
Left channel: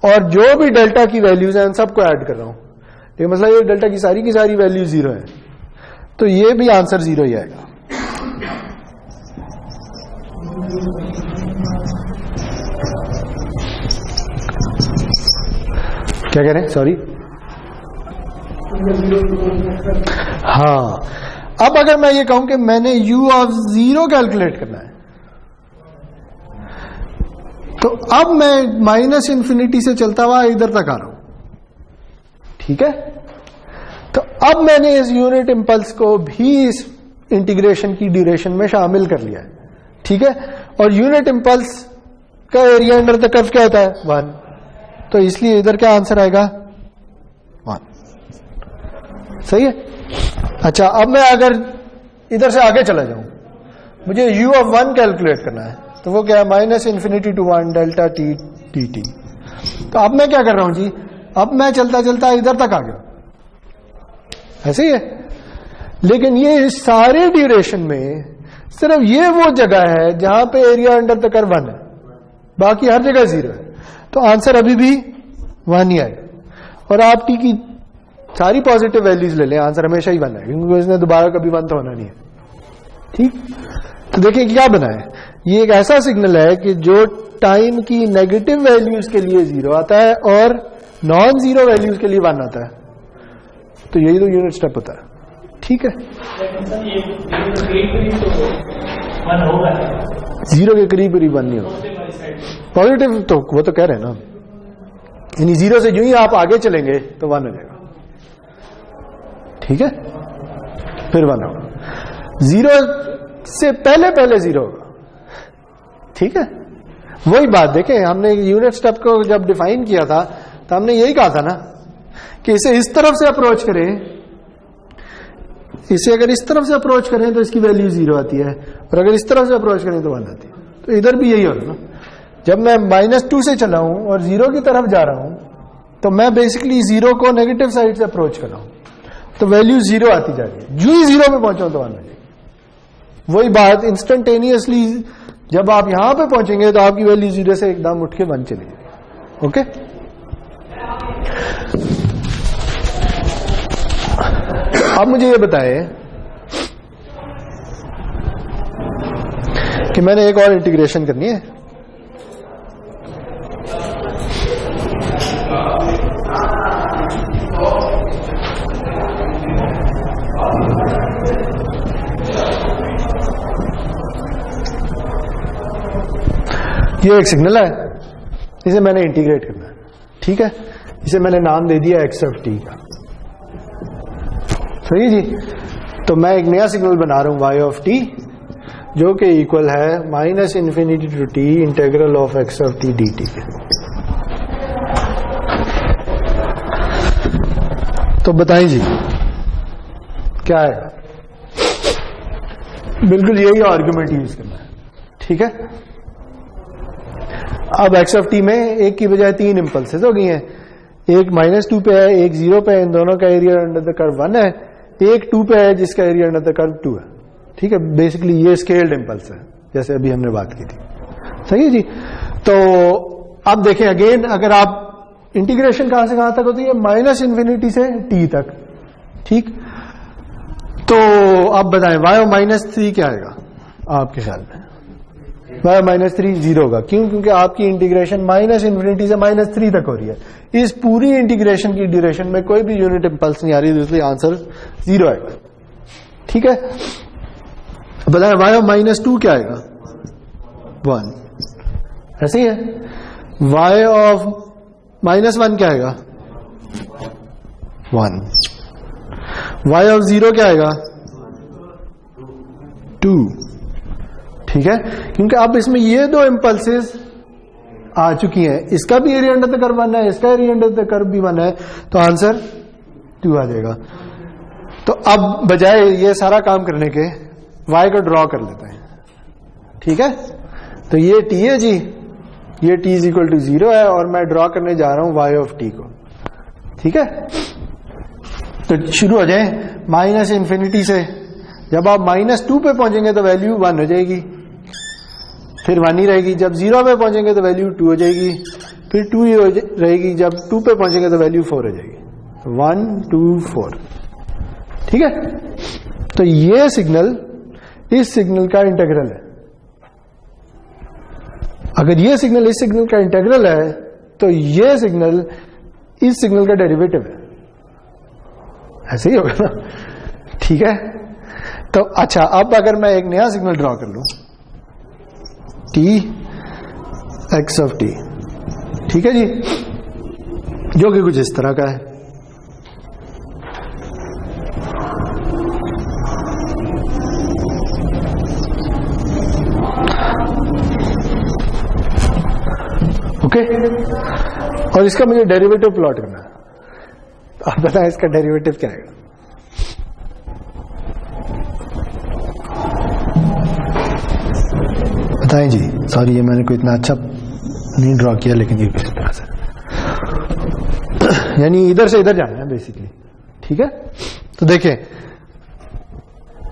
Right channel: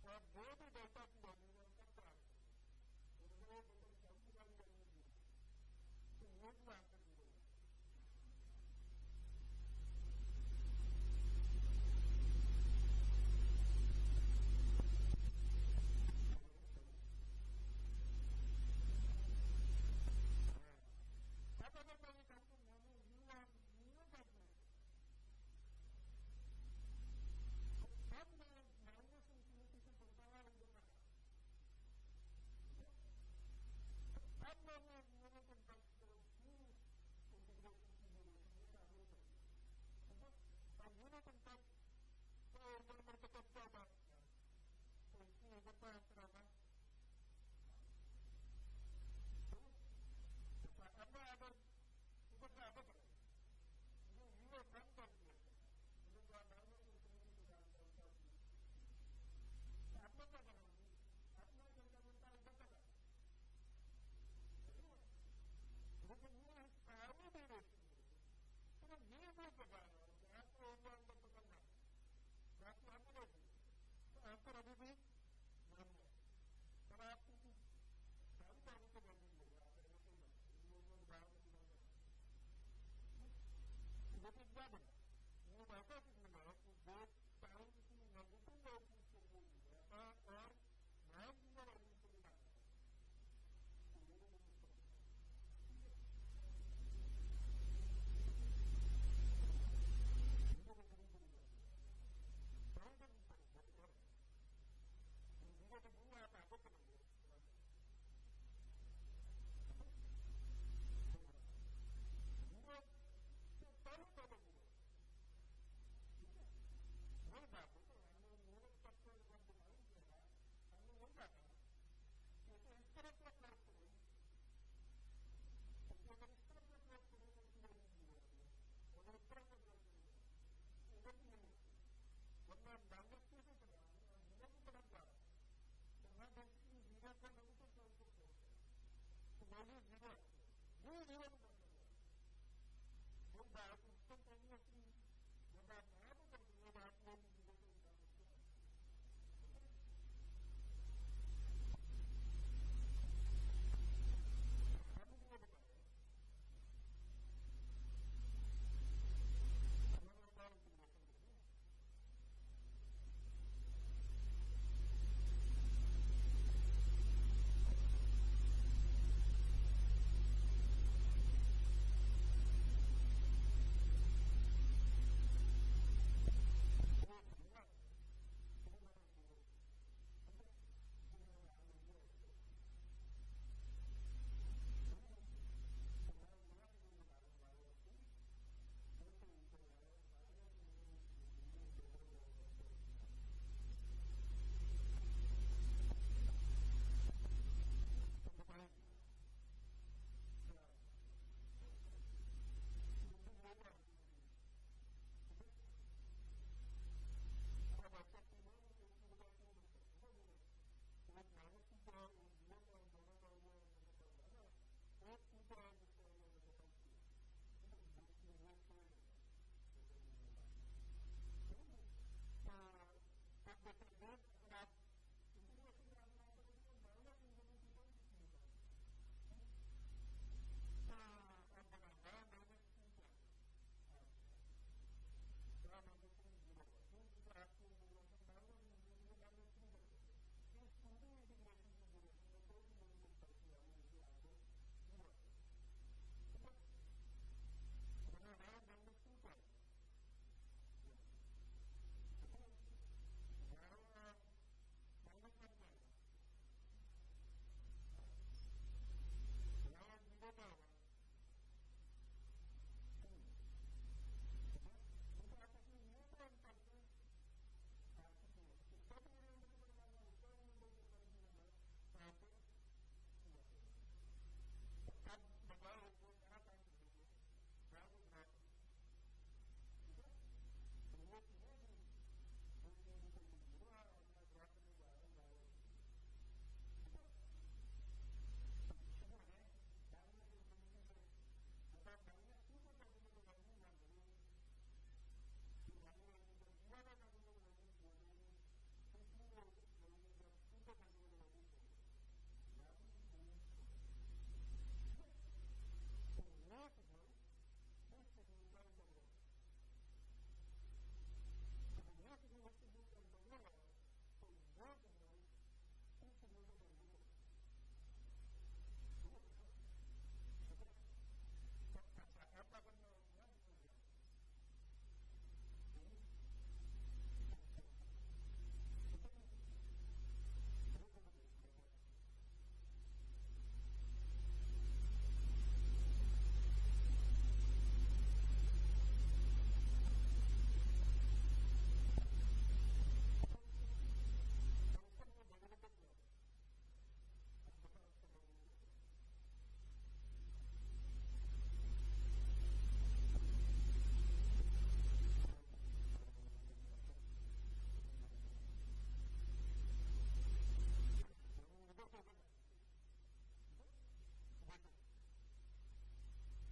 और जो भी डेल्टा की वैल्यूज हैं उन सबको ऐड कर रहा हूं। ये मतलब ये डेल्टा की सारी वैल्यू 0 है, तो ये भी आंसर 0 ही आएगा। क्या कह रहे हैं, सॉरी। हाँ, अब अगर मैं ये कहूं कि मैंने u ऑफ 0 कैलकुलेट करना है, तो अब मैं -∞ से चलता हुआ इधर तक आ रहा हूं। ठीक है। तो अब मैंने इस यूनिट इंपल्स को भी इस इंटीग्रेशन की ड्यूरेशन में शामिल कर लिया है। ठीक है। और यूनिट इंपल्स का एरिया अंडर द कर्व क्या होता है, 1। तो इसलिए इधर क्या आंसर आएगा, 1। सही है। अच्छा, अब मैं अगर इधर से आगे चला जाऊं, मुझे u ऑफ 1 कैलकुलेट करना है, तो वो क्या है, -∞ to 1 डेल्टा टी dt। तो अब मैं क्या कर रहा हूं जी, अब मैं चलता चलता इधर तक आ गया। ऐसे ही है। लेकिन ये इस सारे ड्यूरेशन में सिर्फ ये वो जगह है जहां पे एरिया अंडर द कर्व 1 है, बाकी हर जगह 0 है। तो आंसर अभी भी 1 ही आएगा। और आप टी की सारी पॉजिटिव वैल्यूज ले लें, आंसर हमेशा ही 1 है, क्योंकि इसने दोबारा कभी 1 तो होना नहीं है। ठीक। तो देखिए क्या बना है, ये एक ऐसा सिग्नल है कि जो टाइम की नेगेटिव वैल्यूज के लिए 0 आता है और नॉन 0 वैल्यूज के लिए 1 आता है। तो यही तो यूनिट स्टेप होता है। ठीक है। 0 के करीब 1 नहीं होगा। पॉजिटिव तो वो तो कह रहे हैं ना, यानी 0 से यूं ही आप आगे चलेंगे तो 1 हो जाएगा। ठीक है। फिर 1 होगा, 0 से पहले 0 होगा। ठीक है। वही बात देखें, हमने यूनिट स्टेप को जब डिफाइन किया था तो हमने यही कहा था ना कि इसे इस तरफ से अप्रोच करें, इसे अगर इस तरफ से अप्रोच करें तो इसकी वैल्यू 0 आती है, और अगर इस तरफ से अप्रोच करें तो 1 आती है। तो इधर भी यही होगा ना। जब मैं -2 से चला हूं और 0 की तरफ जा रहा हूं तो मैं बेसिकली 0 को नेगेटिव साइड से अप्रोच कर रहा हूं, तो वैल्यू 0 आती जा रही है। जो ही 0 पे पहुंचा तो 1 आ जाएगी। वही बात इंस्टेंटेनियसली जब आप यहां पे पहुंचेंगे तो आपकी वैल्यू 0 से एकदम उठ के 1 चली जाएगी। ओके। अब मुझे ये बताएं कि मैंने एक और इंटीग्रेशन करनी है। ये एक सिग्नल है, इसे मैंने इंटीग्रेट करना है। ठीक है। इसे मैंने नाम दे दिया x ऑफ t का। सही जी। तो मैं एक नया सिग्नल बना रहा हूं y ऑफ t, जो कि इक्वल है -∞ to t integral of x of t dt के। तो बताएं जी क्या है? बिल्कुल यही आर्गुमेंट यूज करना है, ठीक है। अब x ऑफ t में एक की बजाय 3 इंपल्सेस हो गई हैं, एक -2 पे है, एक 0 पे है, इन दोनों का एरिया अंडर द कर्व 1 है, एक 2 पे है जिसका एरिया अंडर द कर्व 2 है, ठीक है। बेसिकली ये स्केल्ड इंपल्स है जैसे अभी हमने बात की थी, सही है जी। तो अब देखें अगेन, अगर आप इंटीग्रेशन कहां से कहां तक होती है? -∞ से t तक, ठीक। तो अब बताएं y और -3 क्या आएगा आपके ख्याल में? y और -3 0 होगा, क्यों? क्योंकि आपकी इंटीग्रेशन -∞ से -3 तक हो रही है। इस पूरी इंटीग्रेशन की ड्यूरेशन में कोई भी यूनिट इंपल्स नहीं आ रही, इसलिए आंसर 0 आएगा, ठीक है। बताएं y और -2 क्या आएगा? 1, ऐसे ही है। y ऑफ -1 क्या आएगा? 1। y ऑफ 0 क्या आएगा? 2, ठीक है। क्योंकि अब इसमें ये दो इंपल्सेस आ चुकी हैं, इसका भी एरिया अंडर द कर्व 1 है, इसका एरिया अंडर द कर्व भी 1 है, तो आंसर 2 आ जाएगा। तो अब बजाय ये सारा काम करने के y को ड्रॉ कर लेते हैं, ठीक है। तो ये t है जी, ये t इज इक्वल टू 0 है और मैं ड्रॉ करने जा रहा हूं y ऑफ t को, ठीक है। तो शुरू हो जाए -∞ से, जब आप -2 पे पहुंचेंगे तो वैल्यू 1 हो जाएगी, फिर 1 ही रहेगी। जब 0 पे पहुंचेंगे तो वैल्यू 2 हो जाएगी, फिर 2 ही रहेगी। जब 2 पे पहुंचेंगे तो वैल्यू 4 हो जाएगी। 1 2 4, ठीक है। तो ये सिग्नल इस सिग्नल का इंटीग्रल है। अगर ये सिग्नल इस सिग्नल का इंटीग्रल है तो ये सिग्नल इस सिग्नल का डेरिवेटिव है, ऐसे ही होगा ना, ठीक है। तो अच्छा, अब अगर मैं एक नया सिग्नल ड्रॉ कर लूं t x ऑफ t, ठीक है जी, जो कि कुछ इस तरह का है। ओके, और इसका मुझे डेरिवेटिव प्लॉट करना है। आप बताएं इसका डेरिवेटिव क्या है? बताएं जी। सॉरी, ये मैंने कोई इतना अच्छा नहीं ड्रॉ किया, लेकिन ये किस तरह से, यानी इधर से इधर जाना है बेसिकली, ठीक है। तो देखें,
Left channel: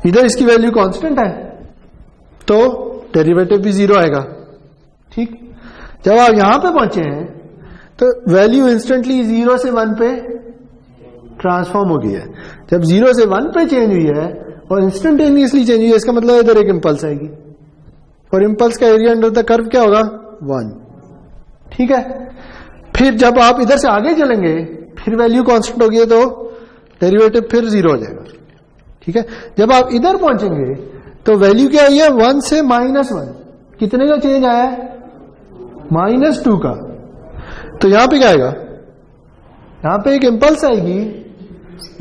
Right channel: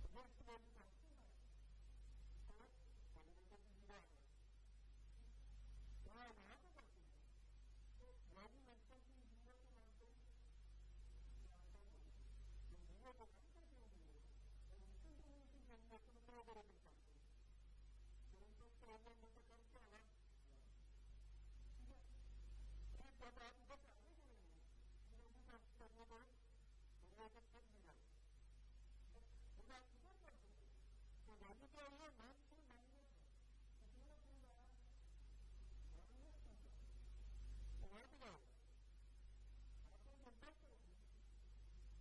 इधर इसकी वैल्यू कांस्टेंट है तो डेरिवेटिव भी 0 आएगा, ठीक। जब आप यहां पे पहुंचे हैं तो वैल्यू इंस्टेंटली 0 से 1 पे ट्रांसफॉर्म हो गई है। जब 0 से 1 पे चेंज हुई है और इंस्टेंटेनियसली चेंज हुई है, इसका मतलब इधर एक इंपल्स आएगी और इंपल्स का एरिया अंडर द कर्व क्या होगा? 1, ठीक है। फिर जब आप इधर से आगे चलेंगे फिर वैल्यू कांस्टेंट होगी है तो डेरिवेटिव फिर 0 हो जाएगा, ठीक है। जब आप इधर पहुंचेंगे तो वैल्यू क्या आई है? 1 से -1, कितने का चेंज आया है? -2 का। तो यहां पे क्या आएगा? यहां पे एक इंपल्स आएगी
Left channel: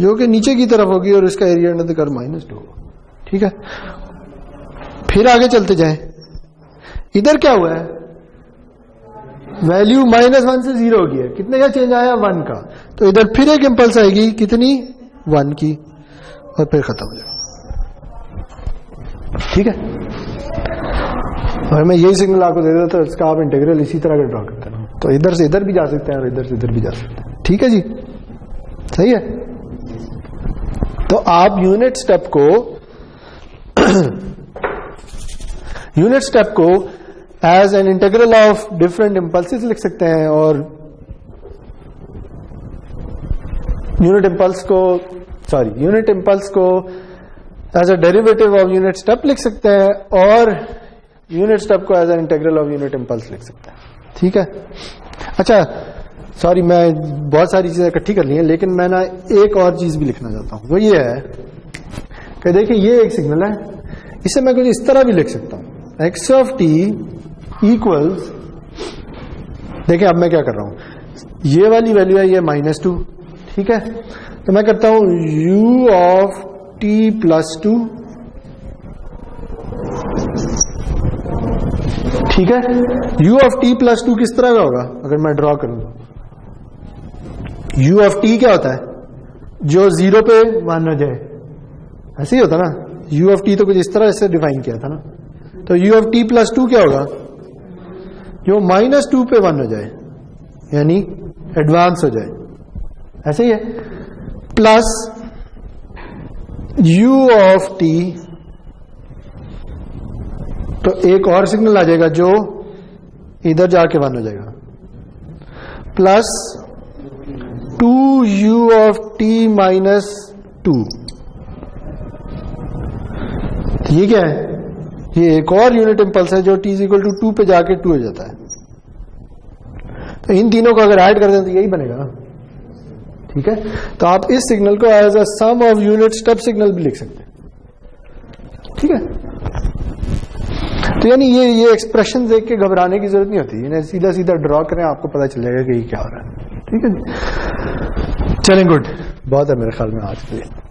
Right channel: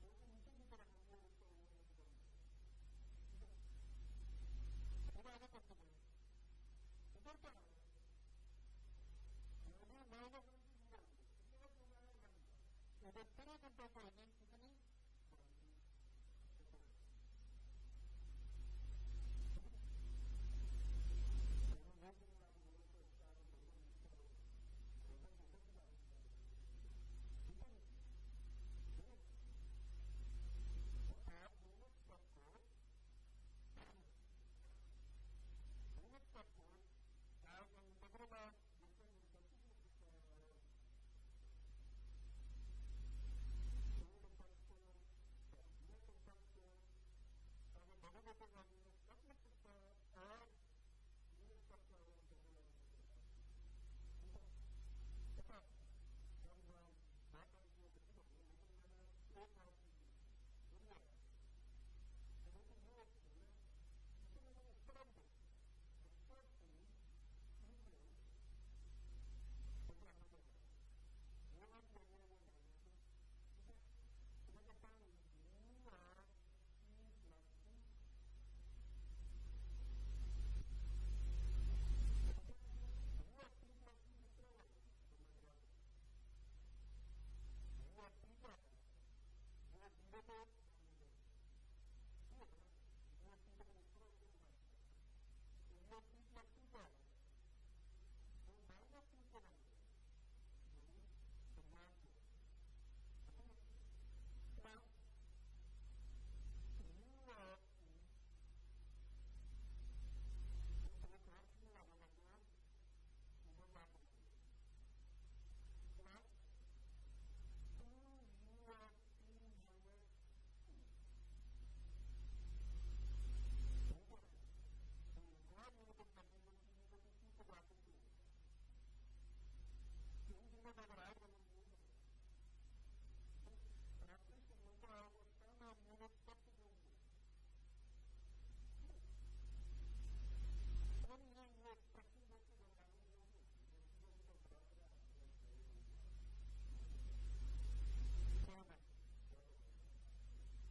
जो कि नीचे की तरफ होगी और इसका एरिया अंडर द कर्व -2, ठीक है। फिर आगे चलते जाएं, इधर क्या हुआ है? वैल्यू -1 से 0 हो गई है, कितने का चेंज आया? 1 का। तो इधर फिर एक इंपल्स आएगी, कितनी? 1 की, और फिर खत्म हो जाएगा, ठीक है। और मैं यही सिग्नल आपको दे देता तो इसका आप इंटीग्रल इसी तरह का ड्रॉ करते हैं, तो इधर से इधर भी जा सकते हैं और इधर से इधर भी जा सकते हैं, ठीक है जी, सही है। तो आप यूनिट स्टेप को as an integral of different impulses लिख सकते हैं, और यूनिट इंपल्स को as a derivative of unit step लिख सकते हैं, और यूनिट स्टेप को as an integral of unit impulse लिख सकते हैं, ठीक है। अच्छा, सॉरी, मैं बहुत सारी चीजें इकट्ठी कर ली हैं, लेकिन मैं ना एक और चीज भी लिखना चाहता हूं, वो ये है कि देखिए ये एक सिग्नल है, इसे मैं कुछ इस तरह भी लिख सकता हूं, x ऑफ t इक्वल्स, देखिए अब मैं क्या कर रहा हूं, ये वाली वैल्यू है ये -2, ठीक है। तो मैं करता हूं u ऑफ t + 2 ठीक है, u ऑफ t प्लस 2 किस तरह का होगा अगर मैं ड्रॉ करूं? u ऑफ t क्या होता है? जो 0 पे 1 हो जाए, ऐसे ही होता ना। u ऑफ t तो कुछ इस तरह से डिफाइन किया था ना। तो u ऑफ t प्लस 2 क्या होगा? जो -2 पे 1 हो जाए, यानी एडवांस हो जाए, ऐसे ही है। प्लस u ऑफ t, तो एक और सिग्नल आ जाएगा जो इधर जाके 1 हो जाएगा, plus 2u of t minus 2। ये क्या है? ये एक और यूनिट इंपल्स है जो t इक्वल टू 2 पे जाके 2 हो जाता है। तो इन तीनों को अगर ऐड कर दें तो यही बनेगा ना। ठीक है, तो आप इस सिग्नल को as a sum of unit step signal भी लिख सकते हैं। ठीक है, तो यानी ये एक्सप्रेशन देख के घबराने की जरूरत नहीं होती, इन्हें सीधा सीधा ड्रॉ करें, आपको पता चलेगा कि ये क्या हो रहा है। ठीक है, चलें, गुड, बहुत है मेरे ख्याल में आज के लिए।